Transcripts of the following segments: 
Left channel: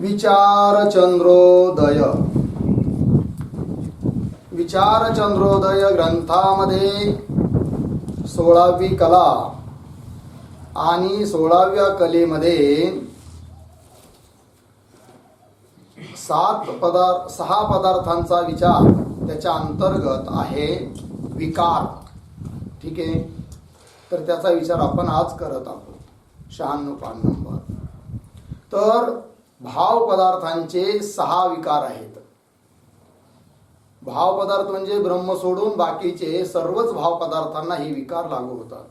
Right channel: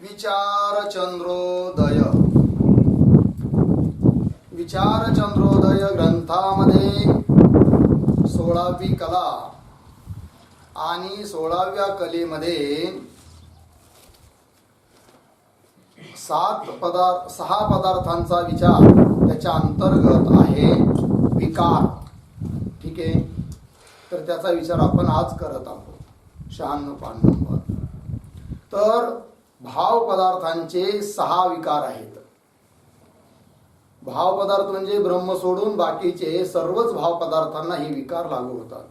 विचारचंद्रोदय. विचारचंद्रोदय ग्रंथामध्ये 16वी कला आणि 16व्या कलेमध्ये 6 पदार्थांचा विचार त्याच्या अंतर्गत आहे विकार. ठीक आहे, तर त्याचा विचार आपण आज करत आहोत. 96 पान नंबर. तर भाव पदार्थांचे 6 विकार आहेत. भाव पदार्थ म्हणजे ब्रह्म सोडून बाकीचे सर्वच भाव पदार्थांना हे विकार लागू होतात.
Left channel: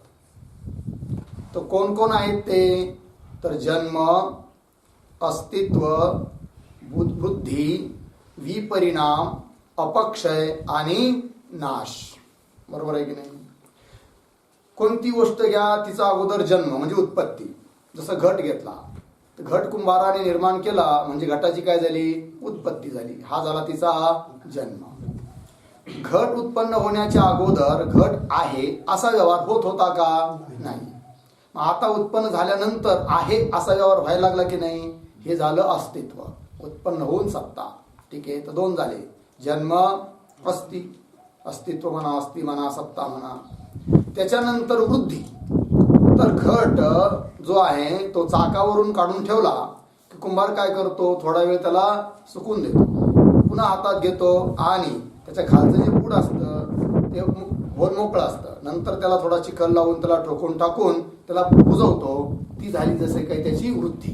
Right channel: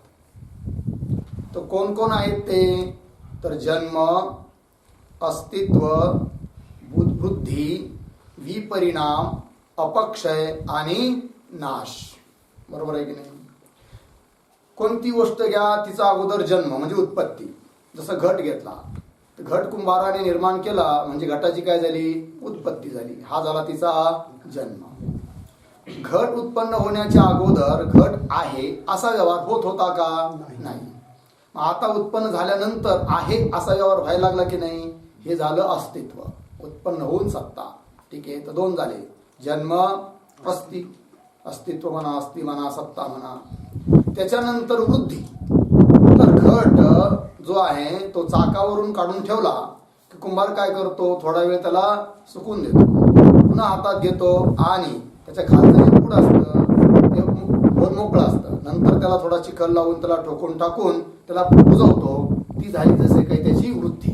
तर कोण कोण आहेत ते? तर जन्म, अस्तित्व, बुद्धी, विपरिणाम, अपक्षय आणि नाश. बरोबर आहे की नाही? कोणती गोष्ट घ्या, तिचा अगोदर जन्म म्हणजे उत्पत्ती. जसं घट घेतला तर घट कुंभाराने निर्माण केला म्हणजे घटाची काय झाली? उत्पत्ती झाली. हा झाला तिचा जन्म. घट उत्पन्न होण्याच्या अगोदर घट आहे असा व्यवहार होत होता का? नाही. मग आता उत्पन्न झाल्यानंतर आहे असा व्यवहार व्हायला लागला की नाही? हे झालं अस्तित्व. उत्पन्न होऊन सत्ता. ठीक आहे, तर 2 झाले. जन्म, अस्तित्व म्हणा, अस्ति म्हणा, सत्ता म्हणा. त्याच्यानंतर वृद्धी. तर घट जो आहे तो चाकावरून काढून ठेवला की कुंभार काय करतो? थोडा वेळ त्याला सुकून देतो, पुन्हा हातात घेतो आणि त्याच्या खालचं जे पूड असतं ते मोकळं असतं. नंतर त्याला थोडा चिखल लावून त्याला ठोकून टाकून त्याला बुजवतो. ती झाली जसे काही त्याची वृद्धी.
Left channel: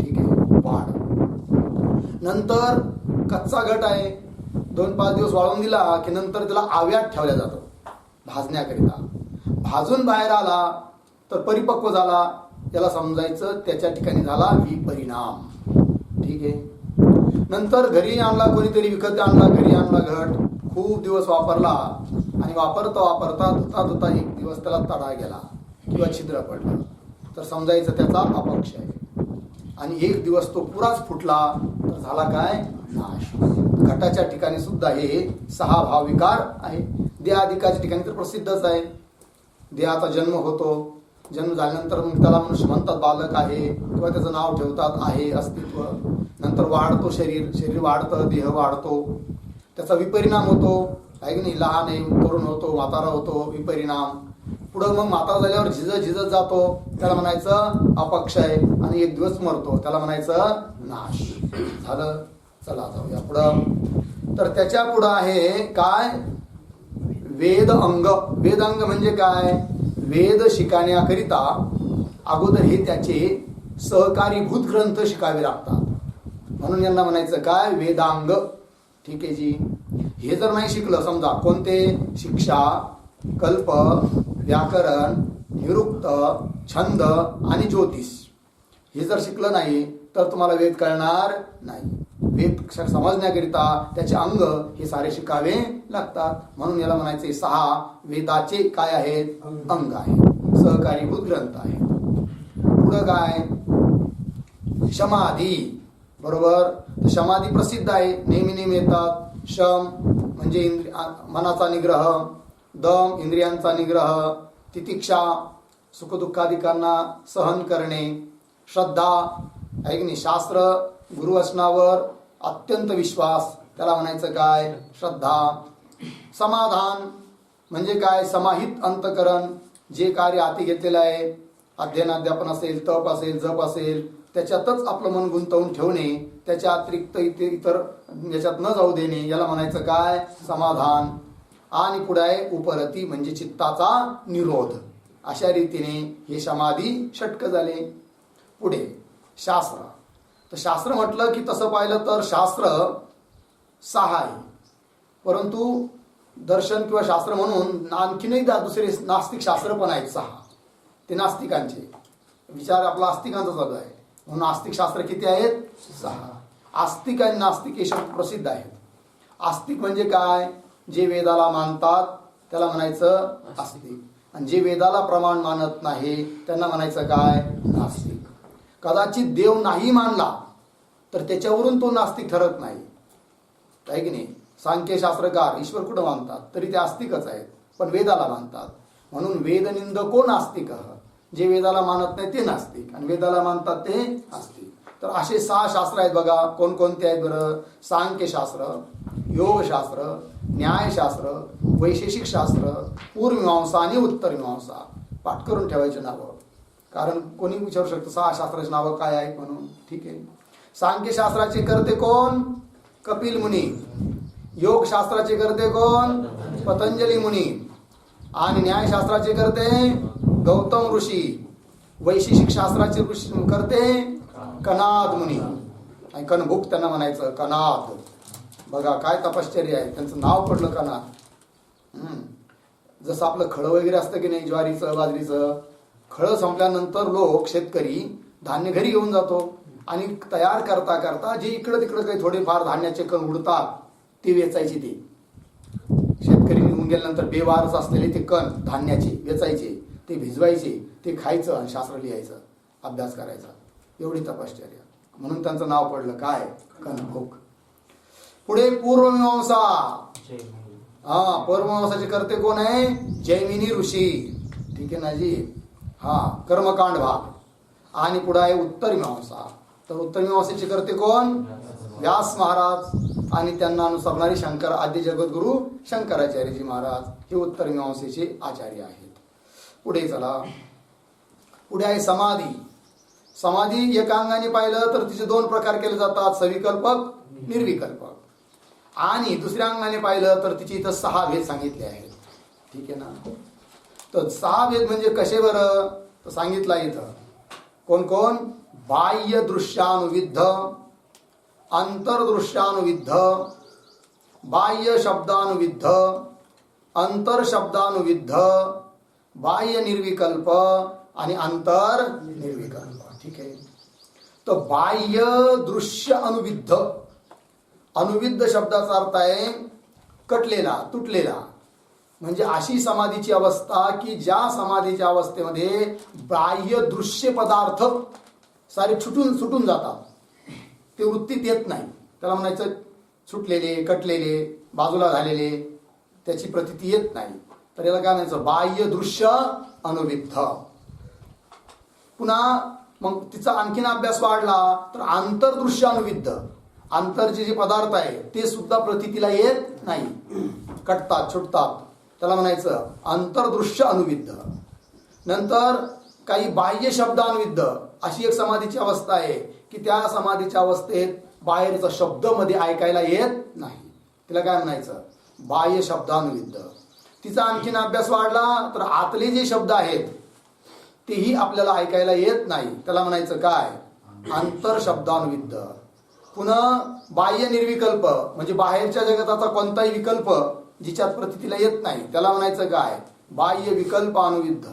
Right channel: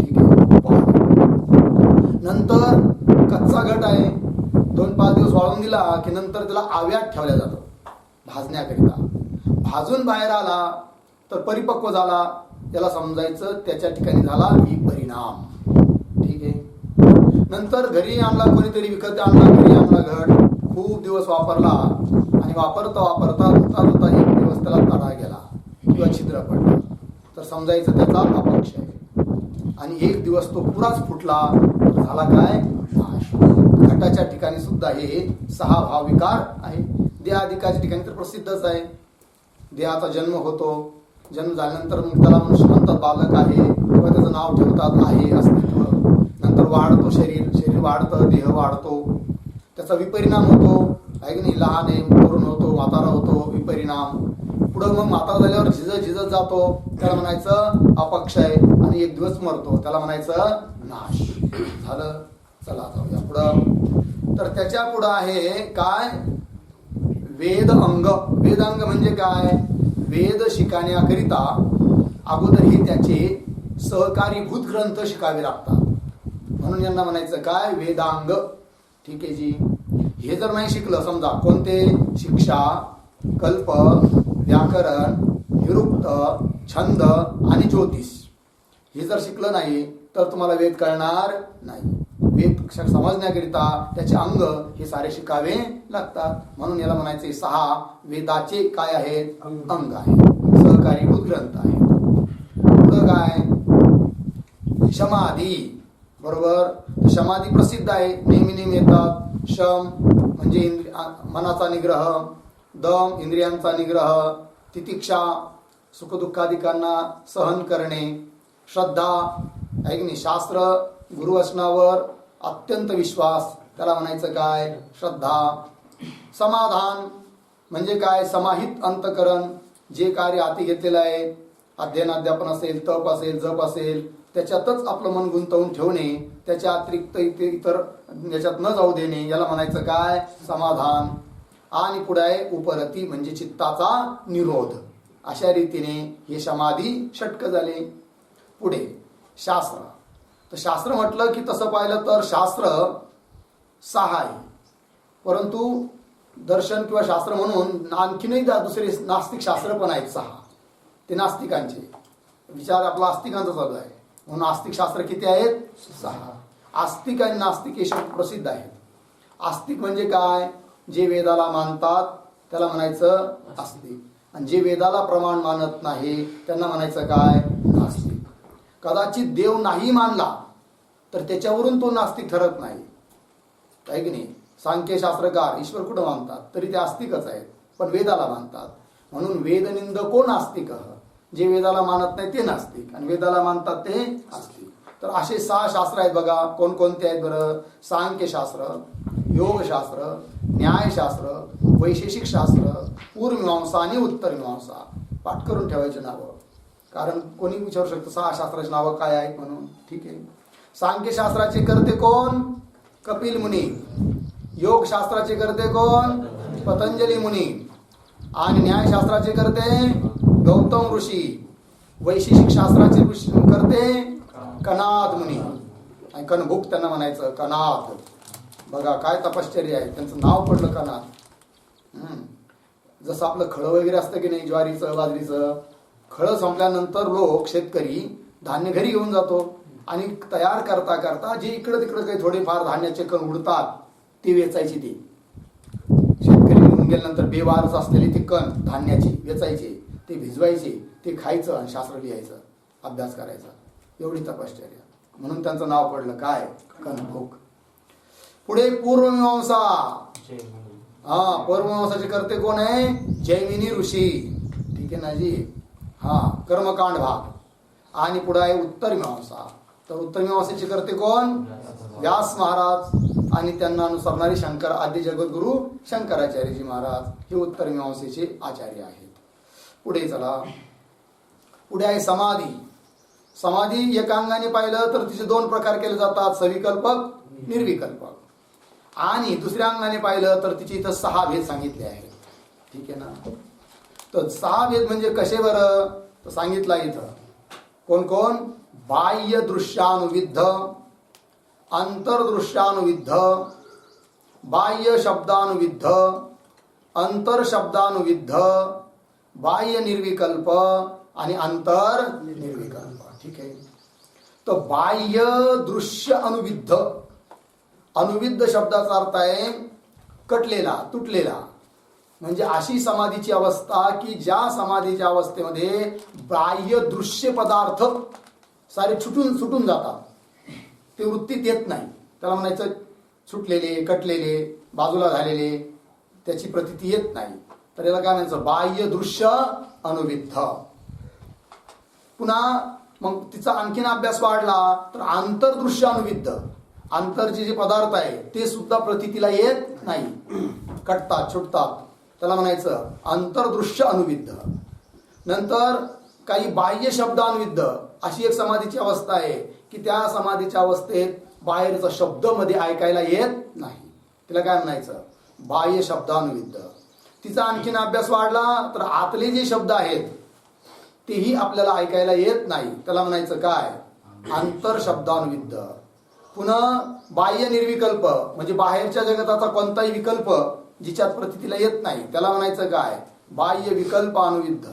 ठीक आहे, वाढ. नंतर कच्चा घट आहे, 2-5 दिवस वाळून दिला की नंतर त्याला आव्यात ठेवल्या जातं भाजण्याकरिता. भाजून बाहेर आला तर परिपक्व झाला, त्याला समजायचं त्याच्या ठिकाणी झाला विपरिणाम. ठीक आहे. नंतर घरी आणला, कोणीतरी विकत आणला, घरी आणला घट, खूप दिवस वापरला आणि वापरता धुता एक दिवस त्याला तडा गेला किंवा छिद्र पडलं तर समजायचं त्याचा अपक्ष आहे. आणि एक दिवस तो पुराच फुटला तर झाला काय? नाश. घटाच्या ठिकाणी सुद्धा हे 6 भाव विकार आहे. देहाधिकाच्या ठिकाणी तर प्रसिद्धच आहे. देहाचा जन्म होतो, जन्म झाल्यानंतर मग त्याला मनुष्य म्हणतात बालक आहे किंवा त्याचं नाव ठेवतात आहे, अस्तित्व. नंतर वाढतो शरीर वाढतं, देह वाढतो, त्याचा विपरिणाम होतो. आहे की नाही? लहान आहे, तरुण होतो, म्हातारा होतो, विपरिणाम. पुढं मग म्हातारा झाल्यावर झिजत जातो, त्याला म्हणायचं अपक्षय. आणि एक दिवस मरतो, त्याला म्हणायचं नाश. झालं. चला जाऊया पुढं. तर त्याच्या पुढं आहे काय? वेद अंग. वेद अंग म्हणजे काय? वेद शिकण्याकरिता अगोदर हे त्याचे सहकारीभूत ग्रंथ शिकावे लागतात. म्हणून यांना म्हणायचं काय? वेदांग. ठीक आहे जी. हे जर नाही शिकलं, समजा कोणते? शिक्षा, कल्प, व्याकरण, निरुक्त, छंद आणि ज्योतिष. हे जर शिकलं नाही तर तुम्हाला वेद कळणार नाही. वेद समजण्याकरिता त्याचे अंग हे सारे शिकावे लागतात. म्हणून याला म्हणायचे 6 वेदाचे काय आहेत? अंग आहेत, सहकारीभूत ग्रंथ आहेत. पुढं काय? समाधी. बरोबर. तर समाधी प्रसिद्ध आहे, नेहमी येतात. शम म्हणजे मनाचा निग्रह, दम इंद्रियांचा निग्रह, तितिक्षा सुखदुःखादिकांना सहन करणे, श्रद्धा आहे की नाही? शास्त्र गुरुवचनावर अत्यंत विश्वास, त्याला म्हणायचं काय? श्रद्धा. समाधान म्हणजे काय? समाहित अंतकरण. जे कार्य हाती घेतलेलं आहे, अध्ययन अध्यापन असेल, तप असेल, जप असेल, त्याच्यातच आपलं मन गुंतवून ठेवणे, त्याच्या अतिरिक्त इतर याच्यात न जाऊ देणे, याला म्हणायचं काय? समाधान. आणि पुढे आहे उपरती म्हणजे चित्ताचा निरोध. अशा रीतीने हे समाधी षटक झाले. पुढे शास्त्र. तर शास्त्र म्हटलं की तसं पाहिलं तर शास्त्र 6 आहे, परंतु दर्शन किंवा शास्त्र म्हणून आणखीनही दुसरे नास्तिक शास्त्र पण आहेत 6. ते नास्तिकांचे विचार, आपला आस्तिकांचा चालू आहे म्हणून आस्तिक शास्त्र किती आहेत? 6. आस्तिक आणि नास्तिक हे शब्द प्रसिद्ध आहेत. आस्तिक म्हणजे काय? जे वेदाला मानतात त्याला म्हणायचं आस्तिक, आणि जे वेदाला प्रमाण मानत नाही त्यांना म्हणायचं काय? नास्तिक. कदाचित देव नाही मानला तर त्याच्यावरून तो नास्तिक ठरत नाही, आहे की नाही? सांख्यशास्त्रकार ईश्वर कुठं मानतात तरी ते आस्तिकच आहेत, पण वेदाला मानतात. म्हणून वेदनिंदको नास्तिक. जे वेदाला मानत नाही ते नास्तिक आणि वेदाला मानतात ते आस्तिक. तर असे 6 शास्त्र आहेत बघा. कोणकोणते आहेत बरं? सांख्यशास्त्र, योगशास्त्र, न्यायशास्त्र, वैशेषिक शास्त्र, पूर्वमीमांसा आणि उत्तरमीमांसा. पाठ करून ठेवायचे नावं, कारण कोणी विचारू शकतं 6 शास्त्राची नावं काय आहेत म्हणून. ठीक आहे. सांख्यशास्त्राचे करते कोण? कपिल मुनी. योगशास्त्राचे करते कोण? पतंजली मुनी. आणि न्यायशास्त्राचे करते गौतम ऋषी. वैशेषिक शास्त्राचे करते कनाद मुनी. आणि कणभूक त्यांना म्हणायचं, कनाद. बघा काय तपश्चर्या आहे, त्यांचं नाव पडलं कनाद. जसं आपलं खळं वगैरे असतं की नाही, ज्वारीचं बाजरीचं. खळं संपल्यानंतर लोक शेतकरी धान्य घरी घेऊन जातो आणि तयार करता करता जे इकडं तिकडं काही थोडेफार धान्याचे कण उडतात ते वेचायचे. ते शेतकरी निघून गेल्यानंतर बेवारच असलेले ते कण धान्याचे वेचायचे, ते भिजवायचे, ते खायचं आणि शास्त्र लिहायचं, अभ्यास करायचा. एवढी तपश्चर्या. म्हणून त्यांचं नाव पडलं काय? कणभूक. पुढे पूर्वमीमांसा. पूर्वमीमांसाचे करते कोण आहे? जैमिनी ऋषी. ठीक आहे ना जी. कर्मकांड भाग. आणि पुढे आहे उत्तरमीमांसा. तर उत्तरमीमांसेचे करते कोण? व्यास महाराज. आणि त्यांना अनुसरणारे शंकर आद्य जगद्गुरु शंकराचार्यजी महाराज हे उत्तरमीमांसेचे आचार्य आहेत. पुढे चला. पुढे आहे समाधी. समाधी एकांगाने पाहिलं तर तिचे 2 प्रकार केले जातात, सविकल्पक, निर्विकल्पक. आणि दुसऱ्या अंगाने पाहिलं तर तिचे इथं 6 भेद सांगितले आहेत. ठीक आहे ना. तर 6 भेद म्हणजे कसे बरं? तर सांगितलं इथं कोण कोण? बाह्य दृश्यानुविद्ध, अंतर्दृश्यानुविद्ध, बाह्य शब्दानुविद्ध, अंतर शब्दानुविद्ध, बाह्य निर्विकल्प आणि अंतर निर्विकल्प. ठीक आहे. तर बाह्य दृश्य अनुविद्ध. अनुविद्ध शब्दाचा अर्थ आहे कटलेला, तुटलेला. म्हणजे अशी समाधीची अवस्था की ज्या समाधीच्या अवस्थेमध्ये बाह्य दृश्य पदार्थ सारे सुटून जातात, ते वृत्तीत येत नाही. त्याला म्हणायचं सुटलेले, कटलेले, बाजूला झालेले, त्याची प्रतीती येत नाही. तर याला काय म्हणायचं? बाह्य दृश्य अनुविद्ध. पुन्हा मग तिचा आणखीन अभ्यास वाढला तर आंतरदृश्य अनुविद्ध. आंतरचे जे पदार्थ आहे ते सुद्धा प्रतीतीला येत नाही, कटतात, सुटतात. त्याला म्हणायचं अंतर्दृश्य अनुविद्ध. नंतर काही बाह्य शब्दानुविद्ध अशी एक समाधीची अवस्था आहे की त्या समाधीच्या अवस्थेत बाहेरचा शब्द मध्ये ऐकायला येत नाही. तिला काय म्हणायचं? बाह्य शब्दानुविद्ध. तिचा आणखीन अभ्यास वाढला तर आतले जे शब्द आहेत तेही आपल्याला ऐकायला येत नाही. त्याला म्हणायचं काय? आंतर शब्दानुविद्ध. पुन्हा बाह्य निर्विकल्प म्हणजे बाहेरच्या जगताचा कोणताही विकल्प जिच्यात प्रतीतीला येत नाही, त्याला म्हणायचं काय? बाह्य विकल्प अनुविद्ध.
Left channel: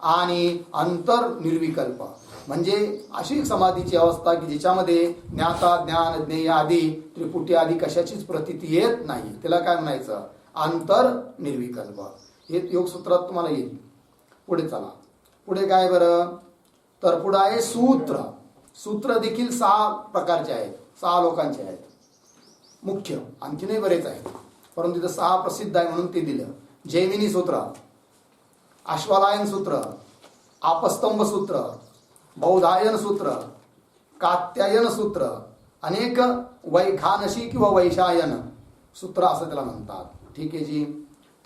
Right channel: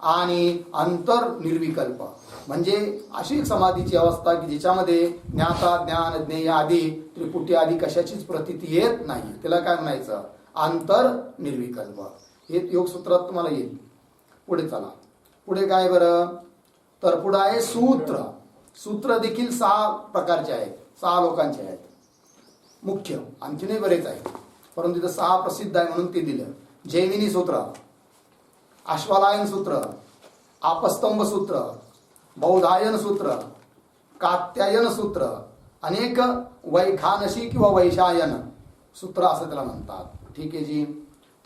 आणि अंतर निर्विकल्प म्हणजे अशी एक समाधीची अवस्था की जिच्यामध्ये ज्ञाता, ज्ञान, ज्ञेय आदी त्रिपुटी आदी कशाचीच प्रतीती येत नाही. त्याला काय म्हणायचं? अंतर निर्विकल्प. हे योगसूत्रात तुम्हाला येईल. पुढे चला. पुढे काय बरं? तर पुढे आहे सूत्र. सूत्र देखील 6 प्रकारचे आहेत, 6 लोकांचे आहेत मुख्य. आणखीनही बरेच आहेत, परंतु तिथं 6 प्रसिद्ध आहे म्हणून ते दिलं. जैमिनी सूत्र, अश्वलायन सूत्र, आपस्तंभ सूत्र, बौधायन सूत्र, कात्यायन सूत्र, अनेक वैखानशी किंवा वैशायन सूत्र असं त्याला म्हणतात. ठीक आहे जी.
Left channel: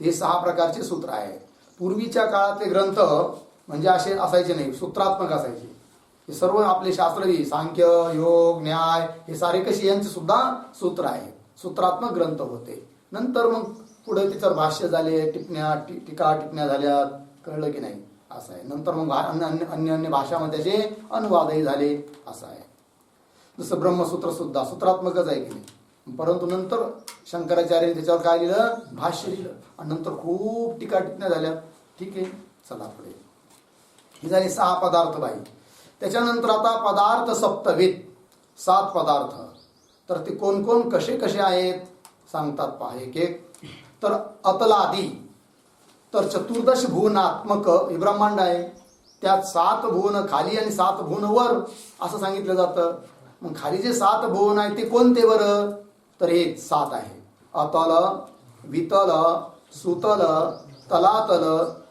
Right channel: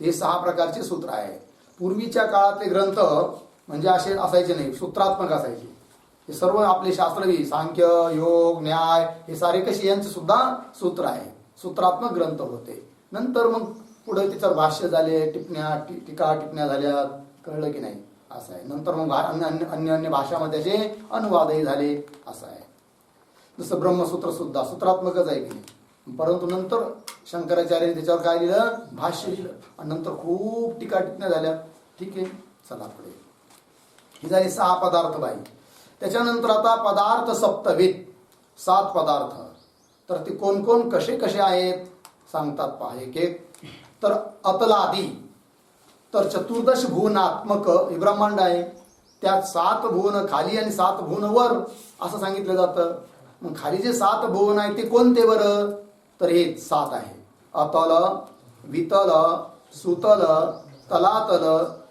ते 6 प्रकारचे सूत्र आहे. पूर्वीच्या काळातले ग्रंथ म्हणजे असे असायचे नाही, सूत्रात्मक असायचे. हे सर्व आपले शास्त्रवी सांख्य, योग, न्याय हे सारे कसे यांचे सुद्धा सूत्र आहे, सूत्रात्मक ग्रंथ होते. नंतर मग पुढे त्याच्यावर भाष्य झाले, टिप्पण्या, टीका टिप्पण्या झाल्या, कळलं की नाही असं आहे. नंतर मग अन्य भाषामध्ये त्याचे अनुवादही झाले असं आहे. जसं ब्रह्मसूत्र सुद्धा सूत्रात्मकच आहे की नाही, परंतु नंतर शंकराचार्यांनी त्याच्यावर काय लिहिलं? भाष्य लिहिलं. आणि नंतर खूप टीका टिप्पण्या झाल्या. ठीक आहे. चला पुढे. ही झाली 6 पदार्थ बाई. त्याच्यानंतर आता पदार्थ सप्तविध, 7 पदार्थ. तर ते कोण कोण कसे कसे आहेत सांगतात पहा एक एक. तर अतलादी. तर चतुर्दश भुवनात्मक हे ब्रह्मांड आहे. त्यात 7 भुवन खाली आणि 7 भुवन वर असं सांगितलं जातं. मग खाली जे 7 भुवन आहे ते कोणते बरं? तर हे 7 आहे. अतल, वितल, सुतल, तलातल,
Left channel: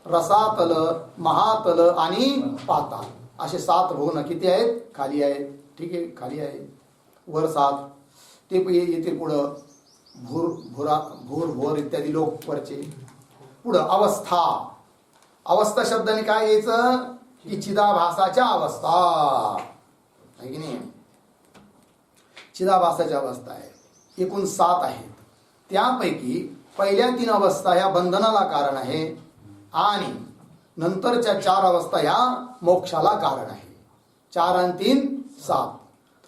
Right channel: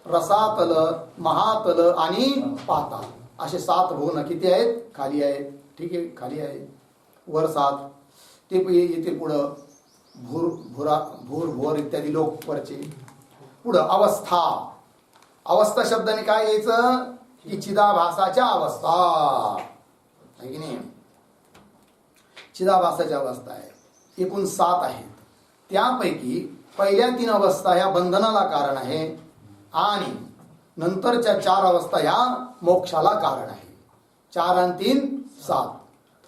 रसातल, महातल आणि पाताल. असे 7 भुवन किती आहेत? खाली आहेत. ठीक आहे, खाली आहे. वर 7 ते येतील पुढं. भूर, भुरा, भूर, भोर इत्यादी लोक वरचे. पुढं अवस्था. अवस्था शब्दाने काय यायचं की चिदाभासाच्या अवस्था आहे की नाही. चिदाभासाच्या अवस्था आहे. एकूण 7 आहेत. त्यापैकी पहिल्या 3 अवस्था ह्या बंधनाला कारण आहे आणि नंतरच्या 4 अवस्था ह्या मोक्षाला कारण आहे. 4 आणि 3 7.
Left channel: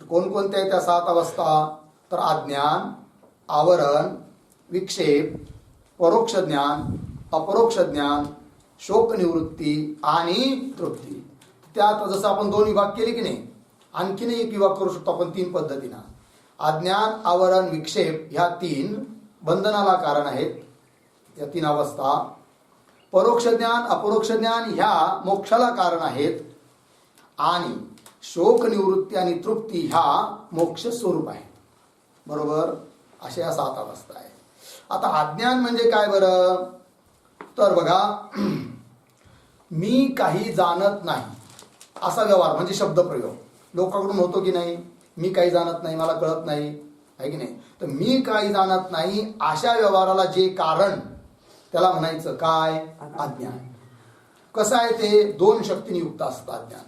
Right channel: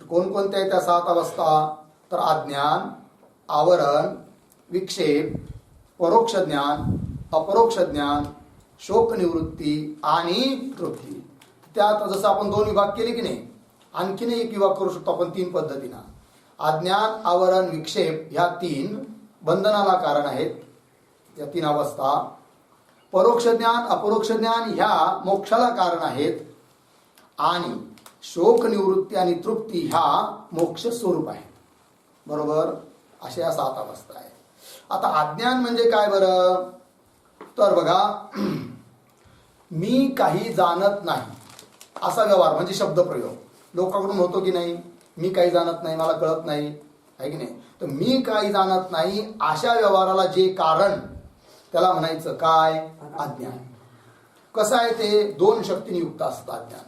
तर कोणकोणत्या आहेत त्या 7 अवस्था? तर अज्ञान, आवरण, विक्षेप, परोक्ष ज्ञान, अपरोक्ष ज्ञान, शोक निवृत्ती आणि तृप्ती. त्यात जसं आपण 2 विभाग केले की नाही, आणखीन एक विभाग करू शकतो आपण 3 पद्धतीनं. अज्ञान, आवरण, विक्षेप ह्या 3 बंधनाला कारण आहेत, या 3 अवस्था. परोक्ष ज्ञान, अपरोक्ष ज्ञान ह्या मोक्षाला कारण आहेत आणि शोक निवृत्ती आणि तृप्ती ह्या मोक्ष स्वरूप आहेत. बरोबर, अशा या 7 अवस्था आहेत. आता अज्ञान म्हणजे काय बरं? तर बघा, मी काही जाणत नाही असा व्यवहार म्हणजे शब्दप्रयोग लोकांकडून होतो की नाही. मी काही जाणत नाही, मला कळत नाही, आहे की नाही. तर मी काही जाणत नाही अशा व्यवहाराला जे कारण त्याला म्हणायचं काय? अज्ञान. कसं आहे ते? 2 शक्तीने युक्त असतं अज्ञान.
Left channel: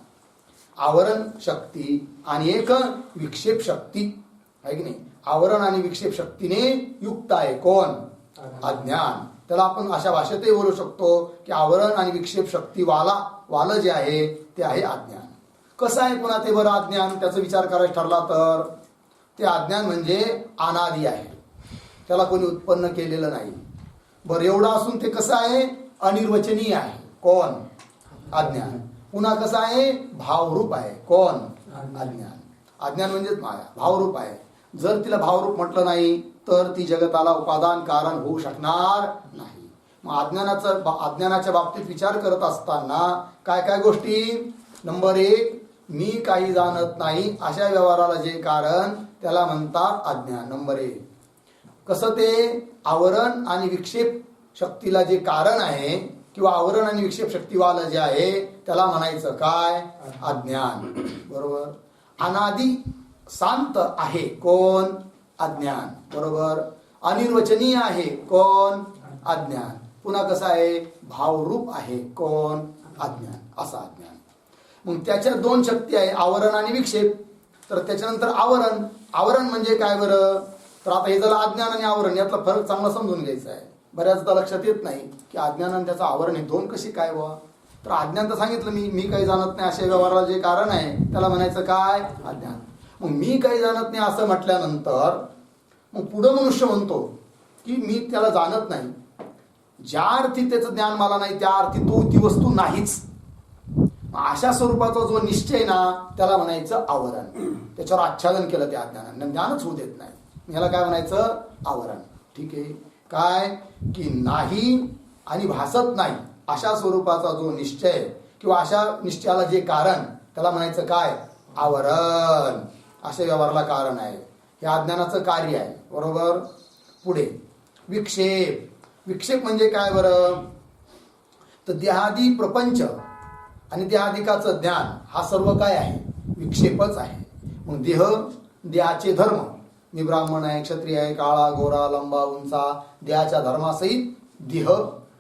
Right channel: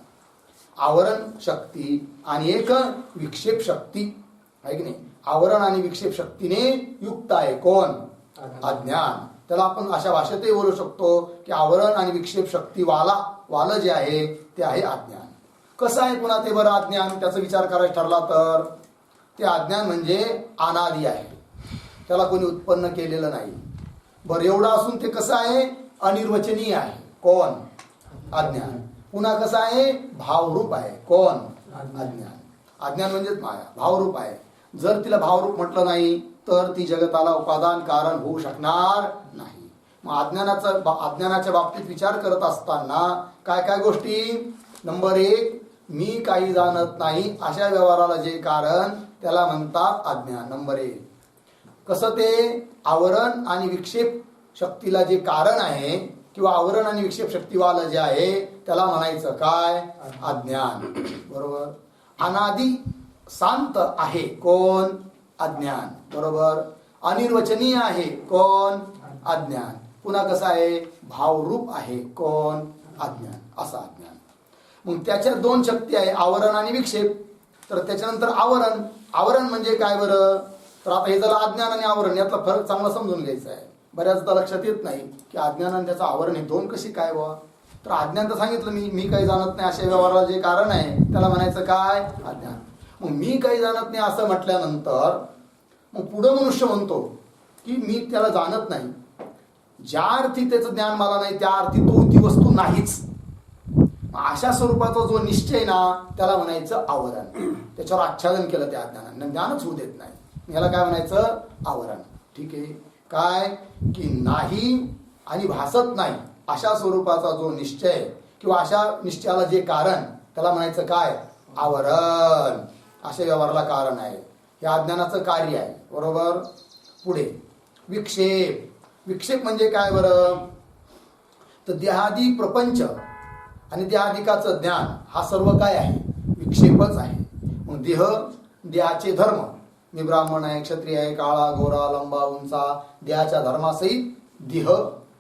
आवरण शक्ती आणि एक विक्षेप शक्ती, आहे की नाही. आवरण आणि विक्षेप शक्तीने युक्त आहे कोण? अज्ञान. त्याला आपण अशा भाषेतही बोलू शकतो की आवरण आणि विक्षेप शक्ती वालं जे आहे ते आहे अज्ञान. कसं आहे पुन्हा ते बरं अज्ञान? त्याचा विचार करायचा ठरला तर ते अज्ञान म्हणजे अनादी आहे, त्याला कोणी उत्पन्न केलेलं नाही. बरं, एवढं असून ते कसं आहे? अनिर्वचनीय आहे. कोण? अज्ञान. पुन्हा कसं आहे? भावरूप आहे. कोण? अज्ञान. अज्ञान म्हणजेच माया, भावरूप आहे. जर तिला भावरूप म्हटलं नाही तर ती जगताला उपादान कारण होऊ शकणार नाही. मग अज्ञानाच्या बाबतीत विचार करत असताना काय काय गोष्टी? नंबर 1, मी काही जाणत नाही अशा व्यवहाराला जे कारण त्याला म्हणतात अज्ञान. नंबर 1. कसं ते? आवरण आणि विक्षेप शक्तीला जे कारण आहे किंवा आवरण आणि विक्षेप शक्तीवाला जे आहे त्याला म्हणायचं काय? अज्ञान. बरोबर. अनादी शांत आहे कोण? अज्ञान. बरोबर. अनिर्वचनीय आहे कोण? अज्ञान. पुन्हा कसं आहे? भावरूप आहे कोण? अज्ञान. असा अज्ञान. मग त्याच्या 2 शक्ती आहे, आवरण आणि विक्षेप. तर त्याच्यानंतर आवरण. आवरण म्हणजे काय बरं? तर आता हे झालं अज्ञान आणि आवरण, यातला फरक चांगला समजून घ्यायचा आहे. बऱ्याचदा लक्षात येत नाही की अज्ञान आणि त्याचं आवरण हे 2 कशी काय व्हा. तर अज्ञान तर सांगितलं, मी काही जाणत नाही अशा व्यवहाराला जे कारण आहे त्याला म्हणायचं काय? अज्ञान. मग मी काही जाणत नाही असं म्हटल्यानंतर मग पुढं मनुष्य म्हणतो की मी त्याला जाणत नाही. ज्या अर्थी त्याचं ज्ञान मला नाही त्या अर्थी ती वस्तू नाहीच. अशा स्वरूपाचा जो निश्चय ना त्याला म्हणायचं आवरण. त्याच्यावर आच्छादन केलं त्या अज्ञानाने, ज्ञानच होऊ देत नाही. याला काय म्हणायचं? आवरण. ठीक आहे. काय? की नाही आणि भासत नाही अशा स्वरूपाचा जो निश्चय किंवा अशा निश्चयाला जे कारण त्याला म्हणायचं काय? आवरण. अशा व्यवहाराला कारण आहे, हे अज्ञानाचं कार्य आहे. बरोबर. पुढे विक्षेप. विक्षेप म्हणजे काय बरं? तर देहादी प्रपंच आणि देहादिकाचं ज्ञान हा सर्व काय आहे? विक्षेपच आहे. मग देहाचे धर्म, मी ब्राह्मण आहे, क्षत्रिय आहे, काळा, गोरा, लंबा, उंचा, देहाच्या धर्मासहित देह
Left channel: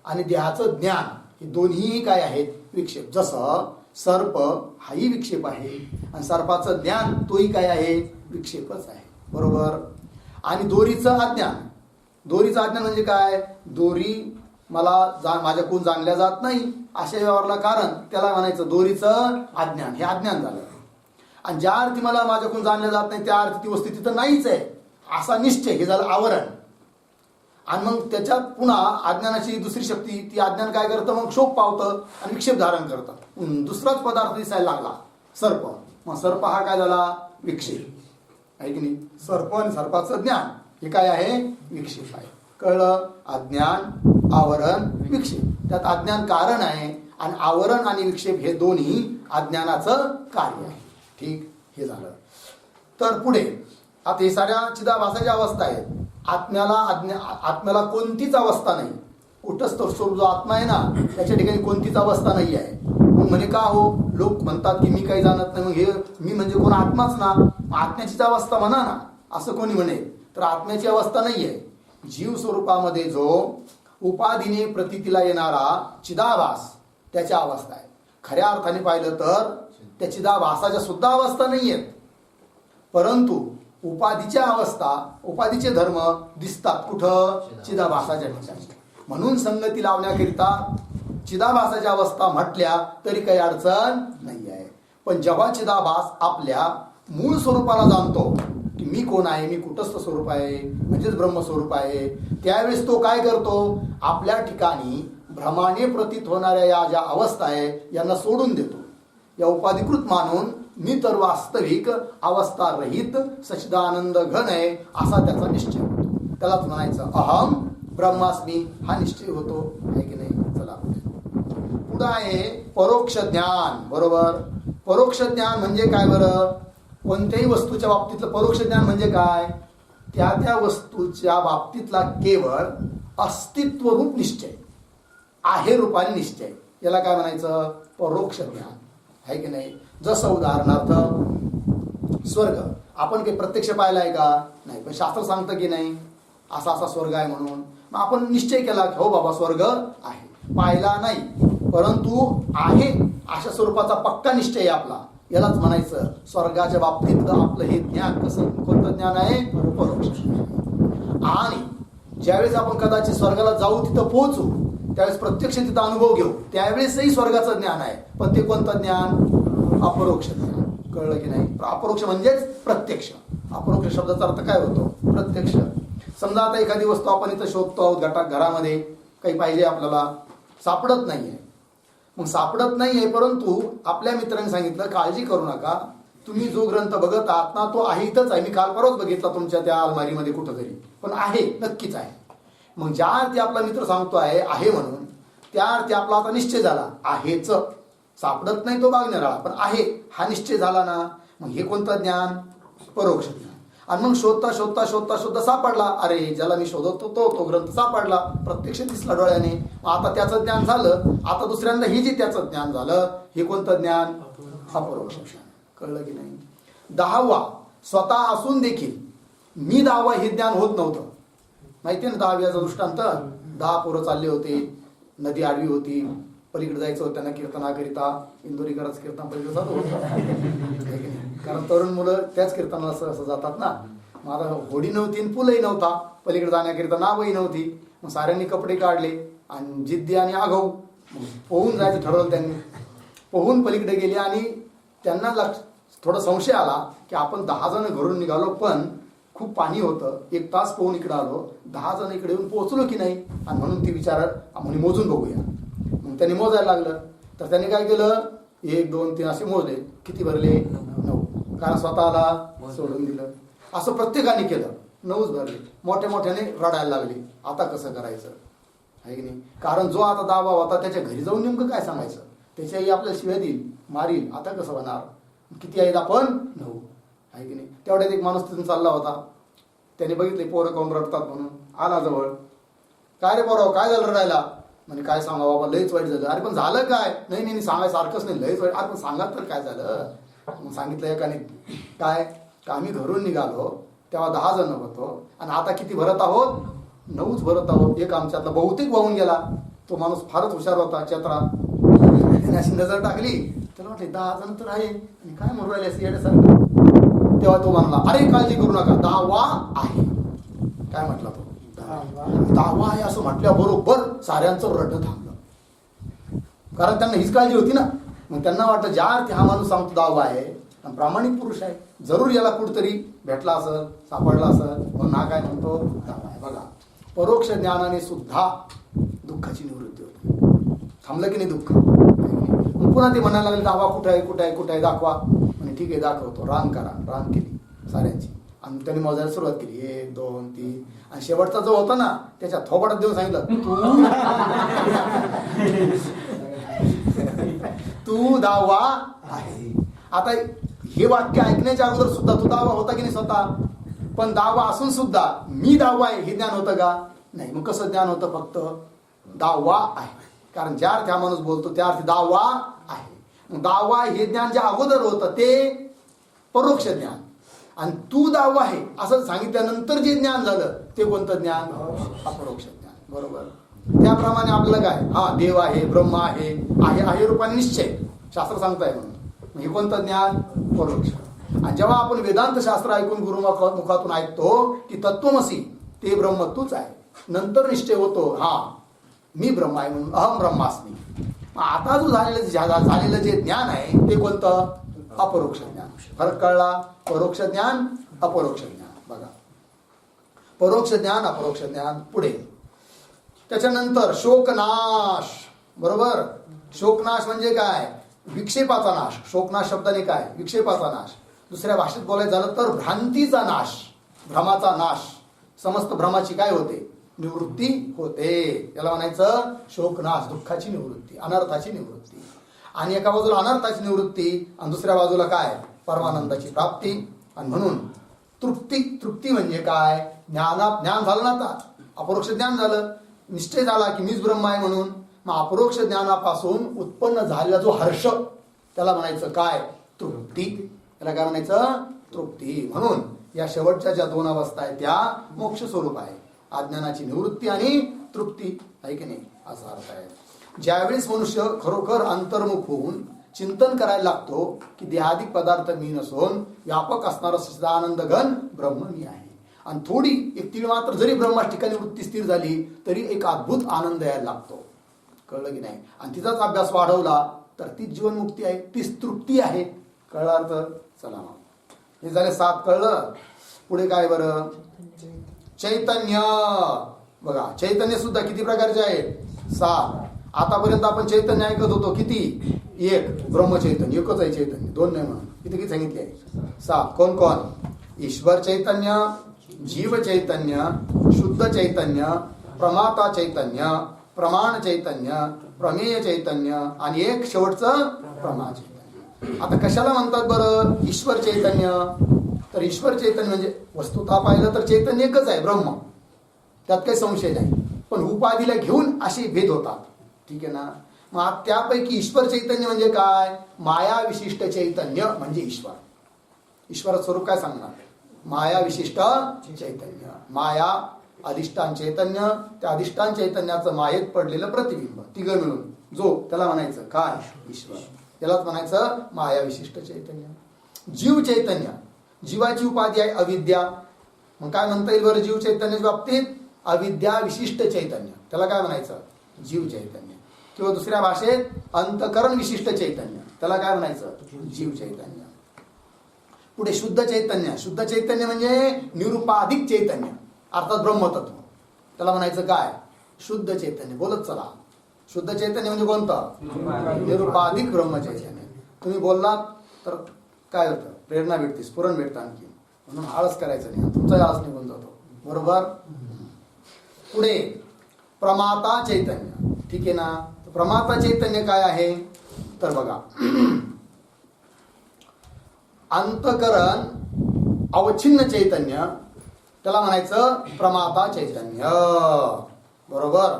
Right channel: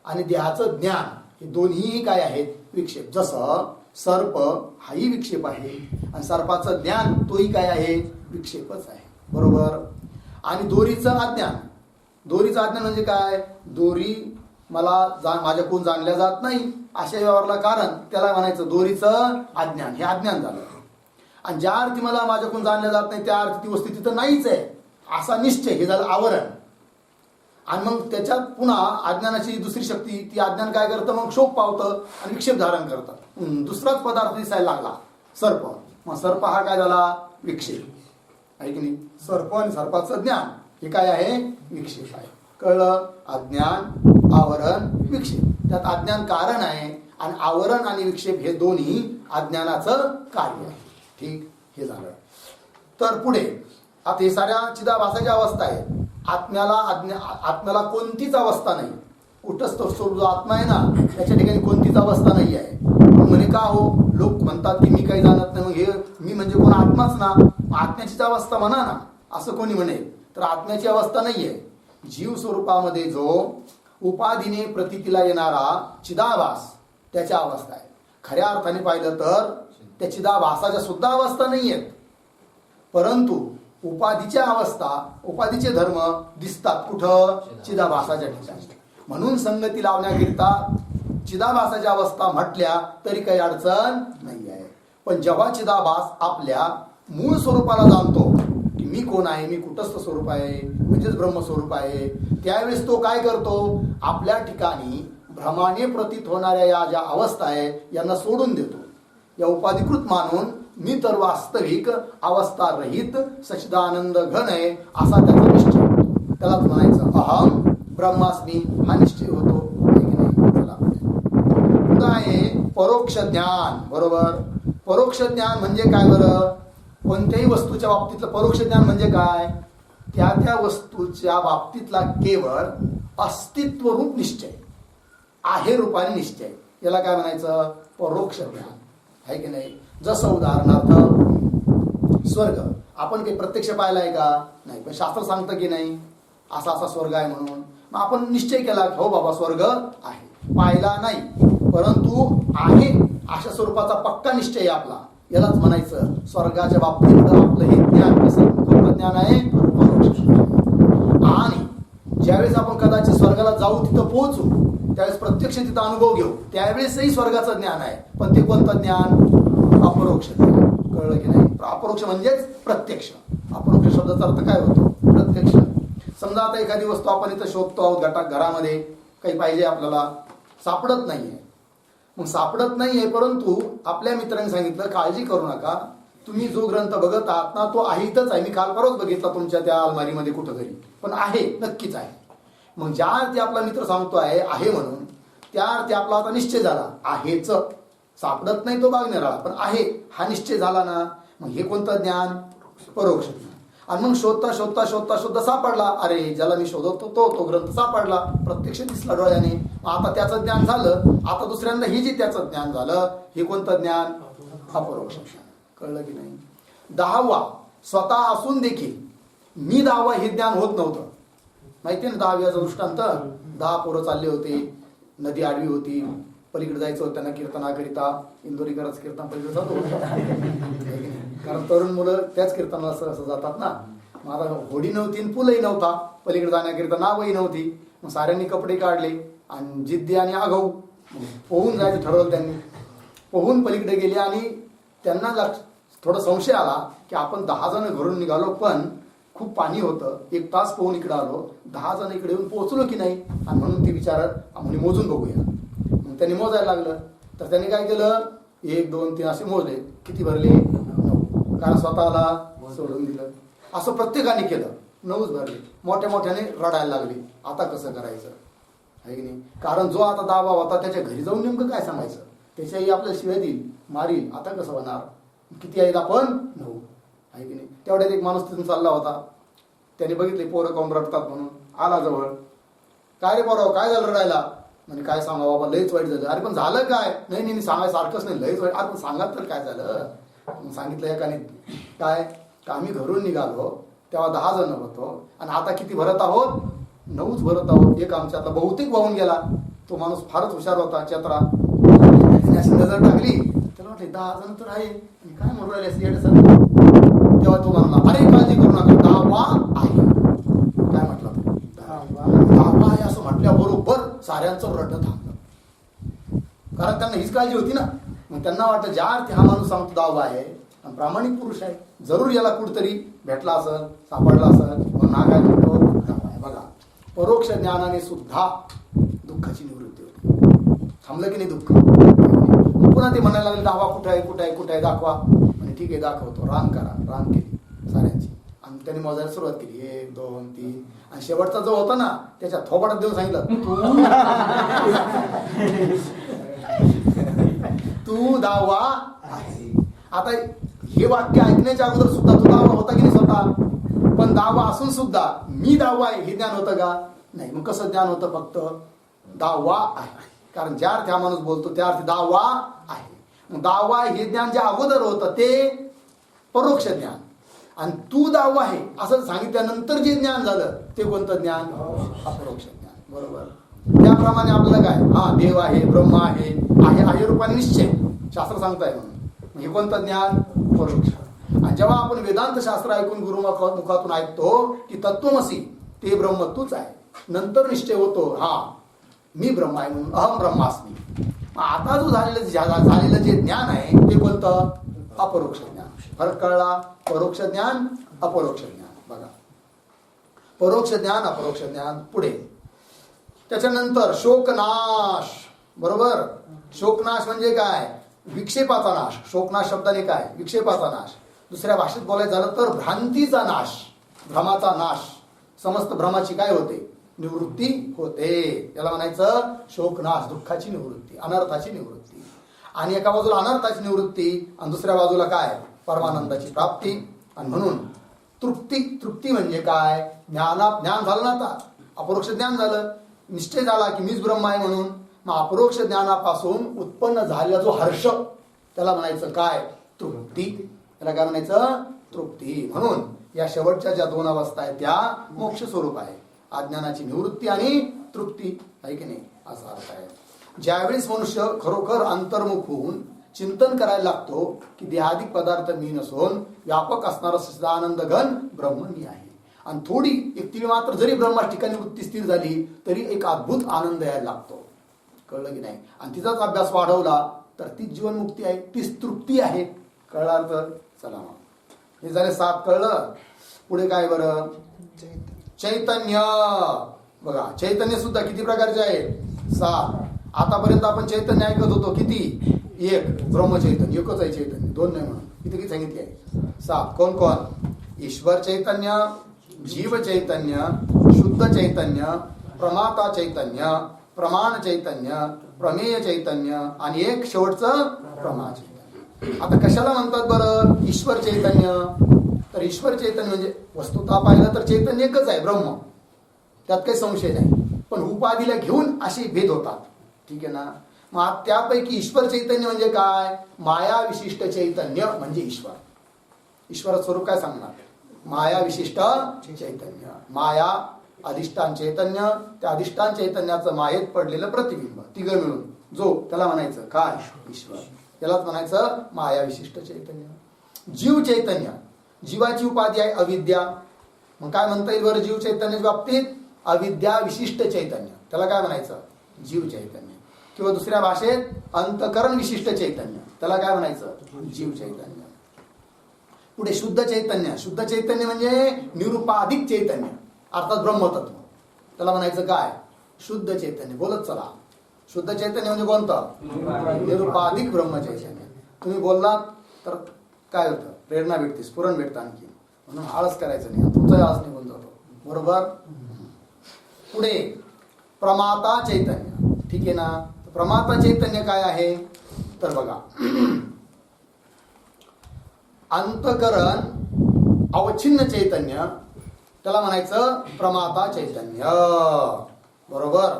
आणि देहाचं ज्ञान हे दोन्हीही काय आहेत? विक्षेप. जसं सर्प हाही विक्षेप आहे आणि सर्पाचं ज्ञान तोही काय आहे? विक्षेपच आहे. बरोबर. आणि दोरीचं अज्ञान. दोरीचं अज्ञान म्हणजे काय? दोरी मला माझ्याकडून जाणल्या जात नाही अशा व्यवहाराला कारण त्याला म्हणायचं दोरीचं अज्ञान. हे अज्ञान झालं. आणि ज्या अर्थी मला माझ्याकडून जाणल्या जात नाही त्या अर्थी ती वस्तू तिथं नाहीच आहे असा निश्चय, हे झालं आवरण. आणि मग त्याच्यात पुन्हा अज्ञानाची दुसरी शक्ती, ती अज्ञान काय करतं? मग शोक पावतं आणि विक्षेप धारण करतं. दुसराच पदार्थ दिसायला लागला, सर्प. मग सर्प हा काय झाला? विक्षेप आहे की नाही. सर्प आणि सर्पाचं ज्ञान हे काय आहे? विक्षेप आहे. कळलं? अज्ञान, आवरण, विक्षेप. त्यात अज्ञान कारण आहे आणि आवरण आणि विक्षेप हे दोन्ही अज्ञानाचं कार्य आहे. ठीक, हे झालं. तर पुढे आता हे साऱ्या चिदाभासाच्या अवस्था आहेत. आत्म्याला कोणतीच अवस्था नाही. कुठंच तो स्वरूप जो आत्मा आहे ना त्याच्या ठिकाणी कोणतीच अवस्था नाही आहे. मग म्हणे का हो, लोक म्हणतात की मी काही जाणत नाही, मग हे मी म्हणजे कोण, आत्माच ना, आत्म्याचीच अवस्था म्हणा ना, असं कोणी म्हणेल. तर आत्म्याची अवस्था नाहीये. जीव स्वरूपामध्ये जो उपाधीने प्रतीतीला येणारा चिदाभास त्याच्या अवस्था आहे. खऱ्या अर्थाने पाहिलं तर त्या चिदाभासाच्या सुद्धा अवस्था नाही आहेत, परंतु उपाधीच्या अवस्था, उपाधीचे धर्म दिसतात कुठं, चिदाभासाच्या ठिकाणी. म्हणून संगती लावण्याकरिता चिदाभासाच्या अवस्था म्हटल्या तरी काही अडचण नाही आहे. पण जेव्हा चिदाभास आपल्या मूळ स्वरूपाला जाणतो की मी कोण आहे, मी कुटस्थ स्वरूप आहे, म्हणजेच ब्रह्मस्वरूप आहे, त्यावेळेस तो काय करतो, आपल्या ठिकाणी भ्रमाने प्रतीत होणाऱ्या या ज्या अवस्था आहे यांना सोडून देतो. या उपाधिकृत मानून मी तर वास्तविक अवस्था रहित सच्चिदानंद घन आहे असा त्याचा निश्चय होतो. त्यालाच म्हणायचं अहम ब्रह्मास्मी हा निश्चय होतो, आहे की नाही. चला, पुढं आहे परोक्ष ज्ञान. बरोबर, परोक्ष ज्ञान म्हणजे काय बरं, कोणत्याही वस्तूच्या बाबतीतलं परोक्ष ज्ञान म्हणजे काय, त्या त्या वस्तूच्या बाबतीतला केवळ अस्तित्वरूप निश्चय, आहे रूपाने निश्चय, याला काय म्हणायचं, परोक्ष ज्ञान, आहे की नाही. जसं उदाहरणार्थ स्वर्ग आपण काही प्रत्यक्ष पाहिला आहे का, नाही, पण शास्त्र सांगतं की नाही असा असा स्वर्ग आहे म्हणून. मग आपण निश्चय केला की हो बाबा स्वर्ग आहे, पाहिला नाही परंतु आहे अशा स्वरूपाचा पक्का निश्चय आहे आपला, यालाच म्हणायचं स्वर्गाच्या बाबतीत आपलं हे ज्ञान. कसं, कोणतं ज्ञान आहे, परोक्ष. आणि ज्यावेळेस आपण कदाचित स्वर्गाला जाऊ, तिथं पोहोचू, त्यावेळेस प्रत्यक्ष तिथं अनुभव घेऊ, त्यावेळेसही स्वर्गाचं ज्ञान आहे, पण ते कोणतं ज्ञान, अपरोक्ष ज्ञान. कळलं की नाही. अपरोक्ष म्हणजेच प्रत्यक्ष. अपरोक्ष शब्दाचा अर्थ काय होतो, प्रत्यक्ष. समजा आता एखादी वस्तू आपण इथं शोधतो आहोत, घरामध्ये काही पाहिजे आपल्याला, सापडत नाहीये. मग सापडत नाहीये, परंतु आपल्या मित्रांनी सांगितलं काळजी करू नका, तुम्ही जो ग्रंथ बघत आहात ना तो आहे, इथंच आहे, मी काल परवाच बघितला तुमच्या त्या अलमारीमध्ये कुठंतरी, पण आहे, नक्कीच आहे. मग ज्या अर्थी आपला मित्र सांगतो आहे म्हणून, त्या अर्थी आपला आता निश्चय झाला, आहेच, सापडत नाही तो बागनेराळा, पण आहे हा निश्चय झाला ना. मग हे कोणतं ज्ञान, परोक्ष ज्ञान. आणि मग शोधता शोधता शोधता शोधता सापडला, अरे ज्याला मी शोधत होतो तो ग्रंथ सापडला, प्रत्यक्ष दिसला डोळ्याने, आता त्याचं ज्ञान झालं. आता दुसऱ्यांदा ही जी त्याचं ज्ञान झालं, हे कोणतं ज्ञान, अपरोक्ष ज्ञान. कळलं की नाही. 10वा, स्वतः असून देखील मी 10वा हे ज्ञान होत नव्हतं. माहिती आहे ना 10व्याचा दृष्टांत, 10 पोरं चालले होते, नदी आडवी होती, पलीकडे जायचं होतं त्यांना कीर्तनाकरिता, इंदोरीकरच कीर्तन पलीकडे चालू होतं, कारण तरुण मुलं त्याच कीर्तनाला असं जातात ना. मला होडी नव्हती, पूलही नव्हता, पलीकडे जाण्याकरिता नावही नव्हती. मग साऱ्यांनी कपडे काढले आणि जिद्दी आणि आगाऊ पोहून जायचं ठरवलं त्यांनी. पोहून पलीकडे गेले आणि त्यांना थोडा संशय आला की आपण 10 जण घरून निघालो, पण खूप पाणी होतं, 1 तास पोहून इकडे आलो, 10 जण इकडे येऊन पोहोचलो की नाही, आणि म्हणून ती म्हणे मोजून बघूया. मग त्यांनी मोजायला लागलं, तर त्यांनी काय केलं, 1 2 3 असे मोजले, किती भरले, 9, कारण स्वतःला सोडून दिलं. असं प्रत्येकाने केलं, 9च भरले. मोठ्या मोठ्याने रडायला लागले, आता कसं करायचं, आहे की नाही. कारण जो आता दावा होता त्याच्या घरी जाऊन नेमकं काय सांगायचं, त्याच्याही आपल्याला शिव्या देईल, मारील, आता कसं होणार, किती आहेत आपण, 9, आहे की नाही. तेवढ्यात एक माणूस तिथून चालला होता, त्याने बघितले पोरं काऊन रडतात म्हणून, आला जवळ, काय रे पोराव काय झालं रडायला, म्हणजे काय सांगा बाबा लयच वाईट झालं. अरे पण झालं काय, नाही नाही सांगायसारखंच नाही, लयच वाईट. अरे पण सांगा तर काय झालं. मग सांगितलं एकाने, काय का आम्ही घरून निघालो तेव्हा 10 जण होतो, आणि आता किती भरत आहोत, 9च भरत आहोत. एक आमच्यातला बहुतेक वाहून गेला. तो माणूस फारच हुशार होता, चत्रा, त्याने अशी नजर टाकली, त्याला वाटले 10 जण तर आहे, आणि काय म्हणून राहिले असं येण्यासारखं. तेव्हा तो म्हणला, अरे काळजी करू नका, 10वा आहे. काय म्हटला तो, 10वा आहे असं म्हटल्याबरोबर साऱ्यांचं रडणं थांबलं, कारण त्यांना हीच काळजी होती ना. मग त्यांना वाटलं ज्या अर्थी हा माणूस सांगतो 10वा आहे आणि प्रामाणिक पुरुष आहे, जरूर याला कुठतरी भेटला असेल, सापडला असेल, म्हणून हा काय म्हणतो 10वा आहे. बघा, परोक्ष ज्ञानाने सुद्धा दुःखाची निवृत्ती होती. थांबलं की नाही दुःख. मग पुन्हा ते म्हणायला लागले 10वा कुठं आहे, कुठं आहे, कुठं आहे, दाखवा. आणि ठीक आहे दाखवतो. रांग करा, रांग केली साऱ्यांची, आणि त्यांनी मोजायला सुरुवात केली, 1 2 3, आणि शेवटचा जो होता ना त्याच्या थोबाडात देऊन सांगितलं, तू 10वा आहे. आता हे वाक्य ऐकण्याच्या अगोदर सुद्धा तू 10वा होता की नाही स्वतः, पण 10वा असून सुद्धा मी 10वा आहे हे ज्ञान होतं का, नाही. मग कसं ज्ञान होतं, फक्त 10वा आहे, कारण ज्या अर्थी हा माणूस बोलतो त्या अर्थी 10वा आहे. दावा हे ज्ञान जे अगोदर होतं ते परोक्ष ज्ञान, आणि तू दावा आहे असं सांगितल्यानंतर जे ज्ञान झालं ते कोणतं ज्ञान? अपरोक्ष ज्ञान. बरोबर. त्याप्रमाणे आपल्याला काय, हा देव आहे, ब्रह्म आहे, आहे रूपाने निश्चय शास्त्र सांगताय म्हणून हे कोणतं ज्ञान? परोक्ष. आणि जेव्हा आपण वेदांत शास्त्र ऐकून गुरुमुखातून ऐकतो की तत्वमसी ते ब्रह्म तूच आहे, नंतर निश्चय होतो हा मी ब्रह्म आहे म्हणून, अहम ब्रह्मास्मी. आता जो झालेलं जे ज्ञान आहे ते कोणतं? अपरोक्ष ज्ञान. फरक कळला? परोक्ष ज्ञान, अपरोक्ष ज्ञान. बघा, परोक्ष ज्ञान, अपरोक्ष ज्ञान. पुढे त्याच्यानंतर शोकनाश. बरोबर. शोकनाश म्हणजे काय? विक्षेपाचा नाश. शोकनाश शब्दाने काय? विक्षेपाचा नाश. दुसऱ्या भाषेत बोलायचं झालं तर भ्रांतीचा नाश, भ्रमाचा नाश. समस्त भ्रमाची काय होते? निवृत्ती होते. याला म्हणायचं शोकनाश, दुःखाची निवृत्ती, अनर्थाची निवृत्ती. आणि एका बाजूला अनर्थाची निवृत्ती आणि दुसऱ्या बाजूला काय? परमानंदाची प्राप्ती. आणि म्हणून तृप्ती. तृप्ती म्हणजे काय? ज्ञान झालं ना, आता अपरोक्ष ज्ञान झालं, निश्चय झाला की मीच ब्रह्म आहे म्हणून. मग अपरोक्ष ज्ञानापासून उत्पन्न झालेला जो हर्ष त्याला म्हणायचं काय? तृप्ती. त्याला काय म्हणायचं? तृप्ती. म्हणून या शेवटच्या ज्या दोन अवस्था आहेत त्या मोक्ष स्वरूप आहे. अज्ञानाची निवृत्ती आणि तृप्ती आहे की नाही, असा अर्थ आहे. ज्यावेळेस मनुष्य खरोखर अंतर्मुख होऊन चिंतन करायला लागतो की देहादिक पदार्थ मी नसून व्यापक असणारा सच्चिदानंद घन ब्रह्म मी आहे, आणि थोडी एक तीळ मात्र जरी ब्रह्मा ठिकाणी वृत्ती स्थिर झाली तरी एक अद्भुत आनंद यायला लागतो. कळलं की नाही? आणि तिचाच अभ्यास वाढवला तर तीच जीवनमुक्ती आहे, तीच तृप्ती आहे. कळला अर्थ? चला मग हे झाले 7. कळलं? पुढे काय बरं? चैतन्य. बघा, चैतन्य सुद्धा किती प्रकारचे आहेत? 7. आतापर्यंत आपण चैतन्य ऐकत होतो किती? 1. ब्रह्मचैतन्य एकच आहे चैतन्य, 2 नाही म्हणून. किती सांगितले आहे? 7. कोण कोण? ईश्वर चैतन्य, जीव चैतन्य, शुद्ध चैतन्य, प्रमाता चैतन्य, प्रमाण चैतन्य, प्रमेय चैतन्य आणि एक शेवटचं प्रमा चैतन्य. आता कशाला म्हणतात बरं ईश्वर चैतन्य? तर ईश्वर चैतन्य म्हणजे वस्तुतः पाहिलं तर चैतन्य एकच आहे, ब्रह्म, त्यात काही संशय नाही. पण उपाधीला घेऊन असे भेद होतात. ठीक आहे ना? मग त्यापैकी ईश्वर चैतन्य म्हणजे काय? माया विशिष्ट चैतन्य म्हणजे ईश्वर. ईश्वराचं स्वरूप काय सांगणार? माया विशिष्ट चैतन्य. माया अधिष्ठान चैतन्य, त्या अधिष्ठान चैतन्याचं मायेत पडलेलं प्रतिबिंब, तिघं मिळून जो त्याला म्हणायचं काय? ईश्वर. यालाच म्हणायचं माया विशिष्ट चैतन्य. जीव चैतन्य, जीवाची उपाधी आहे अविद्या. मग काय म्हणता येईल बरं जीव चैतन्याच्या बाबतीत? अविद्या विशिष्ट चैतन्य, त्याला काय म्हणायचं? जीव चैतन्य. किंवा दुसऱ्या भाषेत अंतकरण विशिष्ट चैतन्य, त्याला काय म्हणायचं? जीव चैतन्य. पुढे शुद्ध चैतन्य. शुद्ध चैतन्य म्हणजे निरुपाधिक चैतन्य, अर्थात ब्रह्मतत्व, त्याला म्हणायचं काय? शुद्ध चैतन्य. बोलत चला. शुद्ध चैतन्य म्हणजे कोणतं? निरुपाधिक ब्रह्मचैतन्य. तुम्ही बोललात तर काय होतं? प्रेरणा भेटते, स्फुरण भेटतं आणखी. म्हणून आळस करायचं नाही, तुमचाही आळस निघून जातो. बरोबर. पुढे प्रमाता चैतन्य. ठीक आहे ना? प्रमाता चैतन्य काय आहे? तर बघा, अंतकरण अवच्छिन्न चैतन्य, त्याला म्हणायचं प्रमाता चैतन्य. बरोबर.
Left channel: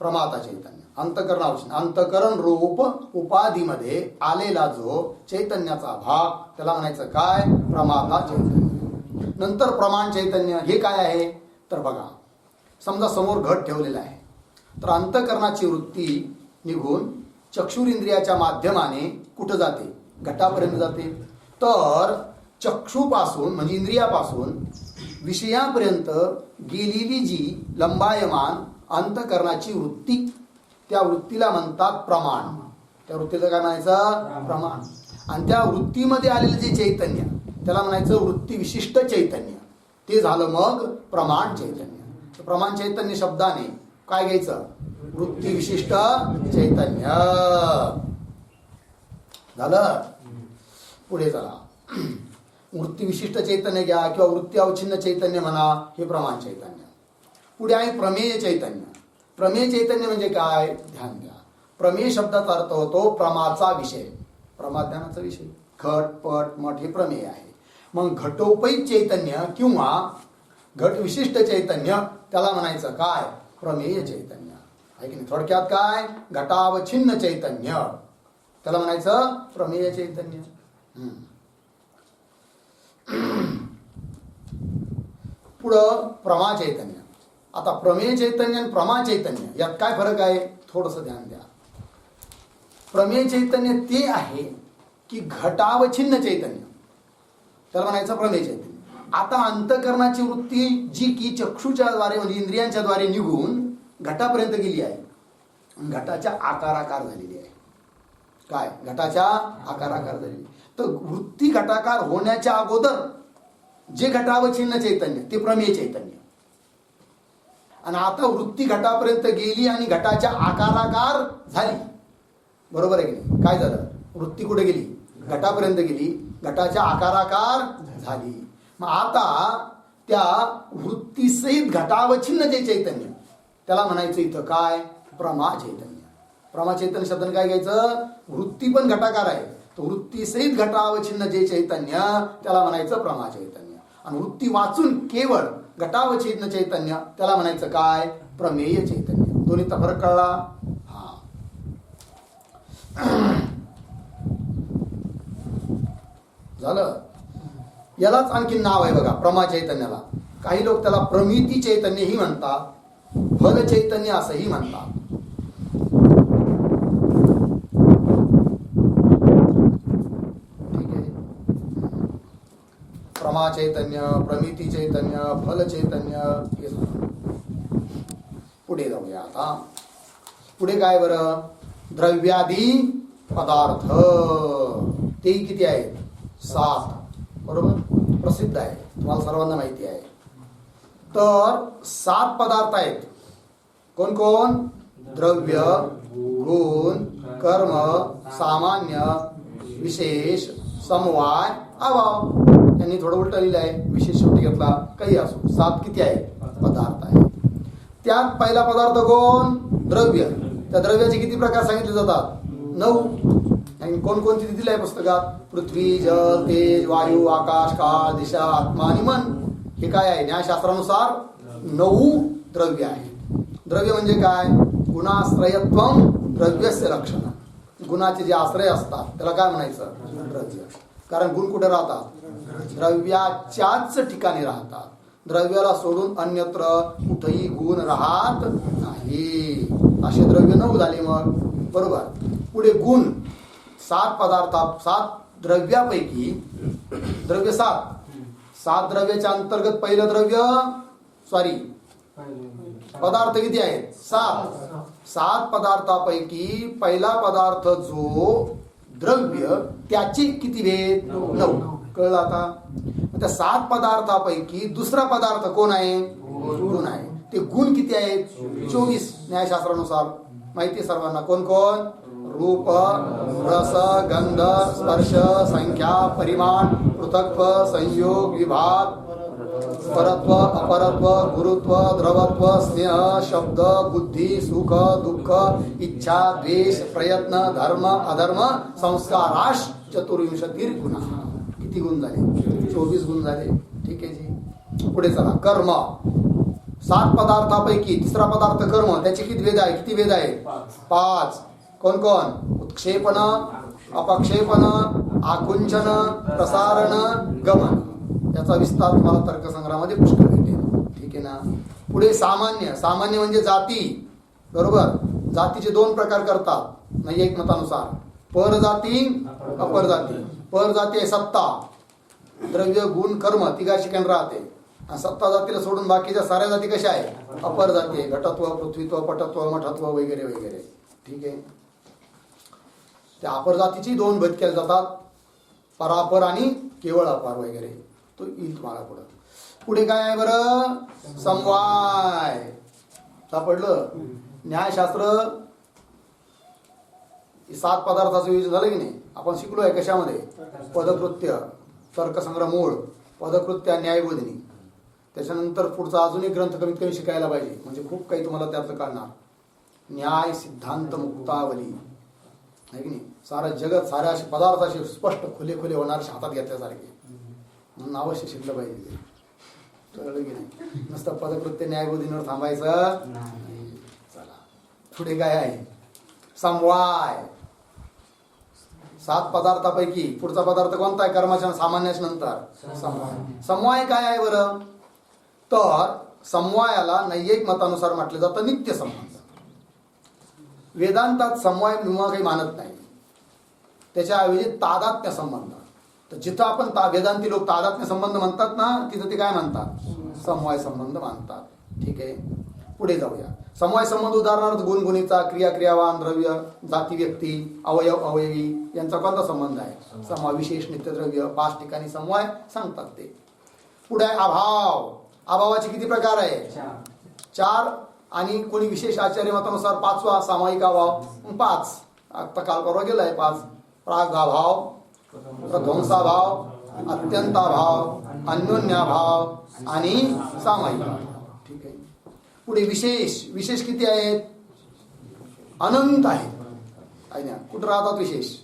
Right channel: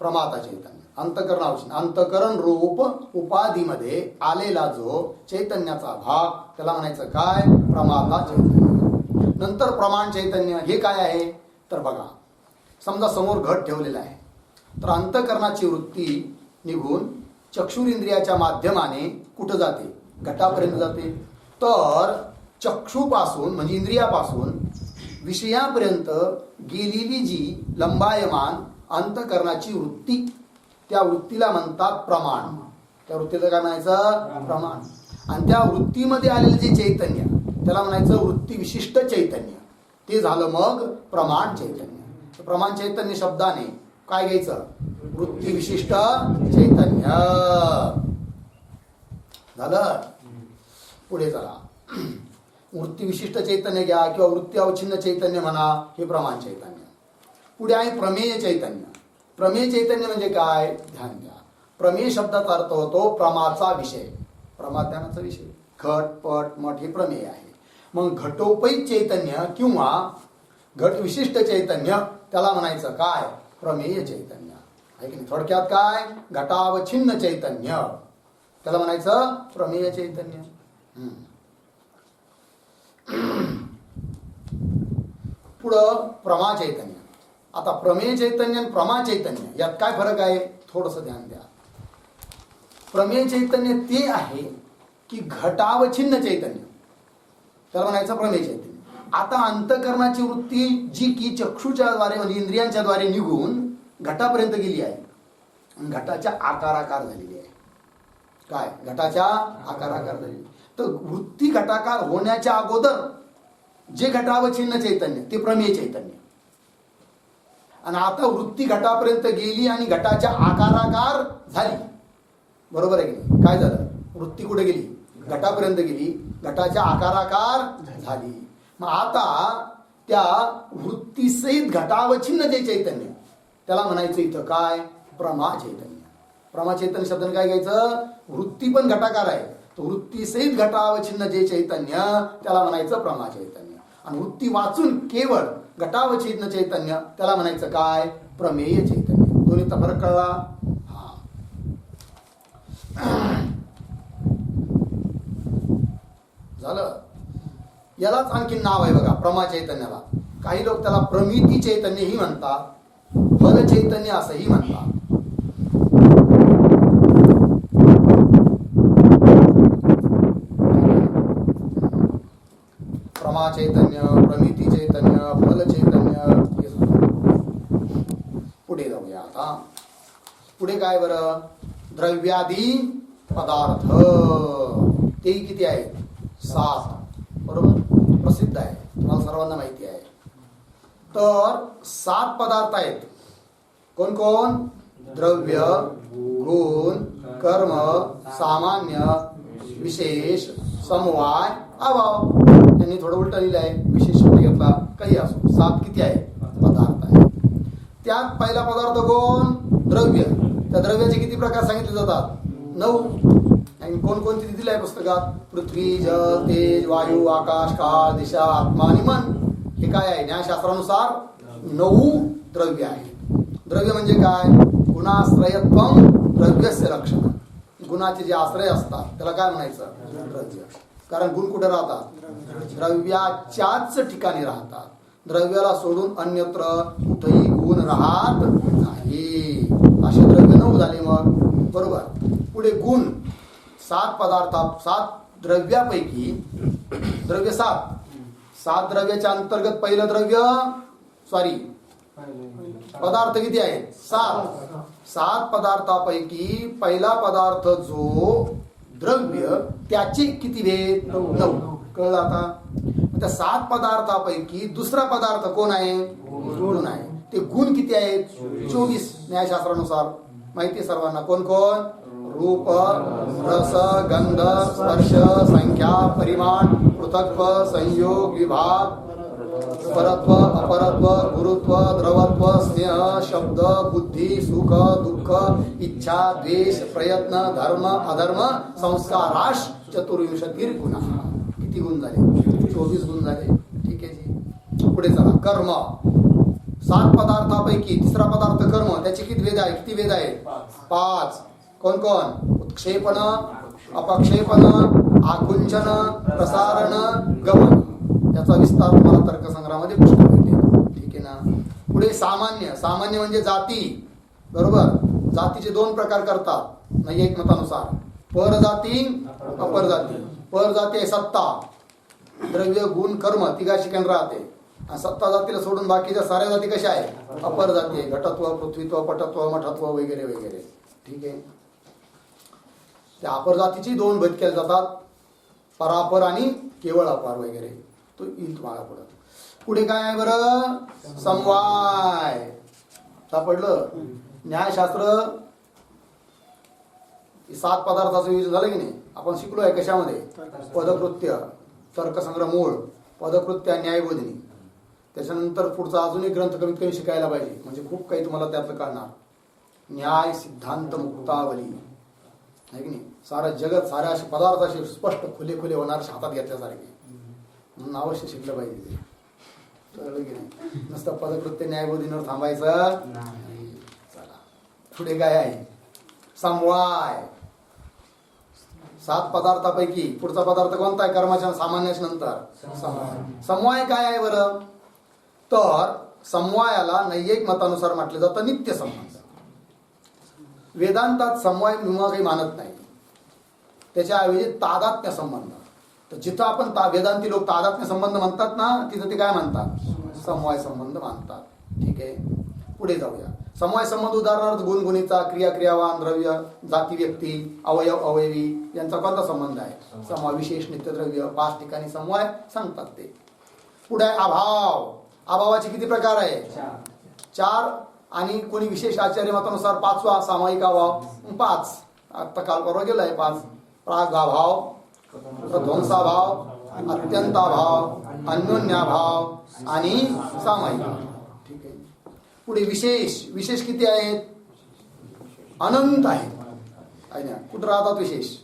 प्रमाता चैतन्य, अंतकरण अवच्छिन्न, अंतकरण रूप उपाधीमध्ये आलेला जो चैतन्याचा भाग त्याला म्हणायचं काय? प्रमाता चैतन्य. नंतर प्रमाण चैतन्य. हे काय आहे? तर बघा, समजा समोर घट ठेवलेला आहे, तर अंतकरणाची वृत्ती निघून चक्षुरिंद्रियाच्या माध्यमाने कुठं जाते? घटापर्यंत जाते. तर चक्षुपासून म्हणजे इंद्रियापासून विषयापर्यंत गेलेली जी लंबायमान अंतकरणाची वृत्ती, त्या वृत्तीला म्हणतात प्रमाण. त्या वृत्तीला काय म्हणायचं? प्रमाण. आणि त्या वृत्तीमध्ये आलेलं जे चैतन्य त्याला म्हणायचं वृत्ती विशिष्ट चैतन्य. ते झालं मग प्रमाण चैतन्य. प्रमाण चैतन्य शब्दाने काय घ्यायचं? वृत्ती विशिष्ट चैतन्य झालं. पुढे चला, वृत्ती विशिष्ट चैतन्य घ्या किंवा वृत्ती अवच्छिन्न चैतन्य म्हणा, हे प्रमाण चैतन्य. पुढे आहे प्रमेय चैतन्य. प्रमेय चैतन्य म्हणजे काय? ध्यान द्या. प्रमेय शब्दाचा अर्थ होतो प्रमाचा विषय, प्रमाध्यानाचा विषय. घट, पट, मठ हे प्रमेय आहे. मग घटोपैत चैतन्य किंवा घट विशिष्ट चैतन्य त्याला म्हणायचं काय? प्रमेय चैतन्य. आहे की नाही. थोडक्यात काय, घटावच्छिन्न चैतन्य, त्याला म्हणायचं प्रमेय चैतन्य. पुढं प्रमा चैतन्य. आता प्रमेय चैतन्य आणि प्रमा चैतन्य यात काय फरक आहे, थोडंसं ध्यान द्या. प्रमेय चैतन्य ते आहे की घटावच्छिन्न चैतन्य, त्याला म्हणायचं प्रमेय चैतन्य. आता अंतःकरणाची वृत्ती जी की चक्षुच्या द्वारे म्हणजे इंद्रियांच्या द्वारे निघून घटापर्यंत गेली आहे, घटाच्या आकाराकार झालेली आहे. काय, घटाच्या आकाराकार झालेली. तर वृत्ती घटाकार होण्याच्या अगोदर जे घटावच्छिन्न चैतन्य ते प्रमेय चैतन्य. आणि आता वृत्ती घटापर्यंत गेली आणि घटाच्या आकाराकार झाली, बरोबर आहे की नाही. काय झालं, वृत्ती कुठे गेली, घटापर्यंत गेली, घटाच्या आकाराकार झाली. मग आता त्या वृत्तीसहित घटावच्छिन्न जे चैतन्य त्याला म्हणायचं इथं काय, प्रमा चैतन्य. प्रमा चैतन्य शब्दाने काय घ्यायचं, वृत्ती पण घटाकार आहे, तर वृत्तीसहित घटावच्छिन्न जे चैतन्य त्याला म्हणायचं प्रमा चैतन्य. आणि वृत्ती वाचून केवळ घटावच्छिन्न चैतन्य त्याला म्हणायचं काय, प्रमेय चैतन्य. दोन्हीचा फरक कळला. हा, झालं. यालाच आणखी नाव आहे बघा प्रमा चैतन्याला. काही लोक त्याला प्रमिती चैतन्य ही म्हणतात, फल चैतन्य असंही म्हणतात. प्रमा चैतन्य, प्रमिती चैतन्य, फल चैतन्य हे झालं. पुढे जाऊया आता. पुढे काय बरं, द्रव्यादी पदार्थ. तेही किती आहेत, 7. बरोबर, प्रसिद्ध आहे, तुम्हाला सर्वांना माहिती आहे. तर 7 पदार्थ आहेत. कोण कोण, द्रव्य, गुण, कर्म, सामान्य, विशेष, समवाय, अभाव. यांनी थोडं उलट लिहिलं आहे, विशेष शेवटी घेतला, काही असो. 7 किती आहेत, पदार्थ आहेत. त्यात पहिला पदार्थ कोण, द्रव्य. त्या द्रव्याचे किती प्रकार सांगितले जातात, 9. आणि कोणकोणती दिली आहे पुस्तकात, पृथ्वी, जल, तेज, वायू, आकाश, काळ, दिशा, आत्मा आणि मन. हे काय आहे, न्यायशास्त्रानुसार 9 द्रव्य आहेत. द्रव्य म्हणजे काय, गुणाश्रयत्वम द्रव्यस्य लक्षण. गुणाचे जे आश्रय असतात त्याला काय म्हणायचं, द्रव्य. कारण गुण कुठे राहतात, द्रव्याच्याच ठिकाणी राहतात. द्रव्याला सोडून अन्यत्र कुठेही गुण राहत नाही. असे द्रव्य 9 झाले. मग बरोबर. पुढे गुण 7 पदार्थ, 7 द्रव्यापैकी द्रव्य 7 द्रव्याच्या अंतर्गत पहिलं द्रव्य, पदार्थ किती आहेत, 7 पदार्थापैकी पहिला पदार्थ जो द्रव्य त्याचे किती भेद, 9. कळलं आता. त्या 7 पदार्थापैकी दुसरा पदार्थ कोण आहे, गुण आहे. ते गुण किती आहेत, 24 न्यायशास्त्रानुसार. माहिती सर्वांना. कोण कोण, रूप, रस, गंध, स्पर्श, संख्या, परिमाण, पृथक्त्व, संयोग, विभाग, परत्व, अपरत्व, गुरुत्व, द्रवत्व, स्नेह, शब्द, बुद्धी, सुख, दुःख, इच्छा, द्वेष, प्रयत्न, धर्म, अधर्म, संस्काराश 24 गुण. किती गुण झाले, 24 गुण झाले. ठीक आहे जी. पुढे चला. कर्म 7 पदार्थापैकी तिसरा पदार्थ कर्म, त्याचे किती वेद आहे, किती वेद आहे, 5. कोण कोण, उत्क्षेपण, अपक्षेपण, आकुंचन, प्रसारण, गमन. याचा विस्तार तुम्हाला तर्कसंग्रहामध्ये पुष्कळ भेटेल. ठीक आहे ना. पुढे सामान्य. सामान्य म्हणजे जाती. बरोबर. जातीचे 2 प्रकार करतात नैयायिक मतानुसार, परजाती, अपरजाती. परजाती आहे सत्ता, द्रव्य, गुण, कर्म तिघा शिकण राहते. आणि सत्ता जातीला सोडून बाकीच्या साऱ्या जाती कशा आहे, अपर जाती आहे. घटत्व, पृथ्वीत्व, पटत्व, मठत्व वगैरे वगैरे. ठीक आहे. त्या अपर जातीची 2 भेद केले जातात, परापर आणि केवळ अपार वगैरे. तो येईल तुम्हाला पुढं. पुढे काय आहे बरं, समवाय. सापडलं. न्यायशास्त्र 7 पदार्थाचं विषय झालं की नाही. आपण शिकलो आहे कशामध्ये, पदकृत्य, तर्कसंग्रह मूळ, पदकृत्य, न्यायबोधिनी. त्याच्यानंतर पुढचा अजून एक ग्रंथ कमीत कमी शिकायला पाहिजे, म्हणजे खूप काही तुम्हाला त्यातलं कळणार. न्याय सिद्धांत मुक्तावली आहे की नाही. सारं जगत साऱ्या असे पदार्थ असे स्पष्ट खुले खुले होणारे हातात घेतल्यासारखे, म्हणून अवश्य शिकलं पाहिजे ते. कळलं की नाही. नुसतं पदकृत्य न्यायबोधींवर थांबायचं नाही. चला पुढे काय आहे? समवाय. 7 पदार्थापैकी पुढचा पदार्थ कोणता आहे? कर्माच्या सामान्याच्या नंतर समवाय. समवाय काय आहे बरं? तर समवायाला नैयिक मतानुसार म्हटलं जातं नित्य संबंध. वेदांतात समवाय विवाह काही मानत नाही, त्याच्याऐवजी तादात्म्य संबंध. तर जिथं आपण वेदांती लोक तादात्म्य संबंध म्हणतात ना, तिथं ते काय म्हणतात? समवाय संबंध मानतात. ठीक आहे, पुढे जाऊया. समवाय संबंध उदाहरणार्थ गुणगुणीचा, क्रिया क्रियावान, द्रव्य, जाती व्यक्ती, अवयव अवयवी यांचा कोणता संबंध आहे? समवाय. विशेष नित्यद्रव्य 5 ठिकाणी समवाय सांगतात ते. पुढे अभाव. अभावाचे किती प्रकार आहे? 4. आणि कोणी विशेष आचार्य मतानुसार 5वा सामायिक अभाव 5. आता काल परवा गेलाय 5. प्रागाभाव, प्रध्वंसाभाव, अत्यंताभाव, अन्योन्याभाव आणि सामायिक. ठीक आहे. पुढे विशेष. विशेष किती आहेत? अनंत आहेत. कुठं राहतात विशेष?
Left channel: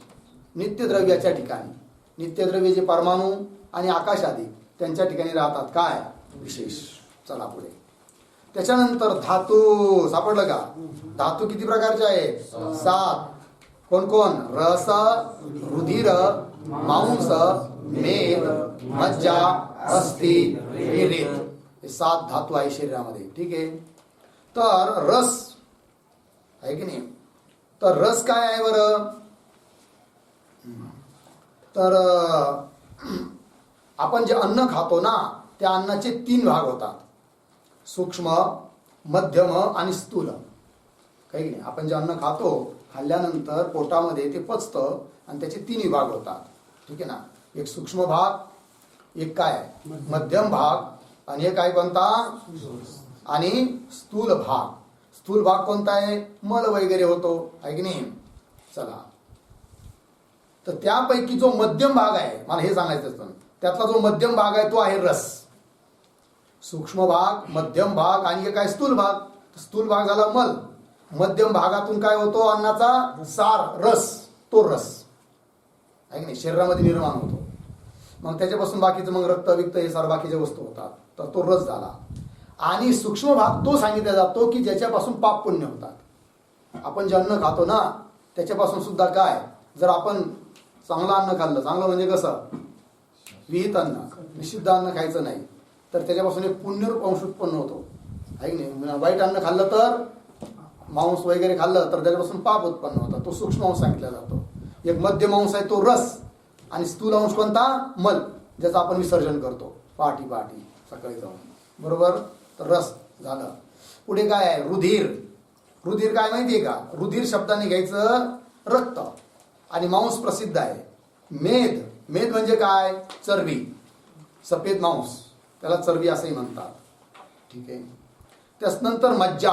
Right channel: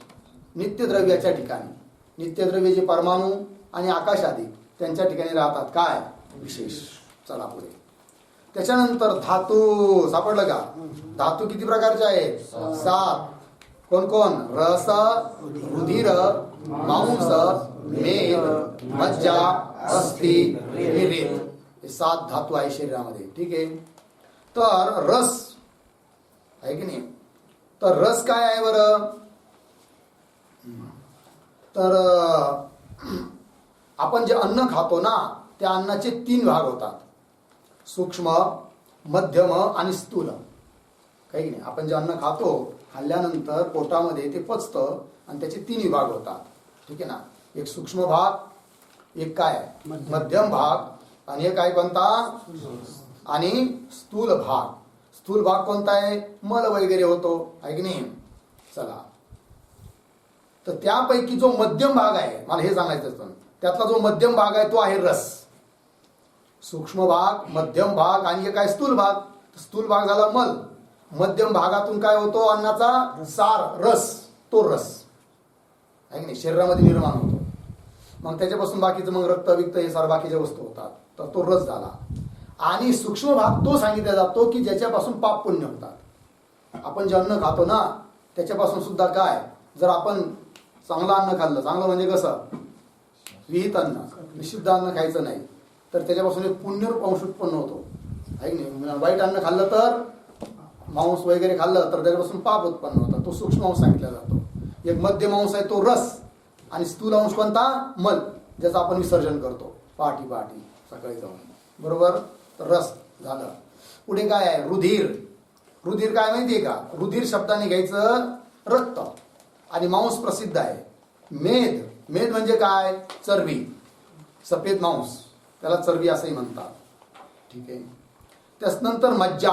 नित्यद्रव्याच्या ठिकाणी. नित्यद्रव्य जे परमाणू आणि आकाश आदी त्यांच्या ठिकाणी राहतात. काय? विशेष. चला पुढे. त्याच्यानंतर धातू. सापडलं का? धातू किती प्रकारचे आहेत? 7. कोण कोण? रस, रुधिर, मांस, मेद, मज्जा, अस्थि आणि रेत. हे 7 धातू आहे शरीरामध्ये. ठीक आहे. तर रस आहे की नाही? तर रस काय आहे बरं? तर आपण जे अन्न खातो ना, त्या अन्नाचे 3 भाग होतात. सूक्ष्म, मध्यम आणि स्थूल. काही नाही, आपण जे अन्न खातो खाल्ल्यानंतर पोटामध्ये ते पचतं आणि त्याचे 3 विभाग होतात. ठीक आहे ना? एक सूक्ष्म भाग, एक काय मध्यम भाग, आणि एक काय कोणता? आणि स्थूल भाग. स्थूल भाग कोणता आहे? मल वगैरे होतो, आहे की नाही? चला, तर त्यापैकी जो मध्यम भाग आहे, मला हे सांगायचं असतं, त्यातला जो मध्यम भाग आहे तो आहे रस. सूक्ष्म भाग, मध्यम भाग आणि एक काय? स्थूल भाग. स्थूल भाग झाला मल. मध्यम भागातून काय होतो? अन्नाचा सार, रस. तो रस आहे की नाही? शरीरामध्ये निर्माण होतो. मग त्याच्यापासून बाकीचं मग रक्त विक्त हे सार बाकीच्या वस्तू होतात. तर तो रस झाला. आणि सूक्ष्म भाग तो सांगितला जातो की ज्याच्यापासून पाप पुण्य होतात. आपण जे अन्न खातो ना, त्याच्यापासून सुद्धा काय, जर आपण चांगलं अन्न खाल्लं, चांगलं म्हणजे कसं? विहित अन्न, निषिद्ध अन्न खायचं नाही, तर त्याच्यापासून एक पुण्यरूप अंश उत्पन्न होतो, आहे की नाही? वाईट अन्न खाल्लं तर, मांस वगैरे खाल्लं तर त्याच्यापासून पाप उत्पन्न होतं. तो सूक्ष्म अंश सांगितला जातो. एक मध्यम अंश आहे तो रस, आणि स्थूल अंश कोणता? मल, ज्याचं आपण विसर्जन करतो पहाटी सकाळी जाऊन. बरोबर? तर रस झालं. पुढे काय आहे? रुधिर. रुधिर काय माहितीये का? रुधिर शब्दाने घ्यायचं रक्त, आणि मांस प्रसिद्ध आहे. मेद. मेद म्हणजे काय? चरबी, सफेद मांस, त्याला चरबी असंही म्हणतात. ठीक आहे. त्यानंतर मज्जा.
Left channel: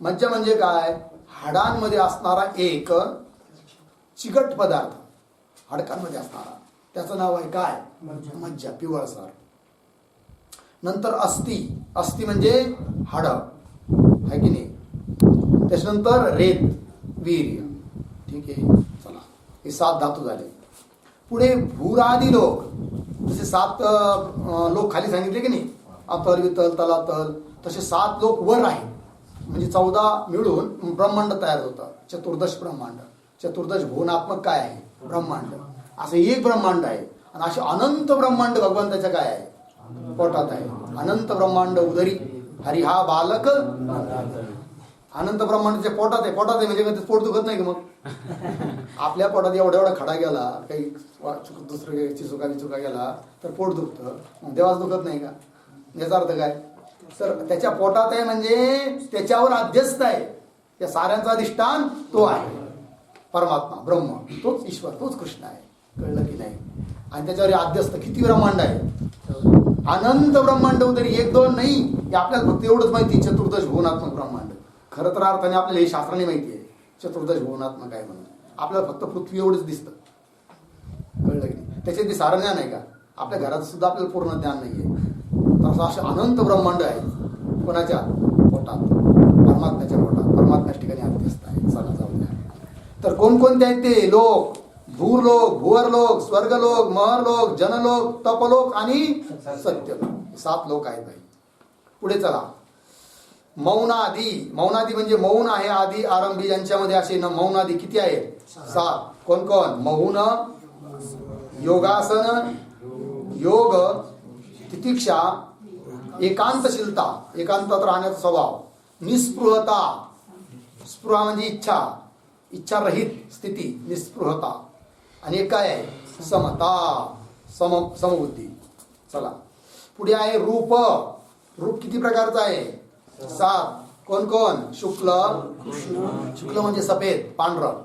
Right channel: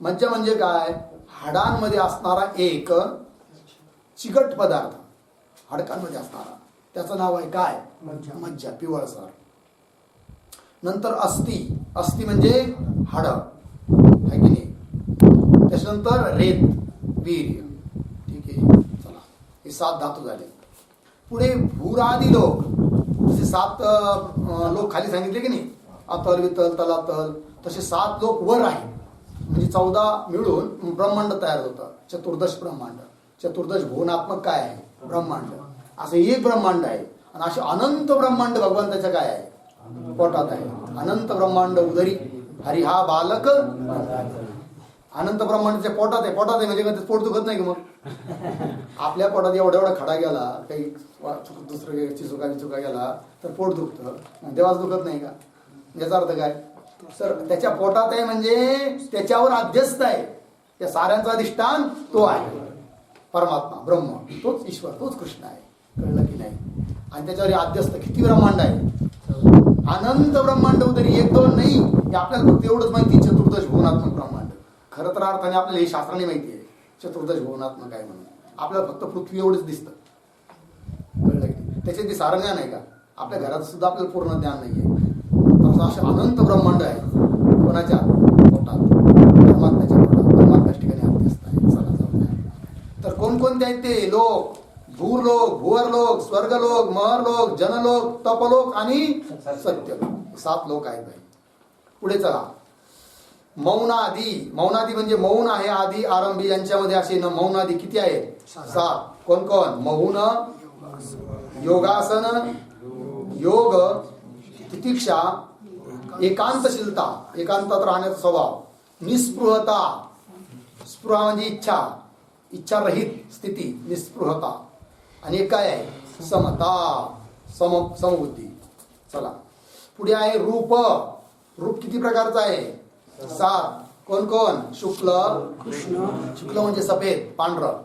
मज्जा म्हणजे काय? हाडांमध्ये असणारा एक चिकट पदार्थ, हाडकांमध्ये असणारा, त्याचं नाव आहे काय? मज्जा, पिवळसर. नंतर अस्थि. अस्थि म्हणजे हाड, आहे की नाही? त्याच्यानंतर रेत, वीर्य. ठीक आहे. चला, हे 7 धातू झाले. पुढे भूरादी लोक, जसे 7 लोक खाली सांगितले की नाही, अतल, वितल, तलातल, तसे 7 लोक वर आहेत. म्हणजे 14 मिळून ब्रह्मांड तयार होतं. चतुर्दश ब्रह्मांड. चतुर्दश भुवनात्मक काय आहे? ब्रह्मांड. असं एक ब्रह्मांड आहे. आणि असे अनंत ब्रह्मांड भगवंताच्या काय आहे? पोटात आहे. अनंत ब्रह्मांड उदरी हरी हा बालक. अनंत ब्रह्मांडाच्या पोटात आहे. पोटात आहे म्हणजे कधी पोट दुखत नाही का? मग आपल्या पोटात एवढा खडा गेला, काही दुसरं चिचुका गेला तर पोट दुखतं, मग देवाच दुखत नाही का? याचा अर्थ काय? तर त्याच्या पोटात आहे म्हणजे त्याच्यावर अध्यस्त आहे. या साऱ्यांचा अधिष्ठान तो आहे, परमात्मा, ब्रह्म, तोच ईश्वर, तोच कृष्ण आहे. कळलं की नाही? आणि त्याच्यावर अध्यस्त किती ब्रह्मांड आहे? अनंत ब्रह्मांड उदरी, 1-2 नाही. हे आपल्याला फक्त एवढंच माहिती, चतुर्दश भुवनात्मक ब्रह्मांड. खरं तर अर्थाने आपल्याला हे शास्त्राने माहिती आहे चतुर्दश भुवनात्मक आहे म्हणून. आपल्याला फक्त पृथ्वी एवढंच दिसतं. कळलं की नाही? त्याच्यात सारं ज्ञान आहे का? आपल्या घरात सुद्धा आपल्याला पूर्ण ज्ञान नाही आहे. तर असे अनंत ब्रह्मांड आहे. कोणाच्या पोटात? परमात्म्याच्या पोटात. परमात्म्याच्या ठिकाणी अध्यस्त आहे. चला जाऊया. तर कोणकोणते आहेत ते लोक? भूरलोक, भुवरलोक, स्वर्गलोक, महरलोक, जनलोक, तपलोक आणि सत्यलोक. 7 लोक आहेत भाई. पुढे चला. मौनादी, मौनादी म्हणजे मौन आहे आदी आरंभी यांच्यामध्ये असे न मौनादी किती आहेत? 7. कोण कोण? मौन, योगासन, योग, तितिक्षा, एकांतशीलता, एकांतात राहण्याचा स्वभाव, निस्पृहता, स्पृहा म्हणजे इच्छा, इच्छा रहित स्थिती, निस्पृहता, आणि एक काय आहे? समता, समबुद्धी. चला पुढे आहे रूप. रूप किती प्रकारचं आहे? 7. कोण कोण? शुक्ल, शुक्ल म्हणजे सफेद पांढरं,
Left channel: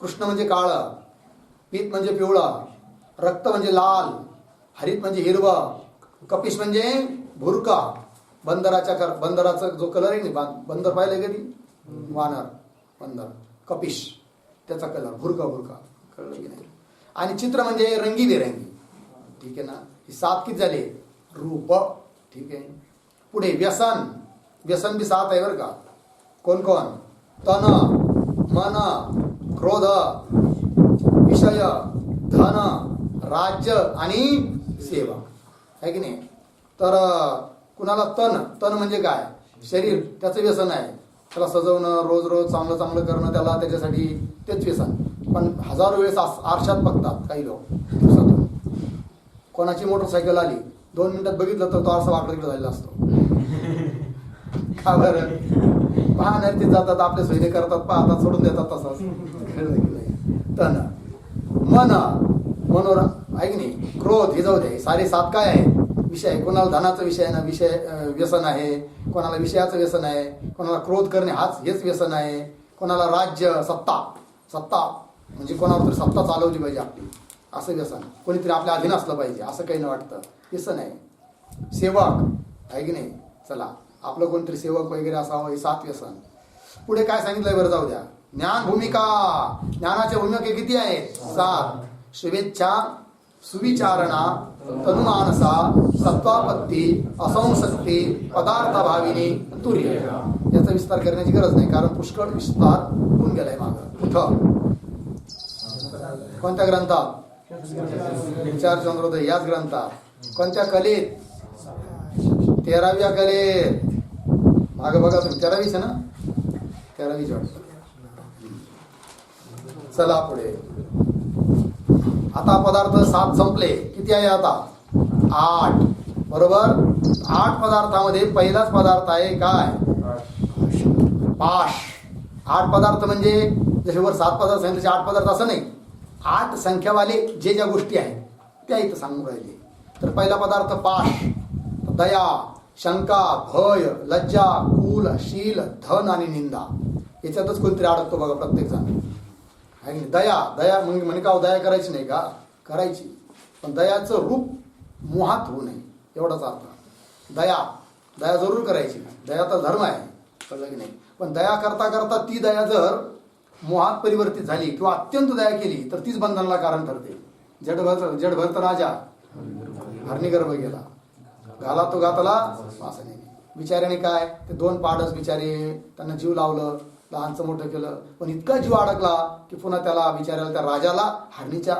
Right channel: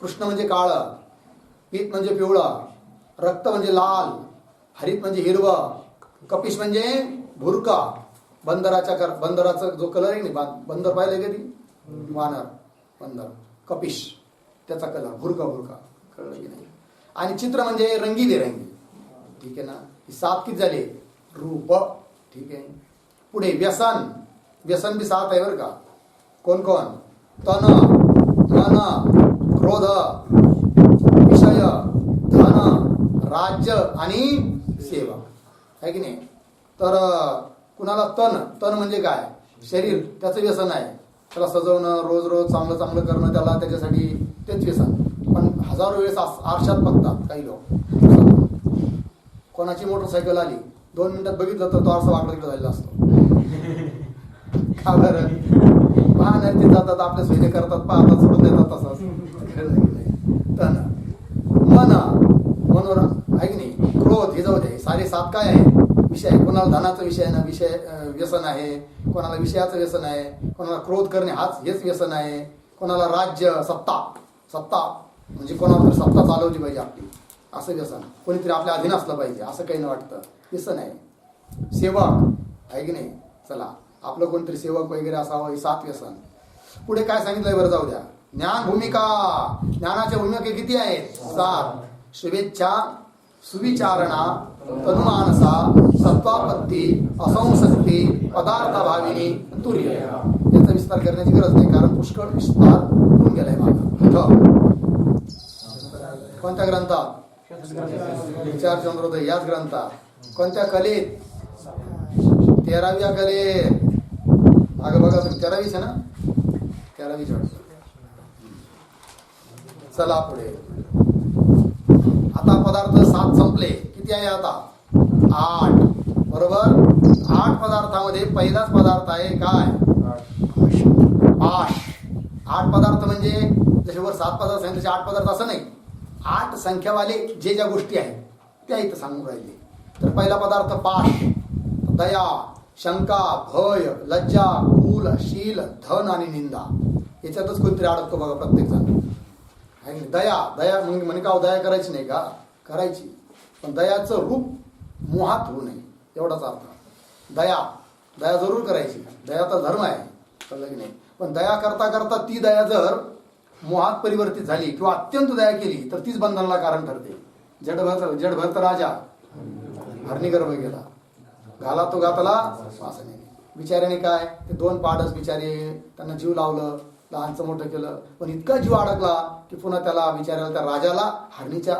कृष्ण म्हणजे काळं, पीत म्हणजे पिवळं, रक्त म्हणजे लाल, हरित म्हणजे हिरवं, कपिश म्हणजे भुरका, बंदराचा जो कलर आहे ना, बंदर पाहिलं कधी? वानर बंदर, कपिश, त्याचा कलर भुरका भुरका, कळलं की नाही? आणि चित्र म्हणजे रंगीबेरंगी. ठीक आहे ना? ही 7 किती झाले? रूप. ठीक आहे. पुढे व्यसन. व्यसन बी 7 आहे बरं का. कोण कोण? तन, मन, क्रोध, विषय, धन, राज्य आणि सेवा, आहे की नाही? तर कुणाला तन म्हणजे काय? शरीर, त्याचं व्यसन आहे. त्याला सजवणं, रोज रोज चांगलं चांगलं करणं, त्याला त्याच्यासाठी तेच व्यसन. पण हजारो वेळेस आरशात बघतात काही लोक दिवसातून. कोणाची मोटरसायकल आली, 2 मिनिटात बघितलं तर तो आरसा वाकडा तिकडे झालेला असतो. का बरं? पाहणार ते जातात, आपल्या सोयीने करतात, पाहतात, सोडून देतात. तसंच कळलं की नाही? तन, मन, मनोर, आहे की नाही? क्रोध, हे जाऊ दे. सारे 7 काय आहे? विषय. कोणाला धनाचा विषय आहे ना, विषय व्यसन आहे. कोणाला विषयाचं व्यसन आहे. कोणाला क्रोध करणे हेच व्यसन आहे. कोणाला राज्य, सत्ता, सत्ता म्हणजे कोणावर तरी सत्ता चालवली पाहिजे आपली, असं व्यसन. कोणीतरी आपल्या अधीन असलं पाहिजे असं काही न वाटतं, व्यसन आहे. सेवक, आहे की नाही? चला आपलं कोणतरी सेवक वगैरे असावं, हे 7 व्यसन. पुढे काय सांगितलंय बरं? जाऊ द्या. ज्ञान भूमिका. ज्ञानाच्या भूमिका किती आहेत? 7. शुभेच्छा, सुविचारणा, तनुमानसा, सत्वापत्ती, असंसक्ती, पदार्थभाविनी, तुर्य. याचा विस्तार करण्याची गरज नाही, कारण पुष्कळ विस्तार होऊन गेलाय मागं. कुठं? कोणत्या ग्रंथात? विचार चंद्रोदय याच ग्रंथात. कोणत्या कलेत? 13व्या कलेत. मागं बघा तुम्ही, 13वीच आहे ना? 13वीच वाटतं. चला पुढे. आता पदार्थ 7 संपले. किती आहे आता? 8. बरोबर? 8 पदार्थामध्ये पहिलाच पदार्थ आहे काय? पाश. 8 पदार्थ म्हणजे जसे वर 7 पदार्थ सांगितले तसे 8 पदार्थ असं नाही. 8 संख्यावाले ज्या गोष्टी आहेत त्या इथं सांगून राहिले. तर पहिला पदार्थ पाश. दया, शंका, भय, लज्जा, कुल, शील, धन आणि निंदा. याच्यातच कोणतरी अडकतो बघा प्रत्येक जण. दया, दया म्हणे का दया करायची नाही का? करायची, पण दयाचं रूप मोहात होऊ नये, एवढाच अर्थ. दया, दया जरूर करायची. दया तर धर्म आहे, कळलं की नाही? पण दया करता करता ती दया जर मोहात परिवर्तित झाली किंवा अत्यंत दया केली तर तीच बंधनाला कारण ठरते. जडभरत राजा हरणी गर्भ गेला, घाला तो घातला वासने. बिचाऱ्याने काय, ते 2 पाडस बिचारे, त्यांना जीव लावलं, लहानचं मोठं केलं, पण इतका जीव अडकला की पुन्हा त्याला बिचाऱ्याला, त्या राजाला हरणीच्या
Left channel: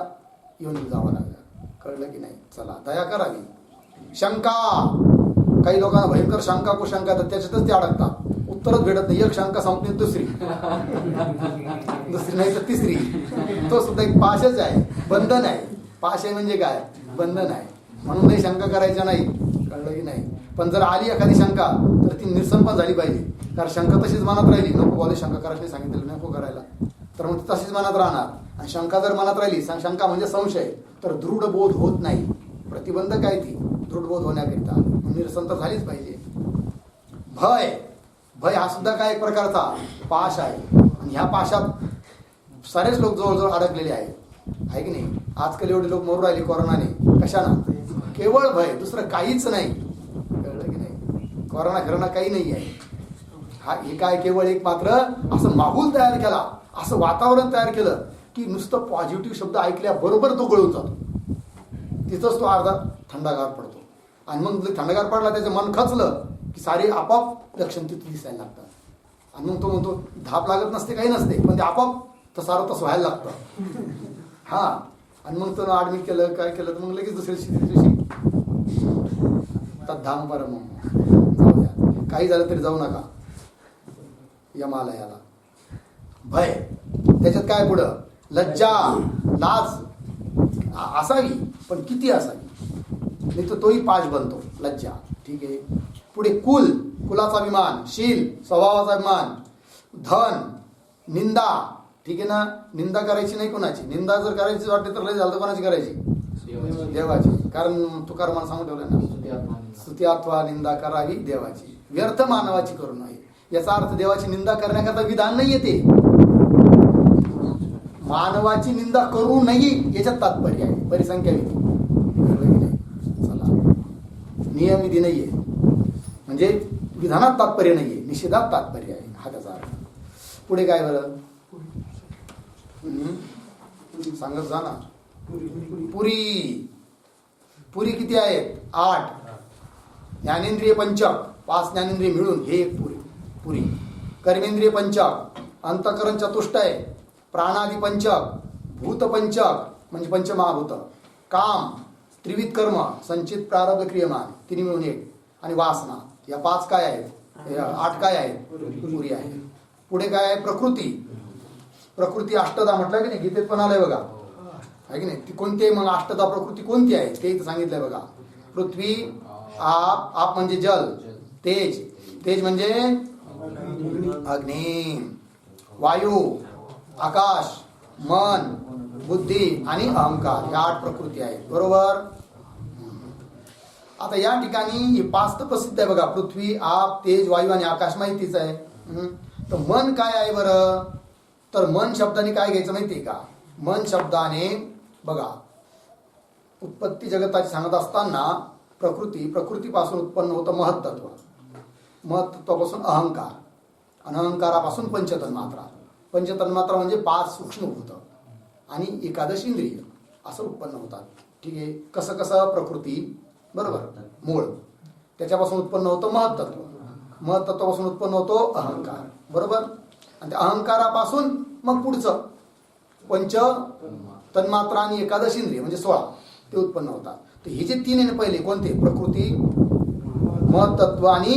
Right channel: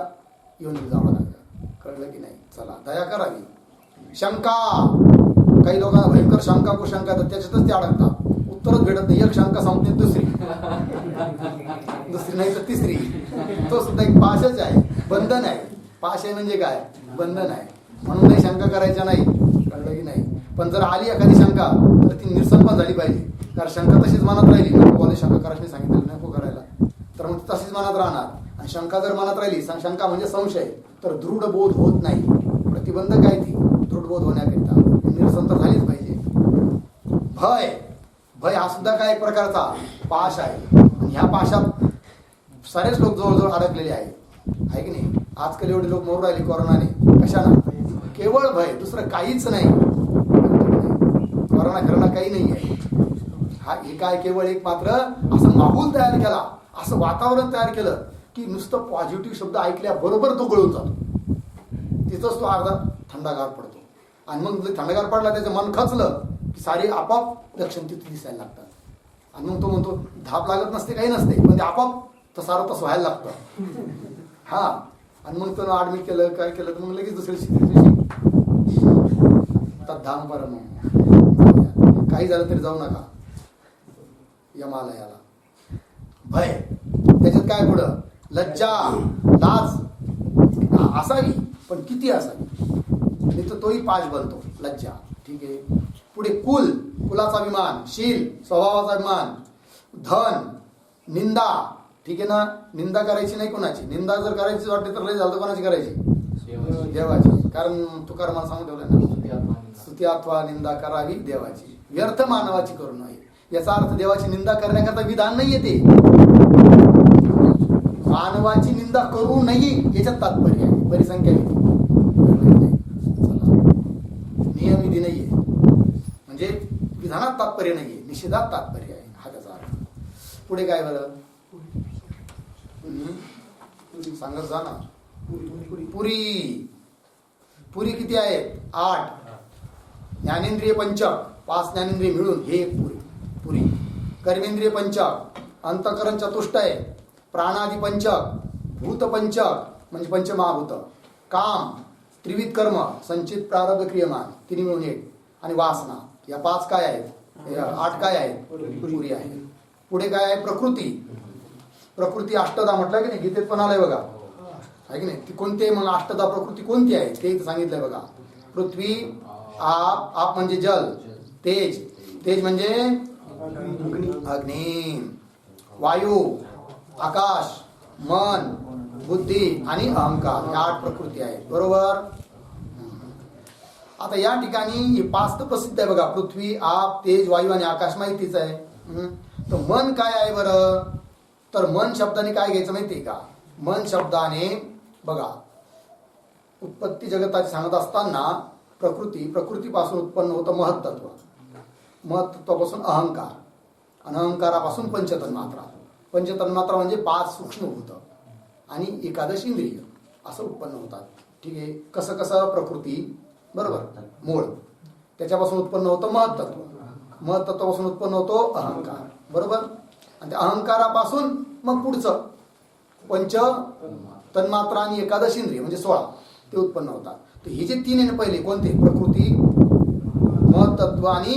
योनीत जावं लागलं. कळलं की नाही? चला दया करावी. शंका, काही लोकांना भयंकर शंका कुशंका, तर त्याच्यातच ते अडकतात, उत्तरच भेटत नाही. एक शंका संपते दुसरी, दुसरी नाही तर तिसरी. तो सुद्धा एक पाशच आहे, बंधन आहे. पाश आहे म्हणजे काय? बंधन आहे. म्हणून नाही शंका करायच्या नाही, कळलं की नाही? पण जर आली एखादी शंका तर ती निरसन पण झाली पाहिजे. कारण शंका तशीच मनात राहिली, नको बोले शंका करायला सांगितलेलं नको करायला, तर मग ती तशीच मनात राहणार. आणि शंका जर मनात राहिली, शंका म्हणजे संशय, तर दृढ बोध होत नाही. प्रतिबंध काय ती दृढ बोध होण्याकरिता निरसन तर झालीच पाहिजे. भय, भय हा सुद्धा काय एक प्रकारचा पाश आहे. आणि ह्या पाशात सारेच लोक जवळजवळ अडकलेले आहेत, आहे की नाही? आजकाल एवढे लोक मरू राहिले कोरोनाने, कशानं? केवळ भय, दुसरं काहीच नाही. कोरोना फिरणं काही नाही आहे. हा हे काय, केवळ एक मात्र असं माहोल तयार केला, असं वातावरण तयार केलं की नुसतं पॉझिटिव्ह शब्द ऐकल्याबरोबर तो गळून जातो. तिथंच तो अर्धा थंडागार पडतो. आणि मग थंडागार पडला, त्याचं मन खचलं की सारे आपोआप लक्षण तिथे दिसायला लागतात. आणि मग तो म्हणतो धाप लागत नसते, काही नसते, पण ते आपोआप तर सारं तसं व्हायला लागतं. हा, आणि मग तो ॲडमिट केलं, काय केलं, तर मग लगेच दुसऱ्या दिवशी तद्धाम परम. जाऊया. काही झालं तरी जाऊ नका यमालयाला. भय, त्याच्यात काय पुढं लज्जा, लाज असावी, पण किती असावी, नाही तर तोही पाश बनतो लज्जा. ठीक आहे. पुढे कुल, कुलाचा अभिमान, शील, स्वभावाचा अभिमान, धन, निंदा. ठीक आहे ना, निंदा करायची नाही कोणाची. निंदा जर करायची वाटते तर लय झालं तर कोणाची करायची, देवाची. कारण तुकारामाला सांगून ठेवलंय ना, स्तुती अथवा निंदा करावी देवाची, व्यर्थ मानवाची करू नये. याचा अर्थ देवाची निंदा करण्याकरता विधान नाहीये ते, मानवाची निंदा करू नये याच्यात तात्पर्य आहे. परिसंख्या विधी नाही, चला नियम विधी नाहीये, म्हणजे विधानात तात्पर्य नाहीये, निषेधात तात्पर्य आहे, हा त्याचा अर्थ. पुढे काय बरं सांगत जा ना. पुरी, पुरी किती आहेत, 8. ज्ञानेंद्रिय पंचक, 5 ज्ञानेंद्रिय मिळून हे एक पुरी. कर्मेंद्रिय पंचक, अंतःकरण चतुष्टय, प्राणादि पंचक, भूत पंचक म्हणजे पंचमहाभूत, काम, त्रिविध कर्म, संचित प्रारब्ध क्रियमान, तिन्ही मिळून 1, आणि वासना. या 5 काय आहेत, 8 काय आहेत, पुरी आहे. पुढे काय आहे, प्रकृती. प्रकृती अष्टदा म्हटलं की नाही, गीतेत पण आलंय बघा, आहे की नाही. ती कोणती मग अष्टदा प्रकृती कोणती आहे ते सांगितलंय बघा. पृथ्वी, आप, आप म्हणजे जल, तेज, तेज म्हणजे अग्नी, वायू, आकाश, मन, बुद्धी आणि अहंकार, या 8 प्रकृती आहेत. बरोबर. आता या ठिकाणी हे 5 तर प्रसिद्ध आहे बघा, पृथ्वी, आप, तेज, वायू आणि आकाश माहितीच आहे. तर मन काय आहे बरं, तर मन शब्दाने काय घ्यायचं माहितीये का. मन शब्दाने बघा, उत्पत्ती जगताची सांगत असताना प्रकृतीपासून उत्पन्न होतं महत्त्व, महत्त्वापासून अहंकार, आणि अहंकारापासून पंचतन्मात्रा. पंचतन्मात्रा म्हणजे 5 सूक्ष्मभूत आणि 11 इंद्रिय असं उत्पन्न होतात. ठीक आहे. कसं कसं, प्रकृती बरोबर मूळ, त्याच्यापासून उत्पन्न होतं महत्त्व, महत्त्वापासून उत्पन्न होतो अहंकार बरोबर, आणि त्या अहंकारापासून मग पुढचं पंच तन्मात्रा आणि 11 इंद्रिय म्हणजे 16 ते उत्पन्न होतात. तर हे जे 3 आहे पहिले कोणते, प्रकृती, महत्त्व आणि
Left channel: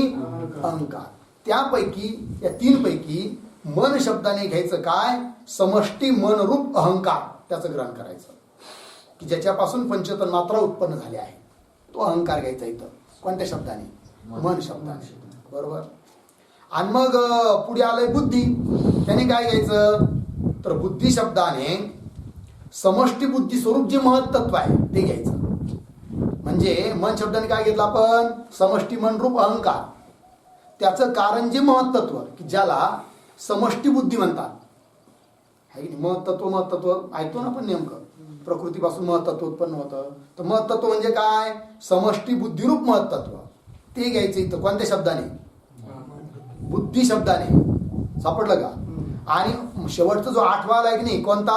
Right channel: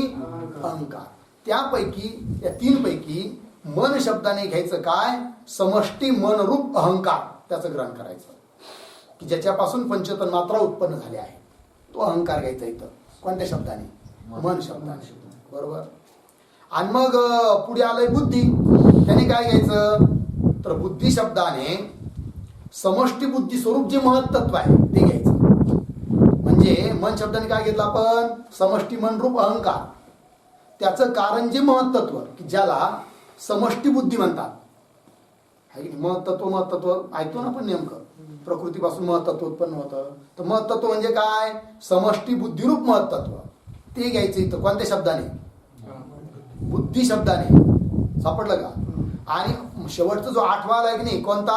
अहंकार. त्यापैकी या 3 पैकी मन शब्दाने घ्यायचं काय, समष्टी मनरूप अहंकार त्याचं ग्रहण करायचं, की ज्याच्यापासून पंचतन्मात्रा उत्पन्न झाल्या आहे, तो अहंकार घ्यायचा इथं. कोणत्या शब्दाने, मन शब्दाने बरोबर. आणि मग पुढे आलंय बुद्धी, त्याने काय घ्यायचं, तर बुद्धी शब्दाने समष्टी बुद्धी स्वरूप जे महत्त्व आहे ते घ्यायचं. म्हणजे मन शब्दाने काय घेतलं आपण, समष्टी मनरूप अहंकार, त्याचं कारण जे महत्त्व, की ज्याला समष्टी बुद्धी म्हणतात, आहे की महत्त्व ऐकतो ना आपण नेमकं, प्रकृतीपासून महत्त्व उत्पन्न होतं. तर महत्त्व म्हणजे काय, समष्टी बुद्धिरूप महत्त्व, ते घ्यायचं इथं. कोणत्या शब्दाने, बुद्धी शब्दाने. सापडलं का. आणि शेवटचा जो 8वा आलाय की नाही कोणता,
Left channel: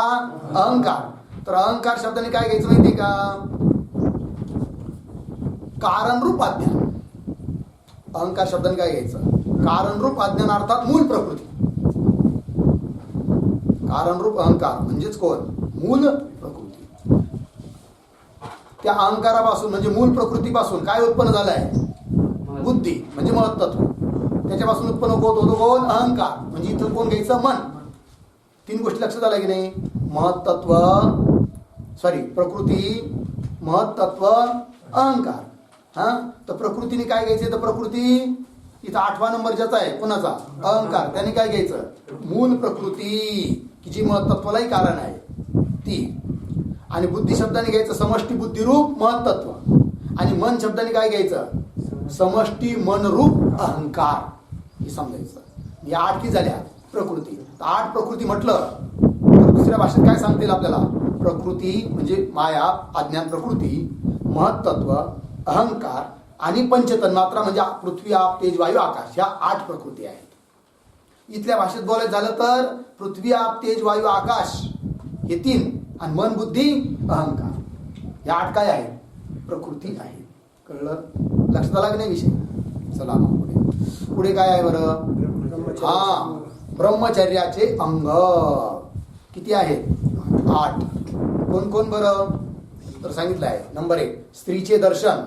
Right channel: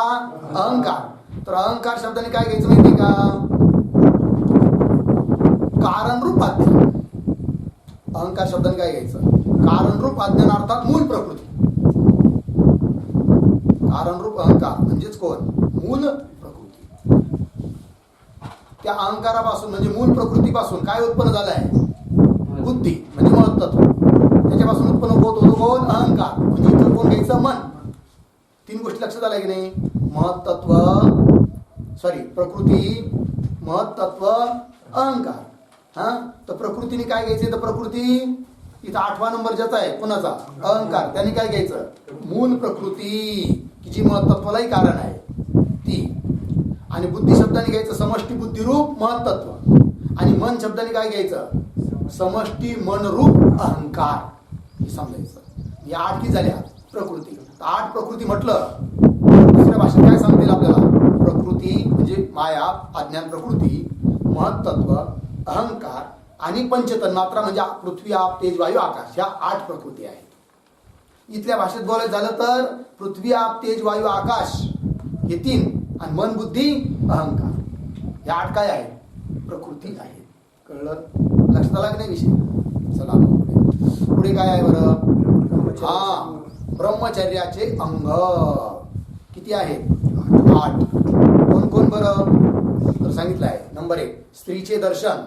अहंकार. तर अहंकार शब्दाने काय घ्यायचं माहिती का, कारणरूप अज्ञान. अहंकार शब्दाने काय घ्यायचं, कारणरूप अज्ञान अर्थात मूल प्रकृती. कारणरूप अहंकार म्हणजेच कोण, मूल प्रकृती. त्या अहंकारापासून म्हणजे मूल प्रकृतीपासून काय उत्पन्न झालंय, बुद्धी म्हणजे महत्त्व, त्याच्यापासून उत्पन्न होत होतो कोण, अहंकार. म्हणजे इथं कोण घ्यायचं, मन. 3 गोष्टी लक्षात आल्या की नाही, प्रकृती, महत्त्व, अहंकार. हा, तर प्रकृतीने काय घ्यायचं, तर प्रकृती इथं 8वा नंबर ज्याचा आहे कोणाचा, अहंकार, त्याने काय घ्यायचं, मूल प्रकृती, की जी महत्त्वालाही कारण आहे ती. आणि बुद्धी शब्दाने घ्यायचं समष्टी बुद्धिरूप महत्त्व, आणि मन शब्दाने काय घ्यायचं, समष्टी मनरूप अहंकार, हे समजायचं. या 8 की झाल्या प्रकृती. 8 प्रकृती म्हटलं तर दुसऱ्या भाषेत काय सांगतील आपल्याला, प्रकृती म्हणजे माया, अज्ञान प्रकृती, महत्त्व, अहंकार आणि पंचतन्मात्रा म्हणजे पृथ्वी, आप, तेज, वायू, आकाश, ह्या 8 प्रकृती आहेत. इथल्या भाषेत बोलायचं झालं तर पृथ्वी, आप, तेज, वायू, आकाश हे 3, आणि मन, बुद्धी, अहंकार, ह्या 8 काय आहेत, प्रकृती आहेत. कळलं, लक्षात आला की नाही विषय. चला मग पुढे काय आहे बरं, हा, ब्रह्मचर्याचे अंग किती आहेत, 8. कोण कोण बरं, तर सांगितलं आहे. नंबर 1, स्त्रीचे दर्शन,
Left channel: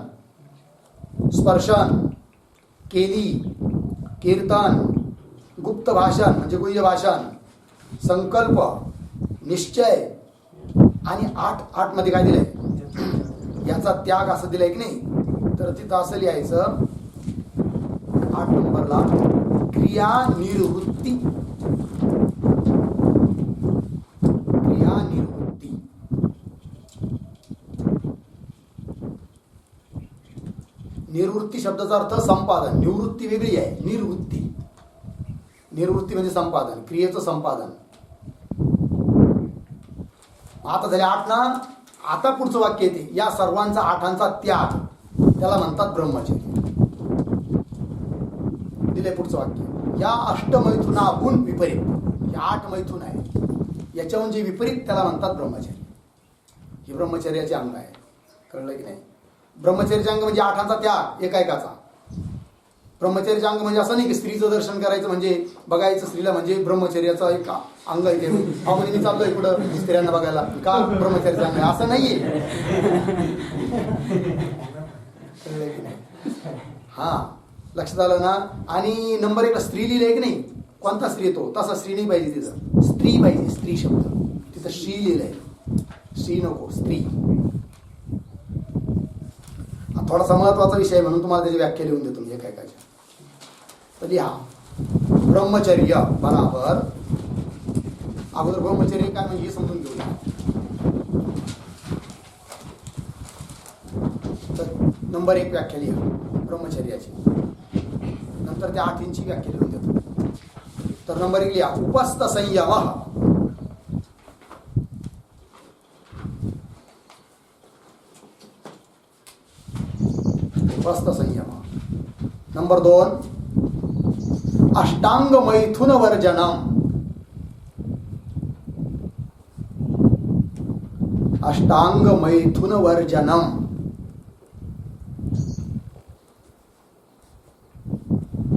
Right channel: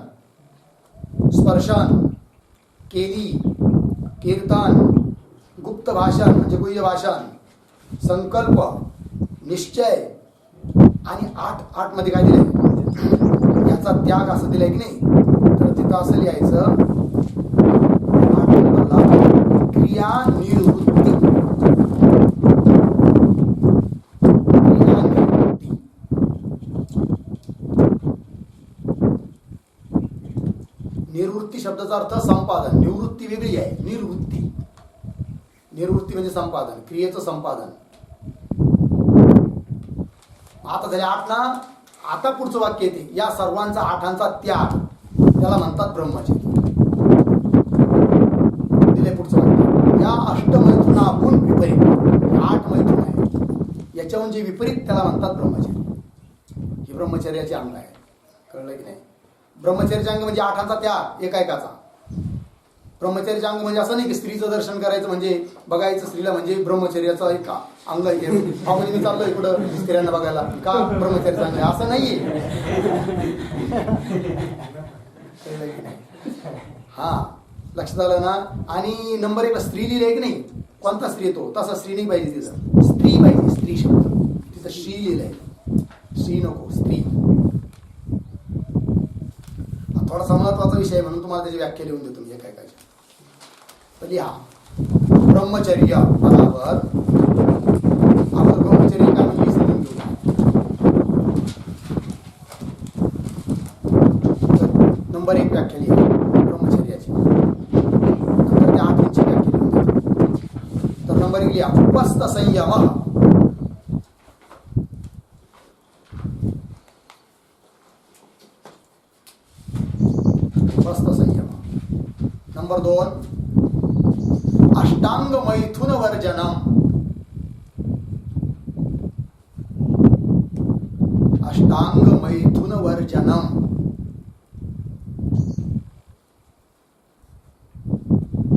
स्पर्शन, केली, कीर्तन, गुप्त भाषण म्हणजे गुह्य भाषण, संकल्प, निश्चय आणि आठ मध्ये काय दिलंय याचा त्याग असं दिलंय की नाही. तर तिथं असं लिहायचं 8 नंबरला क्रिया निवृत्ती. क्रिया निवृत्ती. निवृत्ती शब्दाचा अर्थ संपादन, निवृत्ती वेगळी आहे. निवृत्ती म्हणजे संपादन, क्रियेचं संपादन. आता झाले 8 ना. आता पुढचं वाक्य येते या सर्वांचा 8 त्याग त्याला म्हणतात ब्रह्मचर्य. दिले पुढचं वाक्य या अष्टमैथुनाहून विपरीत. हे 8 मैथुन आहे याच्याहून जे विपरीत त्याला म्हणतात ब्रह्मचर्य. ही ब्रह्मचर्याचे अंग आहे. कळलं की नाही. ब्रह्मचर्याचे अंग म्हणजे 8 त्याग एकाएकाचा. ब्रह्मचर्याचे अंग म्हणजे असं नाही की स्त्रीचं दर्शन करायचं म्हणजे बघायचं स्त्रीला म्हणजे ब्रह्मचर्याचं एक अंग आहे ते. म्हणजे मी चाललोय इकडं स्त्रियांना बघायला का ब्रह्मचर्याचं अंग आहे असं नाहीये. कळलं की नाही. हा लक्षात आलं ना. आणि नंबर 1 स्त्री लिहिलंय की नाही. कोणता स्त्री येतो तसा स्त्री नाही पाहिजे तिथं. स्त्री पाहिजे. स्त्री शब्द तिथं श्री लिहिलंय. स्त्री नको स्त्री. थोडासा महत्वाचा विषय म्हणून तुम्हाला त्याची व्याख्या लिहून देतो मी एकाएकाच्या. तर लिहा ब्रह्मचर्य बराबर. अगोदर ब्रह्मचर्य काय म्हणजे समजून घेऊया. तर नंबर 1 व्याख्या लिहा ब्रह्मचर्याची. नंतर त्या 8 व्याख्या लिहून देतो. तर नंबर 1 लिहा उपस्थ संयम. उपस्थ संयम. नंबर 2 अष्टांग मैथुन वर्जनम. अष्टांग मैथुन वर्जनम.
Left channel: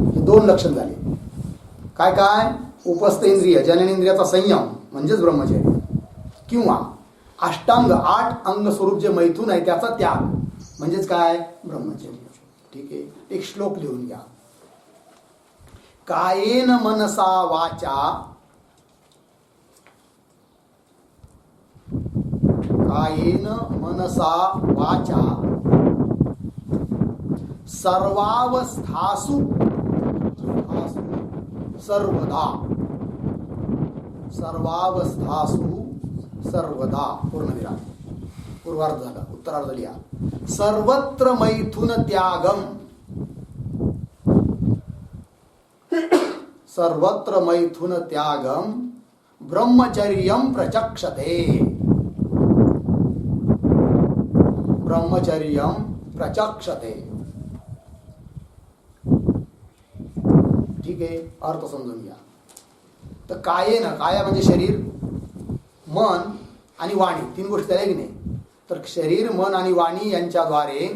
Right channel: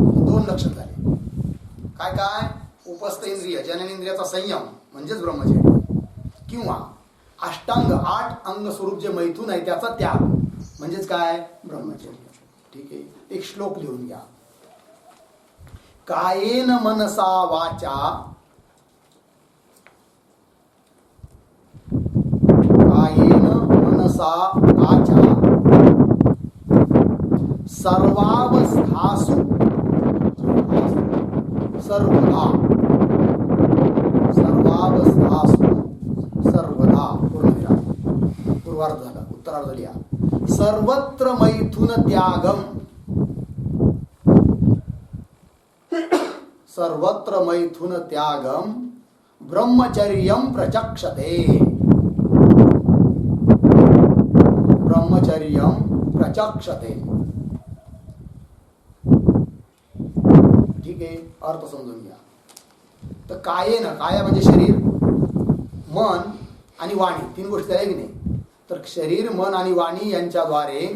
हे 2 लक्षण झाले. काय काय उपस्थ इंद्रिय जननेंद्रियाचा संयम म्हणजेच ब्रह्मचर्य किंवा अष्टांग 8 अंग स्वरूप जे मैथुन आहे त्याचा त्याग म्हणजेच काय ब्रह्मचर्य. ठीक आहे. एक श्लोक लिहून घ्या. कायेन मनसा वाचा. कायेन मनसा वाचा सर्वावस्थासु सर्वदा. सर्वावस्थासु सर्वदा. पूर्णविराम. पूर्वार्ध झाला. उत्तरार्ध लिहा सर्वत्र मैथुन त्यागम. सर्वत्र मैथुन त्यागम ब्रह्मचर्यम प्रचक्षते. ब्रह्मचर्यम प्रचक्षते. ठीक आहे. अर्थ समजून घ्या. तर कायेन, काया म्हणजे शरीर, मन आणि वाणी 3 गोष्टी झाल्या की नाही. तर शरीर मन आणि वाणी यांच्याद्वारे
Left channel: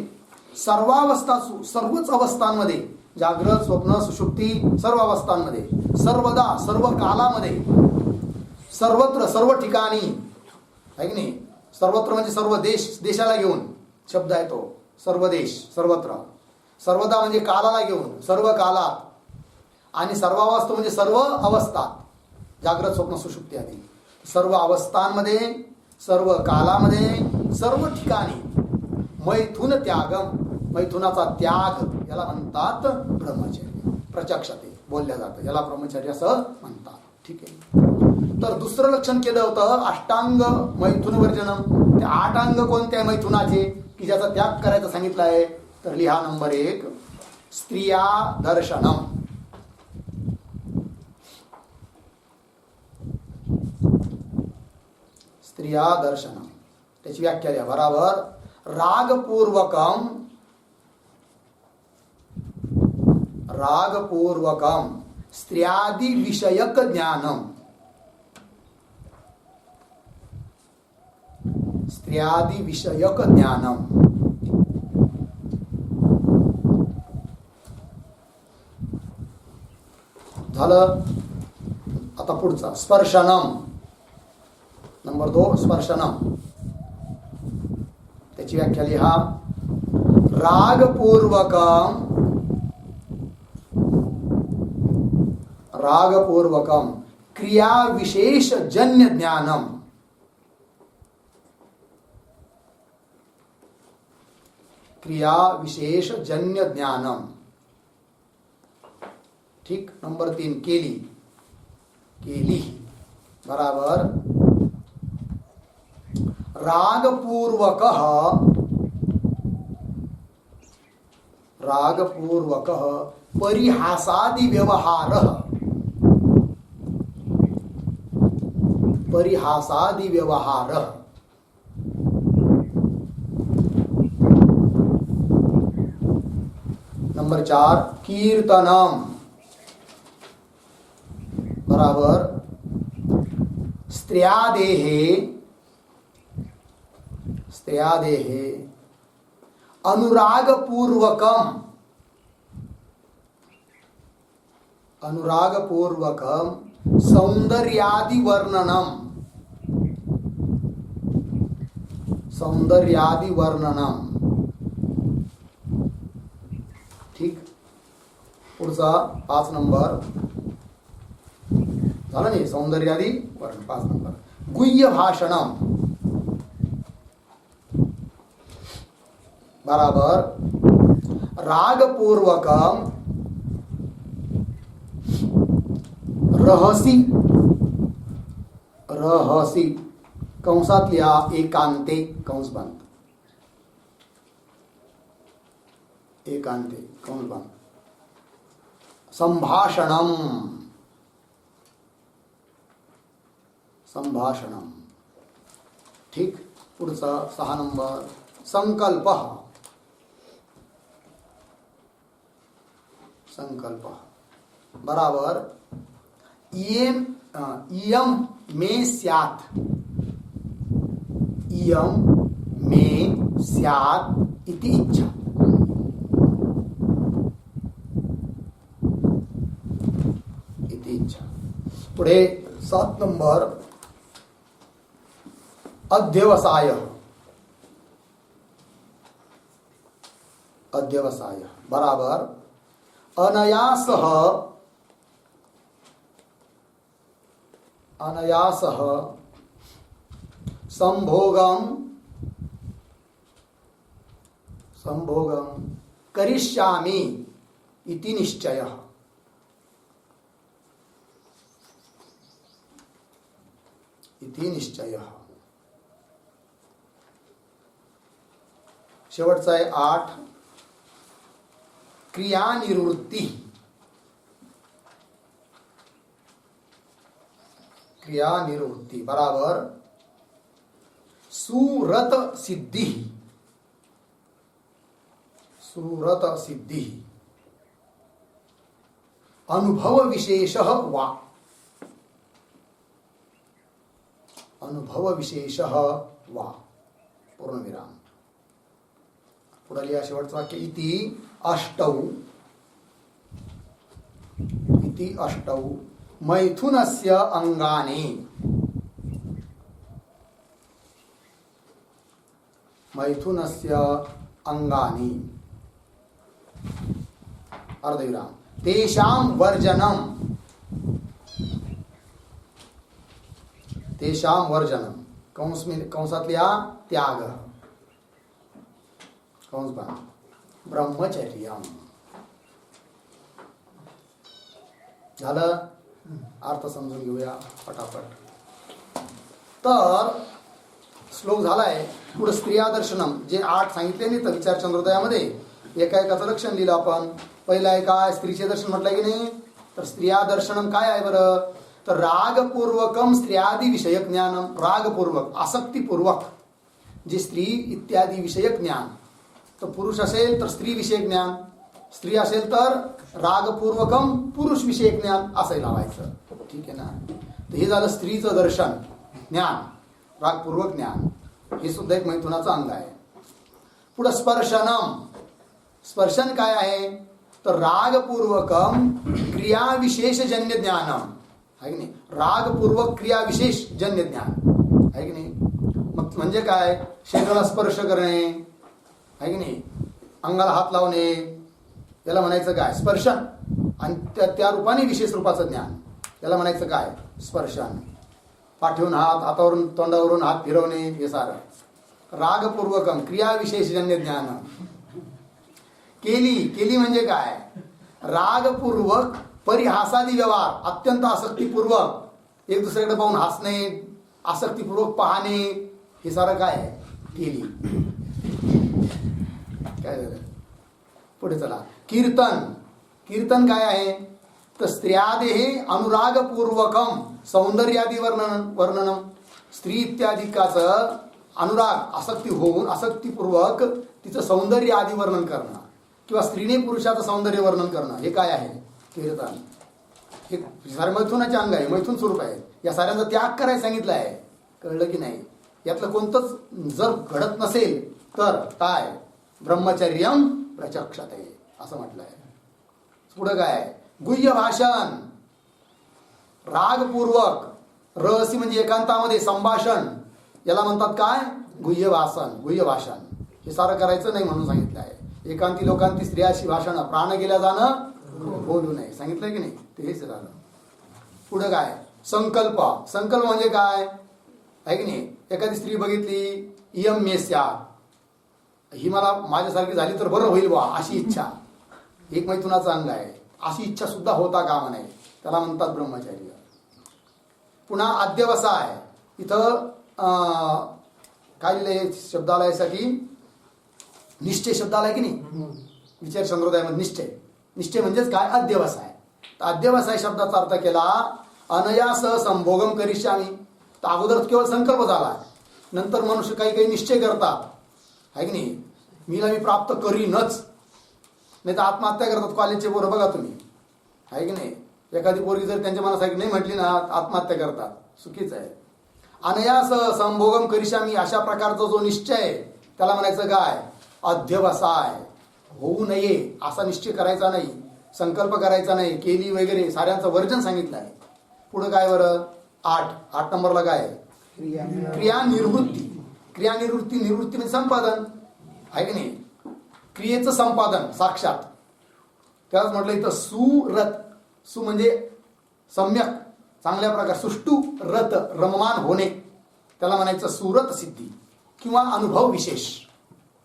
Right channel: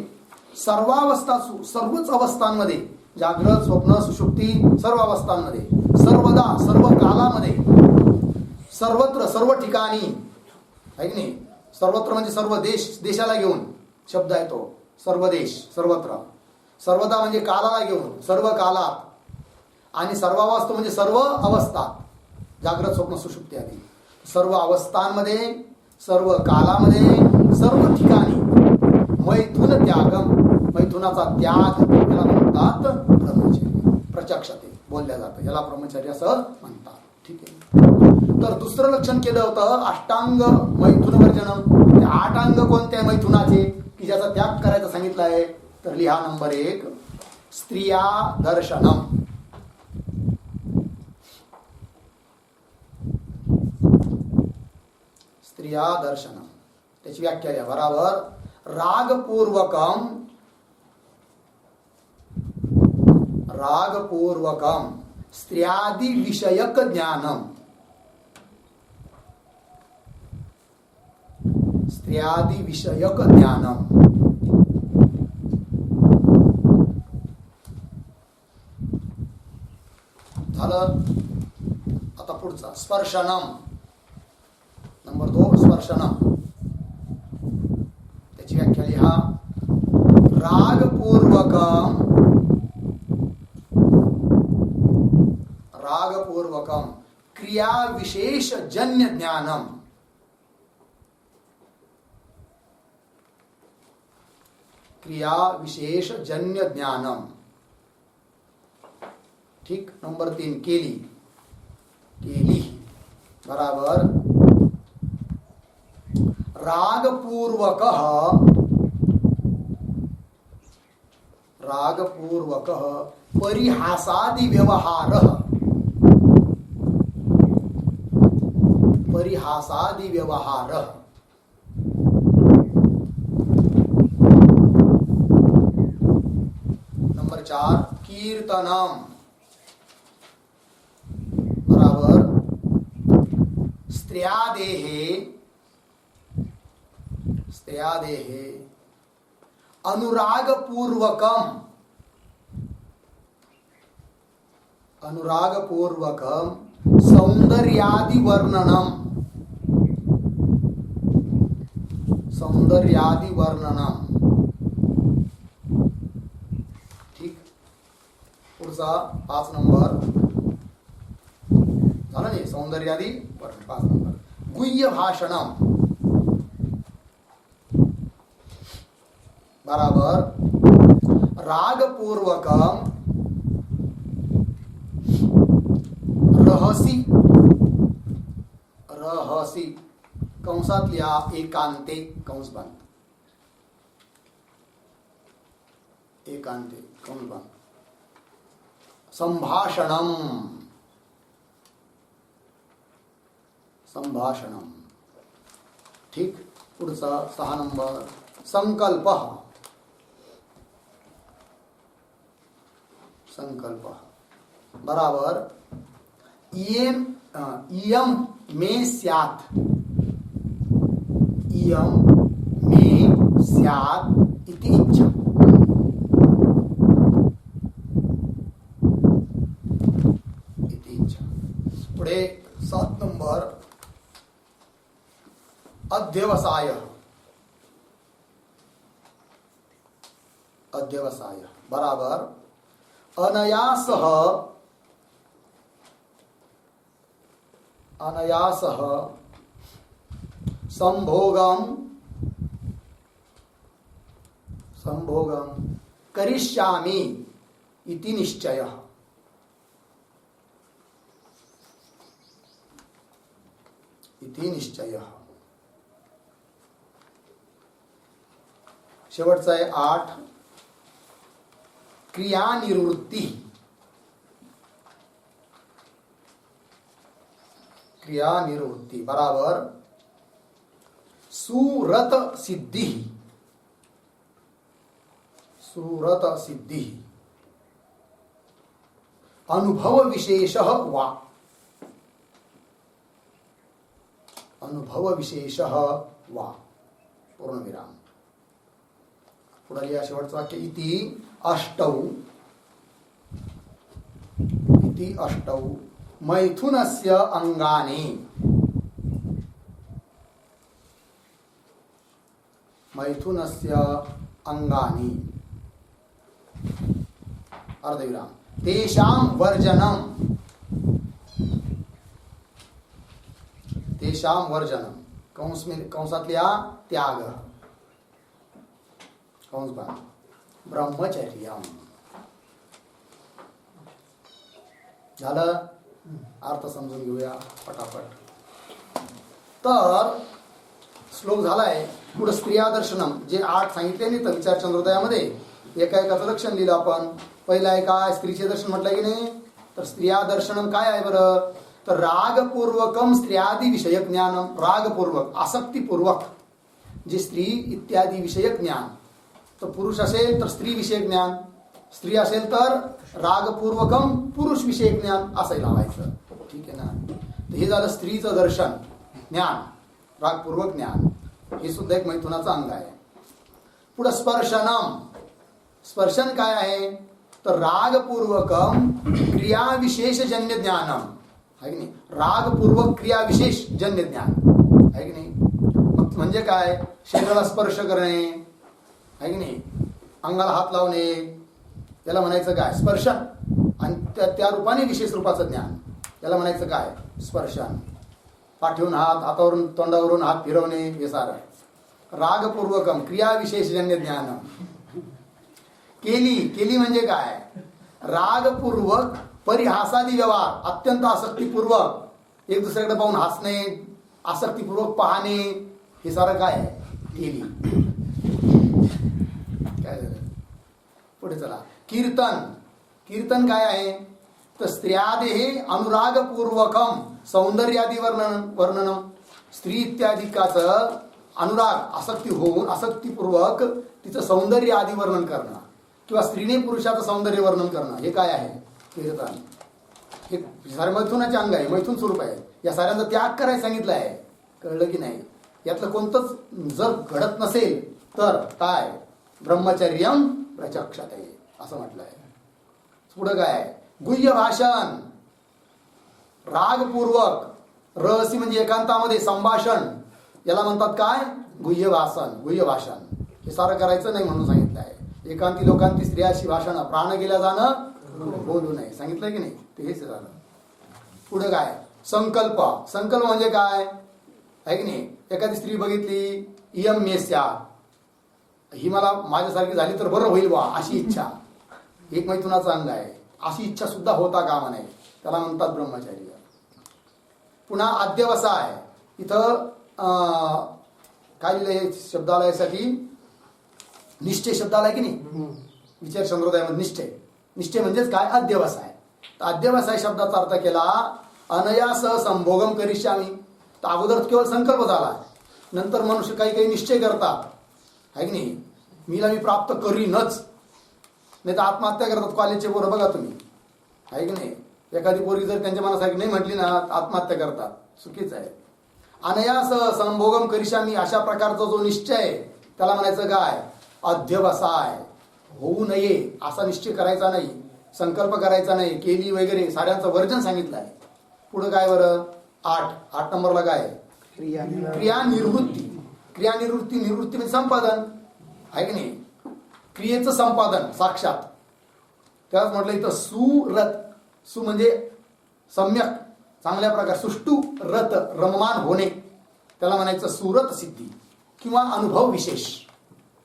सर्वावस्था सर्वच अवस्थांमध्ये जागृत स्वप्न सुषुप्ती सर्व अवस्थांमध्ये सर्वदा सर्व कालामध्ये सर्वत्र सर्व ठिकाणी आहे की नाही. सर्वत्र म्हणजे सर्व देश, देशाला घेऊन शब्द आहे तो. सर्व देश सर्वत्र. सर्वदा म्हणजे कालाला घेऊन सर्व कालात. आणि सर्वावस्था म्हणजे सर्व अवस्थात जागृत स्वप्न सुषुप्ती आदी सर्व अवस्थांमध्ये सर्व कालामध्ये सर्व ठिकाणी मैथुन त्यागम. मैथुनाचा त्याग याला म्हणतात ब्रह्मचर्य. प्रचक्षते बोलल्या जातं याला ब्रह्मचर्य असं म्हणतात. ठीक आहे. तर दुसरं लक्षण केलं होतं अष्टांग मैथुन वर्जनम. ते 8 अंग कोणते मैथुनाचे की ज्याचा त्याग करायचा सांगितलं आहे. तर लिहा नंबर 1 स्त्रिया दर्शनम. स्त्रिया दर्शनम त्याची व्याख्या द्या बराबर. रागपूर्वकम. रागपूर्वकम स्त्रियादि विषयक ज्ञानम. स्त्रियादि विषयक ज्ञानम. झालं. आता पुढचा स्पर्शनम. नंबर 2 स्पर्शनम त्याची व्याख्या लिहा रागपूर्वकम रागपूर्वकम क्रिया विशेष जन्य ज्ञानम, क्रिया विशेष जन्य ज्ञानम. ठीक. नंबर 3 केली, केली बराबर रागपूर्वकः, रागपूर्वकः परिहासादि व्यवहारः, परिहासादि व्यवहारः. नंबर 4 कीर्तनम बराबर स्त्रियादेहे, स्त्रियादेहे अनुरागपूर्वकम, अनुरागपूर्वकम सौंदर्यादि वर्णनम, सौंदर्यादि वर्णनम. ठीक. पुढचा 5 नंबर झाला नाही. सौंदर्यादि वर्णन 5 नंबर. गुह्य भाषणम बराबर रागपूर्वकम रहसी, रहसी कंसातल्या एकांते, कंस बंद, एकांते कंस बंद. संभाषणम, संभाषणम. ठीक. पुढचा 6 नंबर संकल्प, संकल्प बराबर इयम में स्यात्, इयम में स्यात् इति इच्छा, इति इच्छा. पुढे 7 नंबर अध्यवसाय, अध्यवसाय बराबर अनयासः, अनयासः संभोगम, संभोगम करिष्यामि इति निश्चयः, इति निश्चयः. शेवटचा आहे 8 क्रियानिवृत्ती, क्रियानिवृत्ती बराबर सुरत सिद्धि, सुरत सिद्धि अनुभव विशेषः वा, अनुभव विशेषः वा पूर्णविराम. पुढे लिहा शेवटचं वाक्य इति अष्टौ, इति अष्टौ मैथुनस्य अंगानि, मैथुनस्य अंगानि अर्धविराम तेषां वर्जनम, तेषां वर्जनम कंस में कंसातल्या त्याग, कंस बन ब्रह्मचर्यम. झालं. अर्थ समजून घेऊया पटापट. तर श्लोक झालाय. पुढे स्त्रिया दर्शनम जे 8 सांगितले नाही तर विचार चंद्रोदयामध्ये एका एकाचं लक्षण लिहिलं आपण. पहिला आहे काय स्त्रीचे दर्शन म्हटलं की नाही. तर स्त्रिया दर्शनम काय आहे बरं. तर रागपूर्वकम स्त्रियादी विषयक ज्ञानम, रागपूर्वक आसक्तीपूर्वक जे स्त्री इत्यादी विषयक ज्ञान. तर पुरुष असेल तर स्त्री विषयक ज्ञान, स्त्री असेल तर रागपूर्वकम पुरुष विषयक ज्ञान असं लावायचं. ठीक आहे ना. तर हे झालं स्त्रीचं दर्शन ज्ञान, रागपूर्वक ज्ञान. हे सुद्धा एक मैथुनाचं अंग आहे. पुढे स्पर्शनम, स्पर्शन काय आहे तर रागपूर्वकम क्रिया विशेष जन्य ज्ञानम आहे की नाही. रागपूर्वक क्रिया विशेष जन्य ज्ञान आहे की नाही. मग म्हणजे काय शरीराला स्पर्श करणे आहे की नाही, अंगाला हात लावणे याला म्हणायचं काय स्पर्शन. आणि त्या रूपाने विशेष रूपाचं ज्ञान, याला म्हणायचं काय? स्पर्शन. पाठीवरून हात, हातावरून तोंडावरून हात फिरवणे, हे सारं रागपूर्वकम क्रियाविशेषजन्य ज्ञान. केली म्हणजे काय? रागपूर्वक परिहासादी व्यवहार, अत्यंत आसक्तीपूर्वक एक दुसऱ्याकडे पाहून हसणे, आसक्तीपूर्वक पाहणे, हे सारं काय आहे? केली. काय झालं? पुढे चला. कीर्तन काय आहे? तर स्त्रियादेहे अनुरागपूर्वकम सौंदर्यादी वर्णनम. स्त्री इत्यादिकाचं अनुराग, आसक्ती होऊन आसक्तीपूर्वक तिचं सौंदर्य आदी वर्णन करणं किंवा स्त्रीने पुरुषाचं सौंदर्य वर्णन करणं, हे काय आहे? कीर्तन. हे सारे मैथुनाचे अंग आहे, मैथुन स्वरूप आहे. या साऱ्यांचा त्याग करायला सांगितलं आहे. कळलं की नाही? यातलं कोणतंच जर घडत नसेल तर काय? ब्रह्मचर्यम प्रचक्षते असं म्हटलं आहे. पुढं काय? गुह्य भाषण. रागपूर्वक, रहस्य म्हणजे एकांतामध्ये संभाषण, याला म्हणतात काय? गुह्य भाषण. हे सारं करायचं नाही म्हणून सांगितलं आहे. एकांती लोकांती स्त्रियाशी भाषण, प्राण गेल्या जाणं बोलू नये, सांगितलंय की नाही? ते हेच झालं. पुढं काय? संकल्प म्हणजे काय आहे की नाही? एखादी स्त्री बघितली, इयम मे स्यात्, ही मला माझ्यासारखी झाली तर बरं होईल बा, अशी इच्छा एक मैथुनाचं अंग आहे. अशी इच्छा सुद्धा होता कामा नये, त्याला म्हणतात ब्रह्मचर्य. पुन्हा अध्यवसाय. इथं काय लिहिलंय शब्दालयासाठी? निश्चय शब्दालय की नाही? विचार संप्रदायामध्ये निश्चय म्हणजेच काय? अध्यवसाय. तर अध्यवसाय शब्दाचा अर्थ केला अनयास संभोगम करिष्यामी. तर अगोदर केवळ संकल्प झाला, नंतर मनुष्य काही निश्चय करतात, आहे की नाही? मी प्राप्त करीनच, नाही तर आत्महत्या करतात. कॉलेजचे पोरं बघा तुम्ही, आहे की नाही? एखादी पोरगी जर त्यांच्या मनासारखी नाही म्हटली ना, आत्महत्या करतात. चुकीचं आहे. अनयास संभोगम करिष्यामी, अशा प्रकारचा जो निश्चय आहे त्याला म्हणायचं काय? अध्यवसाय. होऊ नये असा निश्चय करायचा नाही, संकल्प करायचा नाही, केली वगैरे साऱ्यांचं वर्जन सांगितलं आहे. पुढं काय बरं? 8 नंबरला काय? क्रियानिवृत्ती. निवृत्ती म्हणजे संपादन, आहे की नाही? क्रियेचं संपादन साक्षात. त्यालाच म्हटलं इथं सुरत. सु म्हणजे सम्यक, चांगल्या प्रकार. सुष्टू रत, रममान होणे, त्याला म्हणायचं सुरत सिद्धी किंवा अनुभव विशेष,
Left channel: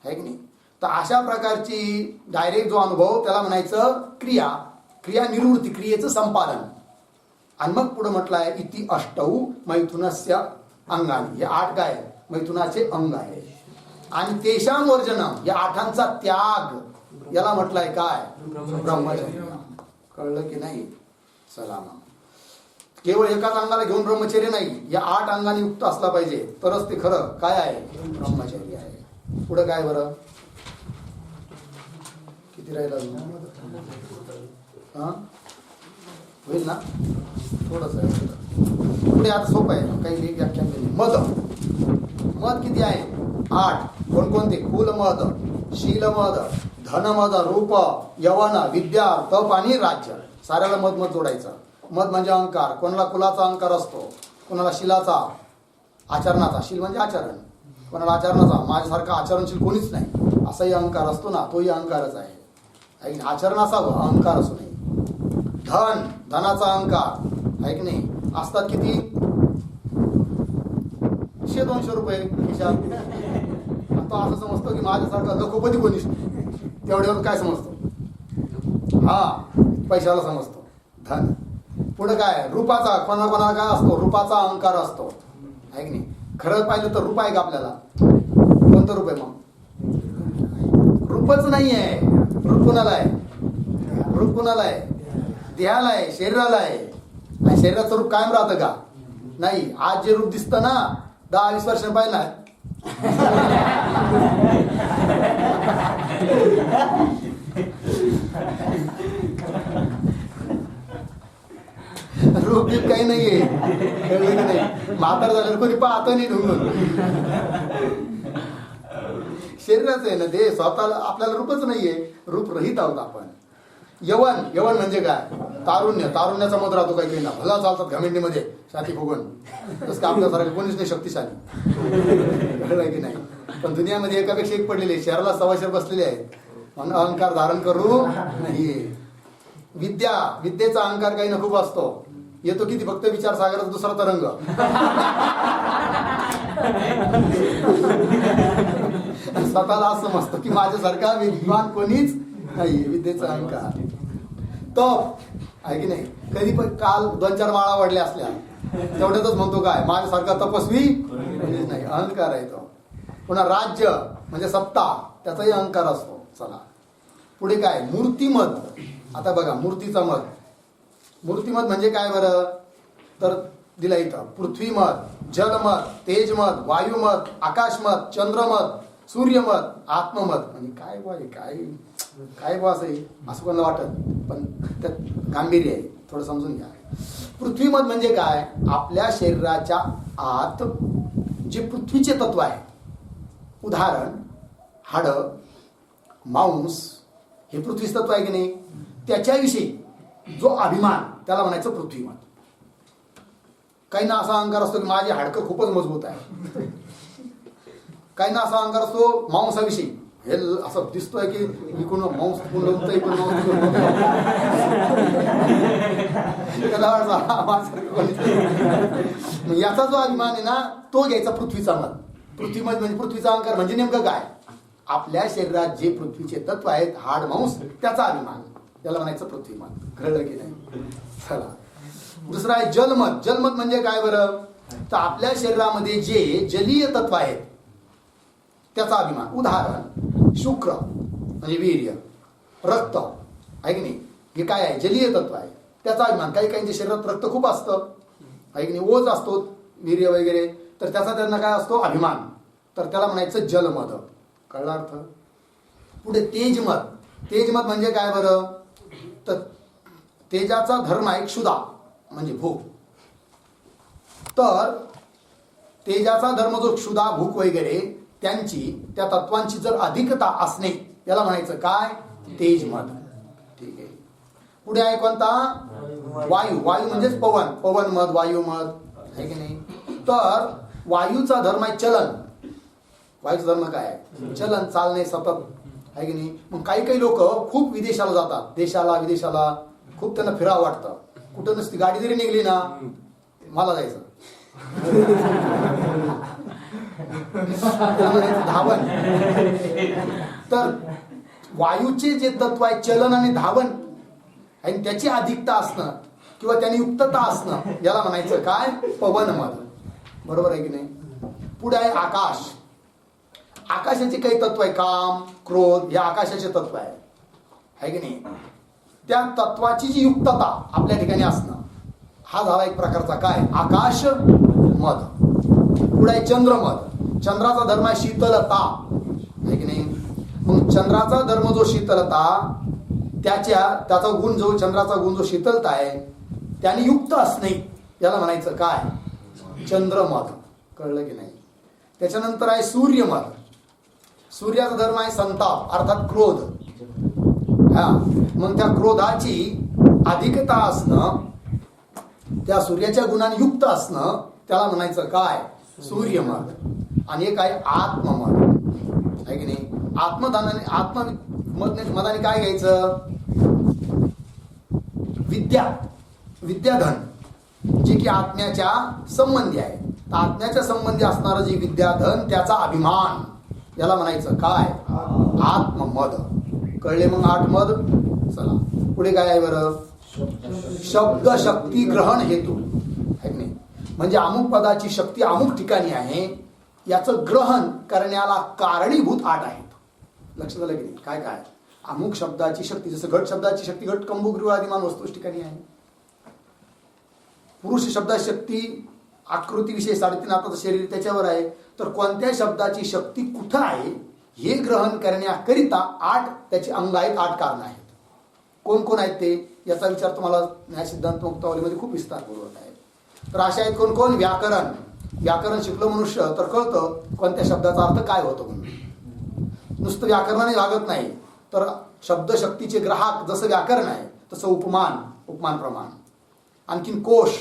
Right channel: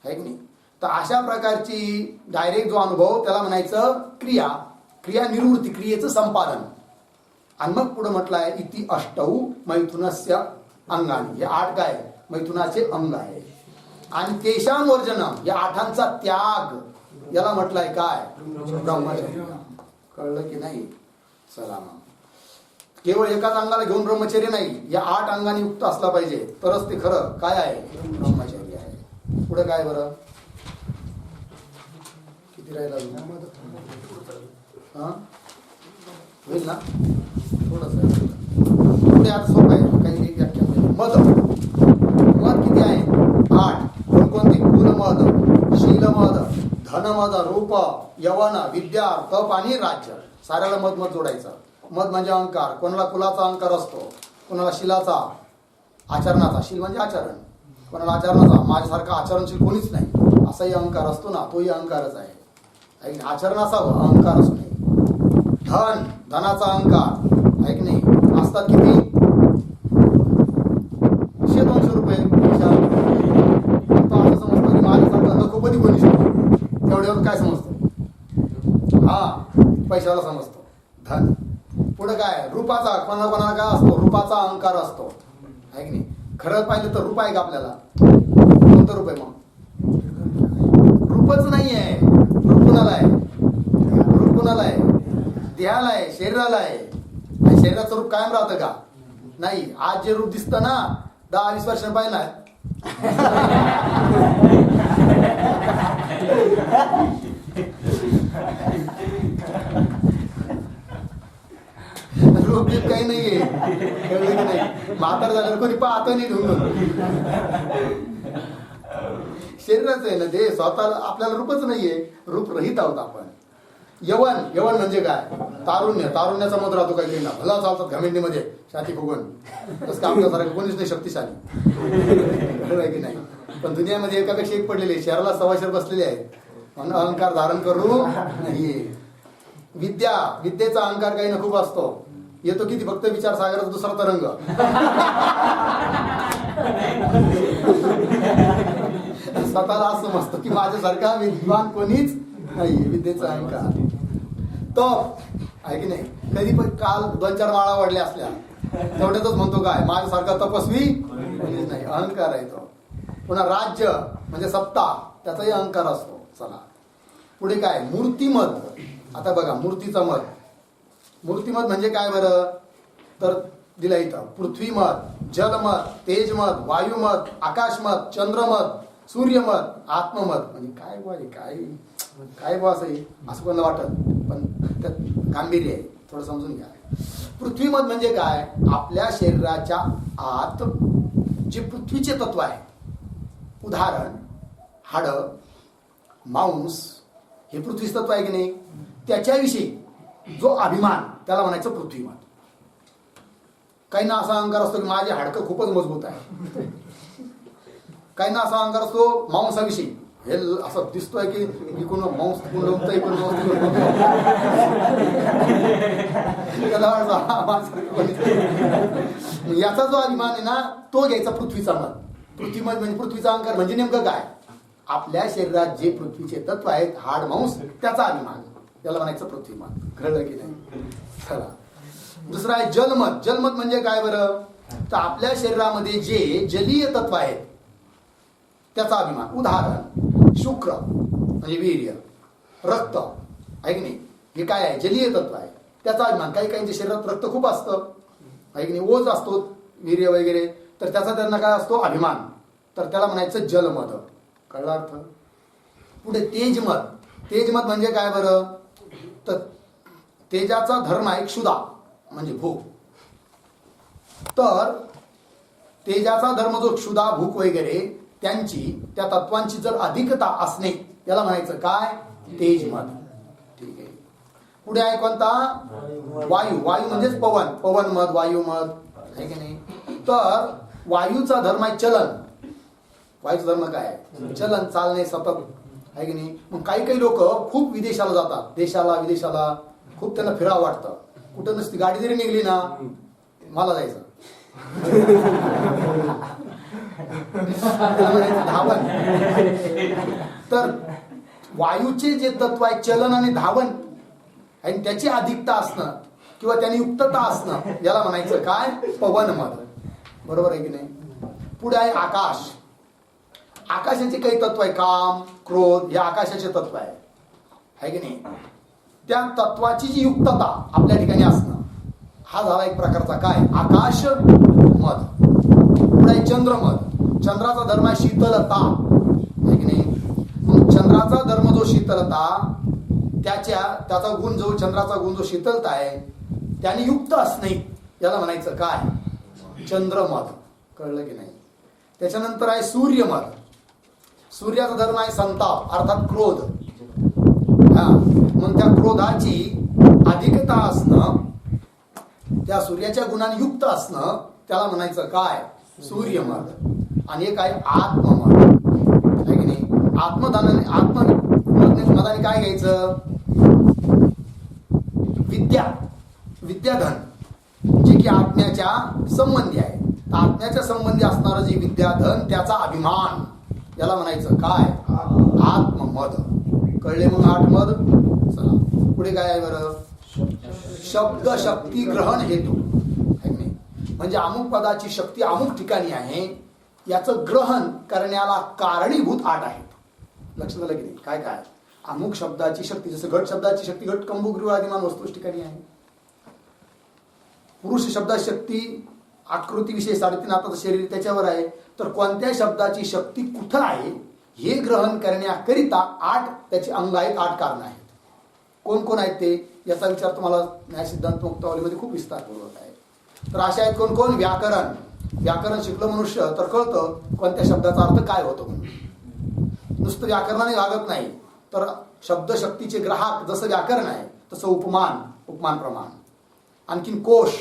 आहे की नाही? तर अशा प्रकारची डायरेक्ट जो अनुभव त्याला म्हणायचं क्रिया निवृत्ती, क्रियेचं संपादन. आणि मग पुढे म्हटलं आहे इति अष्टौ मैथुनस्य अंगानी. हे 8 काय? मैथुनाचे अंग आहे. आणि तेषां वर्जनम, या 8 त्याग, याला म्हटलंय काय? ब्रह्मचर्य. कळलं की नाही? चला मग, केवळ एकाच अंगाला घेऊन ब्रह्मचर्य नाही, या 8 अंगांनी युक्त असला पाहिजे, तरच ते खरं काय आहे? ब्रह्मचर्य आहे. पुढे काय बरं? किती राहिला? होईल ना? थोडंच आहे पुढे. आता सोपं आहे, काही व्याख्यान केली. मद किती आहे? 8. कोणकोणते? कुलमद, शीलमद, धनमद, रूप, यवन, विद्या, तप आणि राज्य. साऱ्याला मध जोडायचं. मध म्हणजे अहंकार. कोणाला कुलाचा अहंकार असतो, कोणाला शीलाचा, आचरणाचा. शील म्हणजे आचरण, कोणाला आचरणाचा. माझ्यासारखा आचरणशील कोणीच नाही असाही अहंकार असतो ना, तोही अहंकारच आहे. आचरण असावं, अहंकार असू नये. धनाचा अहंकार, आहे की नाही? असतात किती? 100-200 रुपये खिशात. तो असं समजतो की माझ्यासारखा लखोपती कोणी शकतो, तेवढ्यावर काय समजतो? पैशाला समजतो धन. पुढे काय? रूपाचा. कोणाला काय असतो? रूपाचा अहंकार असतो, आहे की नाही? खरं पाहिलं तर रूप आहे का आपल्याला? कोणतं रूप आहे मग? रूपच नाही आहे. रूप कुणाला आहे? देहाला आहे, शरीराला आहे. आणि शरीराचं रूप कायम राहतं का? नाही. आज जे रूप दिसतं ना, 10-20 वर्षांनी पाहिलं रूप बीप काही नाहीये. कळलं की नाही? म्हातार झाल्यावर कोणी पाहतं नाही ढुंगून. शरीराचं आहे ना ते, स्वतःला आपल्याला रूपच नाहीये. रूप रहित आहोत आपण. यवन म्हणजे काय? तारुण्याचा मध राहतो काही काही ना. भला चालतात घमेंडीमध्ये छाती फुगून. तसं का आपल्यासारखं कोणीच नाही शक्तिशाली. कळलं की नाही? पण दुनियामध्ये एकापेक्षा एक पडलेले, शहराला सवाशेर बसलेले आहेत. म्हणून अहंकार धारण करू नाही. विद्येचा अहंकार काही ना खूप असतो. येतो किती फक्त विचारसागराचा दुसरा तरंग. स्वतःला असं समजतं की माझ्यासारखा विद्वान कोणीच नाही. विद्येचा अहंकार. तप आहे की नाही. कधी पण काल 2-4 माळा वाढल्या असल्या तेवढ्यातच म्हणतो काय माझ्यासारखा तपस्वी कोणीच नाही. अहंकार आहे तो. पुन्हा राज्य म्हणजे सत्ता, त्याचाही अहंकार असतो. चला पुढे काय मूर्तिमत. आता बघा मूर्तीचा मत. मूर्तिमत म्हणजे काय बरं तर दिला इथं पृथ्वीमत, जलमत, तेजमत, वायुमत, आकाशमत, चंद्रमत, सूर्यमत, आत्ममत. म्हणजे काय बुवा काय बुवा असं कोणाला वाटत, पण त्यात गांभीर्य आहे. थोडं समजून घ्या. पृथ्वीमत म्हणजे काय आपल्या शरीराच्या आत जे पृथ्वीचे तत्व आहे, उदाहरण हाडं, मांस, हे पृथ्वीच तत्व आहे की नाही. त्याच्याविषयी जो अभिमान त्याला म्हणायचं पृथ्वीमत. काही ना असा अहंकार असतो की माझे हाडकं खूपच मजबूत आहे. काही ना असा अहंकार असतो मांसाविषयी. हे असं दिसतोय की इकडून मांस कुंडवतंय पण याचा जो अभिमान आहे ना तो घ्यायचा पृथ्वीचा मत. पृथ्वीमत म्हणजे पृथ्वीचा अहंकार म्हणजे नेमकं काय आपल्या शरीरात जे पृथ्वीचे तत्व आहेत हाड मांस त्याचा अभिमान, त्याला म्हणायचं पृथ्वीमत. कळलं की नाही. चला दुसरा आहे जलमत. जलमत म्हणजे काय बरं तर आपल्या शरीरामध्ये जे जलीय तत्व आहेत त्याचा अभिमान. उदाहरण शुक्र म्हणजे वीर्य, रक्त आहे की नाही. हे काय आहे जलीय तत्व आहे त्याचा अभिमान. काही काहींच्या शरीरात रक्त खूप असतं आहे की नाही, ओज असतो वीर्य वगैरे, तर त्याचा त्यांना काय असतो अभिमान, तर त्याला म्हणायचं जलमत. कळला अर्थ. पुढे तेजमत. तेजमत म्हणजे काय बरं तर तेजाचा धर्म आहे क्षुधा म्हणजे भूक. तर तेजाचा धर्म जो क्षुधा भूक वगैरे त्यांची त्या तत्वांची जर अधिकता असणे याला म्हणायचं काय तेजमत. ठीक आहे. पुढे आहे कोणता वायू. वायू म्हणजेच पवन, पवनमत, वायुमत आहे की नाही. तर वायूचा धर्म आहे चलन. वायूचा धर्म काय आहे चलन, चालणे सतत आहे की नाही. मग काही लोक खूप विदेशाला जातात, देशाला विदेशाला खूप त्यांना फिरावं वाटतं. कुठं नसती गाडी जरी निघली ना मला जायचं धावन. तर वायूचे जे तत्व आहे चलन आणि धावन आणि त्याची अधिकता असणं किंवा त्याने युक्तता असणं याला म्हणायचं काय पवनमत. बरोबर आहे की नाही. पुढे आहे आकाश. आकाशाचे काही तत्व आहे काम क्रोध, हे आकाशाचे तत्व आहे की नाही. त्या तत्वाची जी युक्तता आपल्या ठिकाणी असणं हा झाला एक प्रकारचा काय आकाश मत. पुढे आहे चंद्रमत. चंद्राचा धर्म आहे शीतलता आहे की नाही. मग चंद्राचा धर्म जो शीतलता त्याचा गुण जो चंद्राचा गुण जो शीतलता आहे त्याने युक्त असणे याला म्हणायचं काय चंद्रमत. कळलं की नाही. त्याच्यानंतर आहे सूर्यमत. सूर्याचा धर्म आहे संताप अर्थात क्रोध. हा मग त्या क्रोधाची अधिकता असणं, त्या सूर्याच्या गुणाने युक्त असणं त्याला म्हणायचं काय सूर्यमत. आणि एक आहे आत्ममत आहे की नाही. आत्ममताने काय घ्यायचं विद्याधन जे की आत्म्याच्या संबंधी आहे. तर आत्म्याच्या संबंधी असणारं जे विद्याधन त्याचा अभिमान याला म्हणायचं काय आत्ममद. कळले मग 8 मद. चला पुढे काय आहे बरं शब्द शक्ती ग्रहण हेतू आहे नाही. म्हणजे अमुक पदाची शक्ती अमुक ठिकाणी आहे याचं ग्रहण करण्याला कारणीभूत 8 आहेत. लक्षात आलं की नाही. काय काय अमुक शब्दाची शक्ती, जसं घट शब्दाची शक्ती घट कंबुगृह आदिमान वस्तूच ठिकाणी आहे. पुरुष शब्दाची शक्ती आकृतीविषयी 3.5 हाताचं शरीर त्याच्यावर आहे. तर कोणत्या शब्दाची शक्ती कुठं आहे हे ग्रहण करण्याकरिता 8 त्याची अंग आहेत, 8 कारणं आहेत. कोण कोण आहेत ते याचा विचार तुम्हाला न्याय सिद्धांत मुक्तावलीमध्ये खूप विस्तारपूर्वक आहे. तर अशा आहेत कोण कोण व्याकरण. व्याकरण शिकलं मनुष्य तर कळतं कोणत्या शब्दाचा अर्थ काय होतो म्हणून. नुसतं व्याकरणाने भागत नाही तर शब्दशक्तीचे ग्राहक जसं व्याकरण आहे तसं उपमान प्रमाण. आणखीन कोश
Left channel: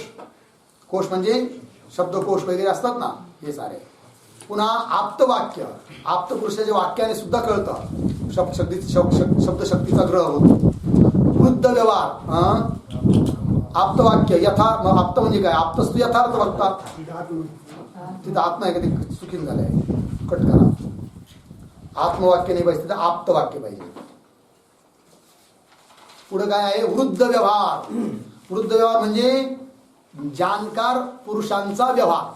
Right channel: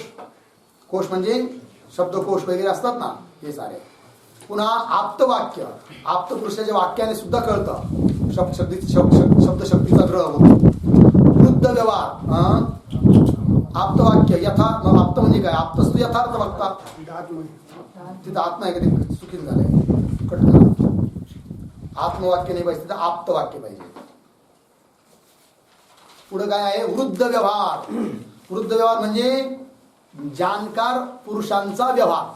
म्हणजे शब्दकोश वगैरे असतात ना हे सारे. पुन्हा आप्तवाक्य. आप्तपुरुषाच्या वाक्याने सुद्धा कळतं शब्दशक्तीचा ग्रह होतो. वृद्ध व्यवहार, आप्तवाक्य यथा, आप्त म्हणजे काय? आप्तस्तु यथार्थ वक्ता. तिथं आत्मा आहे का? ते चुकीन झालंय, कट करा. आत्मवाक्य नाही पाहिजे, तिथं आप्तवाक्य पाहिजे. पुढे काय आहे? वृद्ध व्यवहार. वृद्ध व्यवहार म्हणजे जाणकार पुरुषांचा व्यवहार,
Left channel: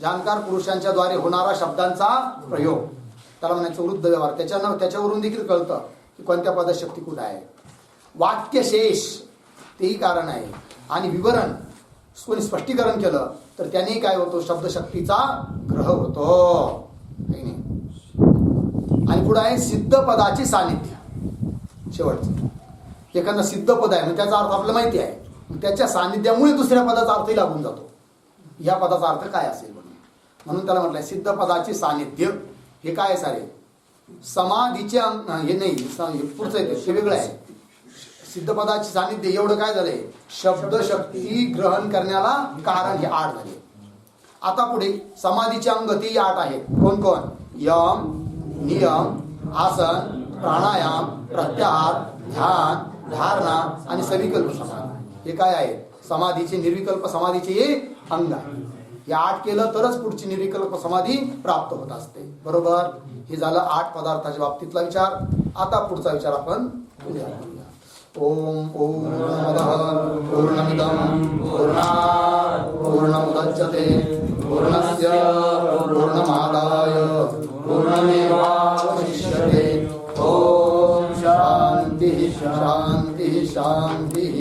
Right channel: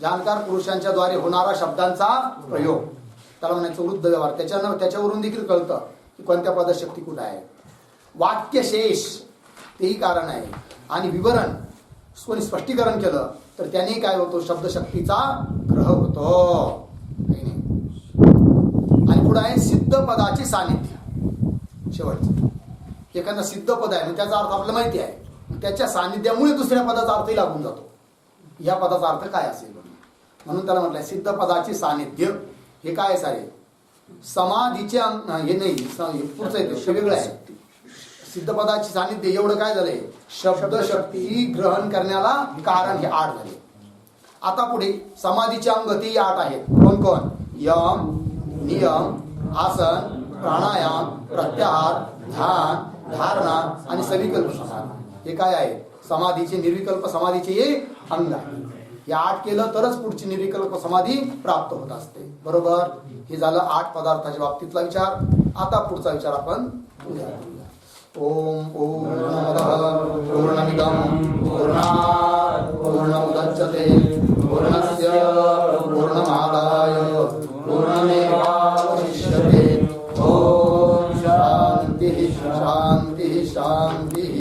जाणकार पुरुषांच्या द्वारे होणारा शब्दांचा प्रयोग, त्याला म्हणायचं वृद्ध व्यवहार. त्याच्यावरून देखील कळतं की कोणत्या पदात शक्ती कुठं आहे. वाक्यशेष तेही कारण आहे. आणि विवरण कोणी स्पष्टीकरण केलं तर त्याने काय होतो? शब्दशक्तीचा ग्रह होतो, है नाही. आणि पुढे आहे सिद्ध पदाची सानिध्य. शेवटचं एखादा सिद्ध पद आहे, त्याचा अर्थ आपल्याला माहिती आहे, त्याच्या सानिध्यामुळे दुसऱ्या पदाचा अर्थही लागून जातो. या पदाचा अर्थ काय असेल म्हणून त्याला म्हटलंय सिद्ध पदाची सानिध्य. हे काय सारे समाधीचे हे नाही, हे पुढचं आहे ते वेगळं आहे. सिद्ध पदाची सानिध्य एवढं काय झालंय? शब्दशक्ती ग्रहण करण्याला कारण हे 8 झाले. आता पुढे समाधीचे अंग ते 8 आहेत. कोण कोण? यम, नियम, आसन, प्राणायाम, प्रत्याहार, ध्यान, धारणा आणि सविकल्प समाधी. हे काय आहे? समाधीचे, निर्विकल्प समाधीचे हे अंग आहे. हे 8 केलं तरच पुढची निर्विकल्प समाधी प्राप्त होत असते. बरोबर? हे झालं 8 पदार्थाच्या बाबतीतला विचार. आता पुढचा विचार आपण उद्या करूया. ओम पूर्णमदः पूर्णमिदं पूर्णात् पूर्णमुदच्यते पूर्णस्य पूर्णमादाय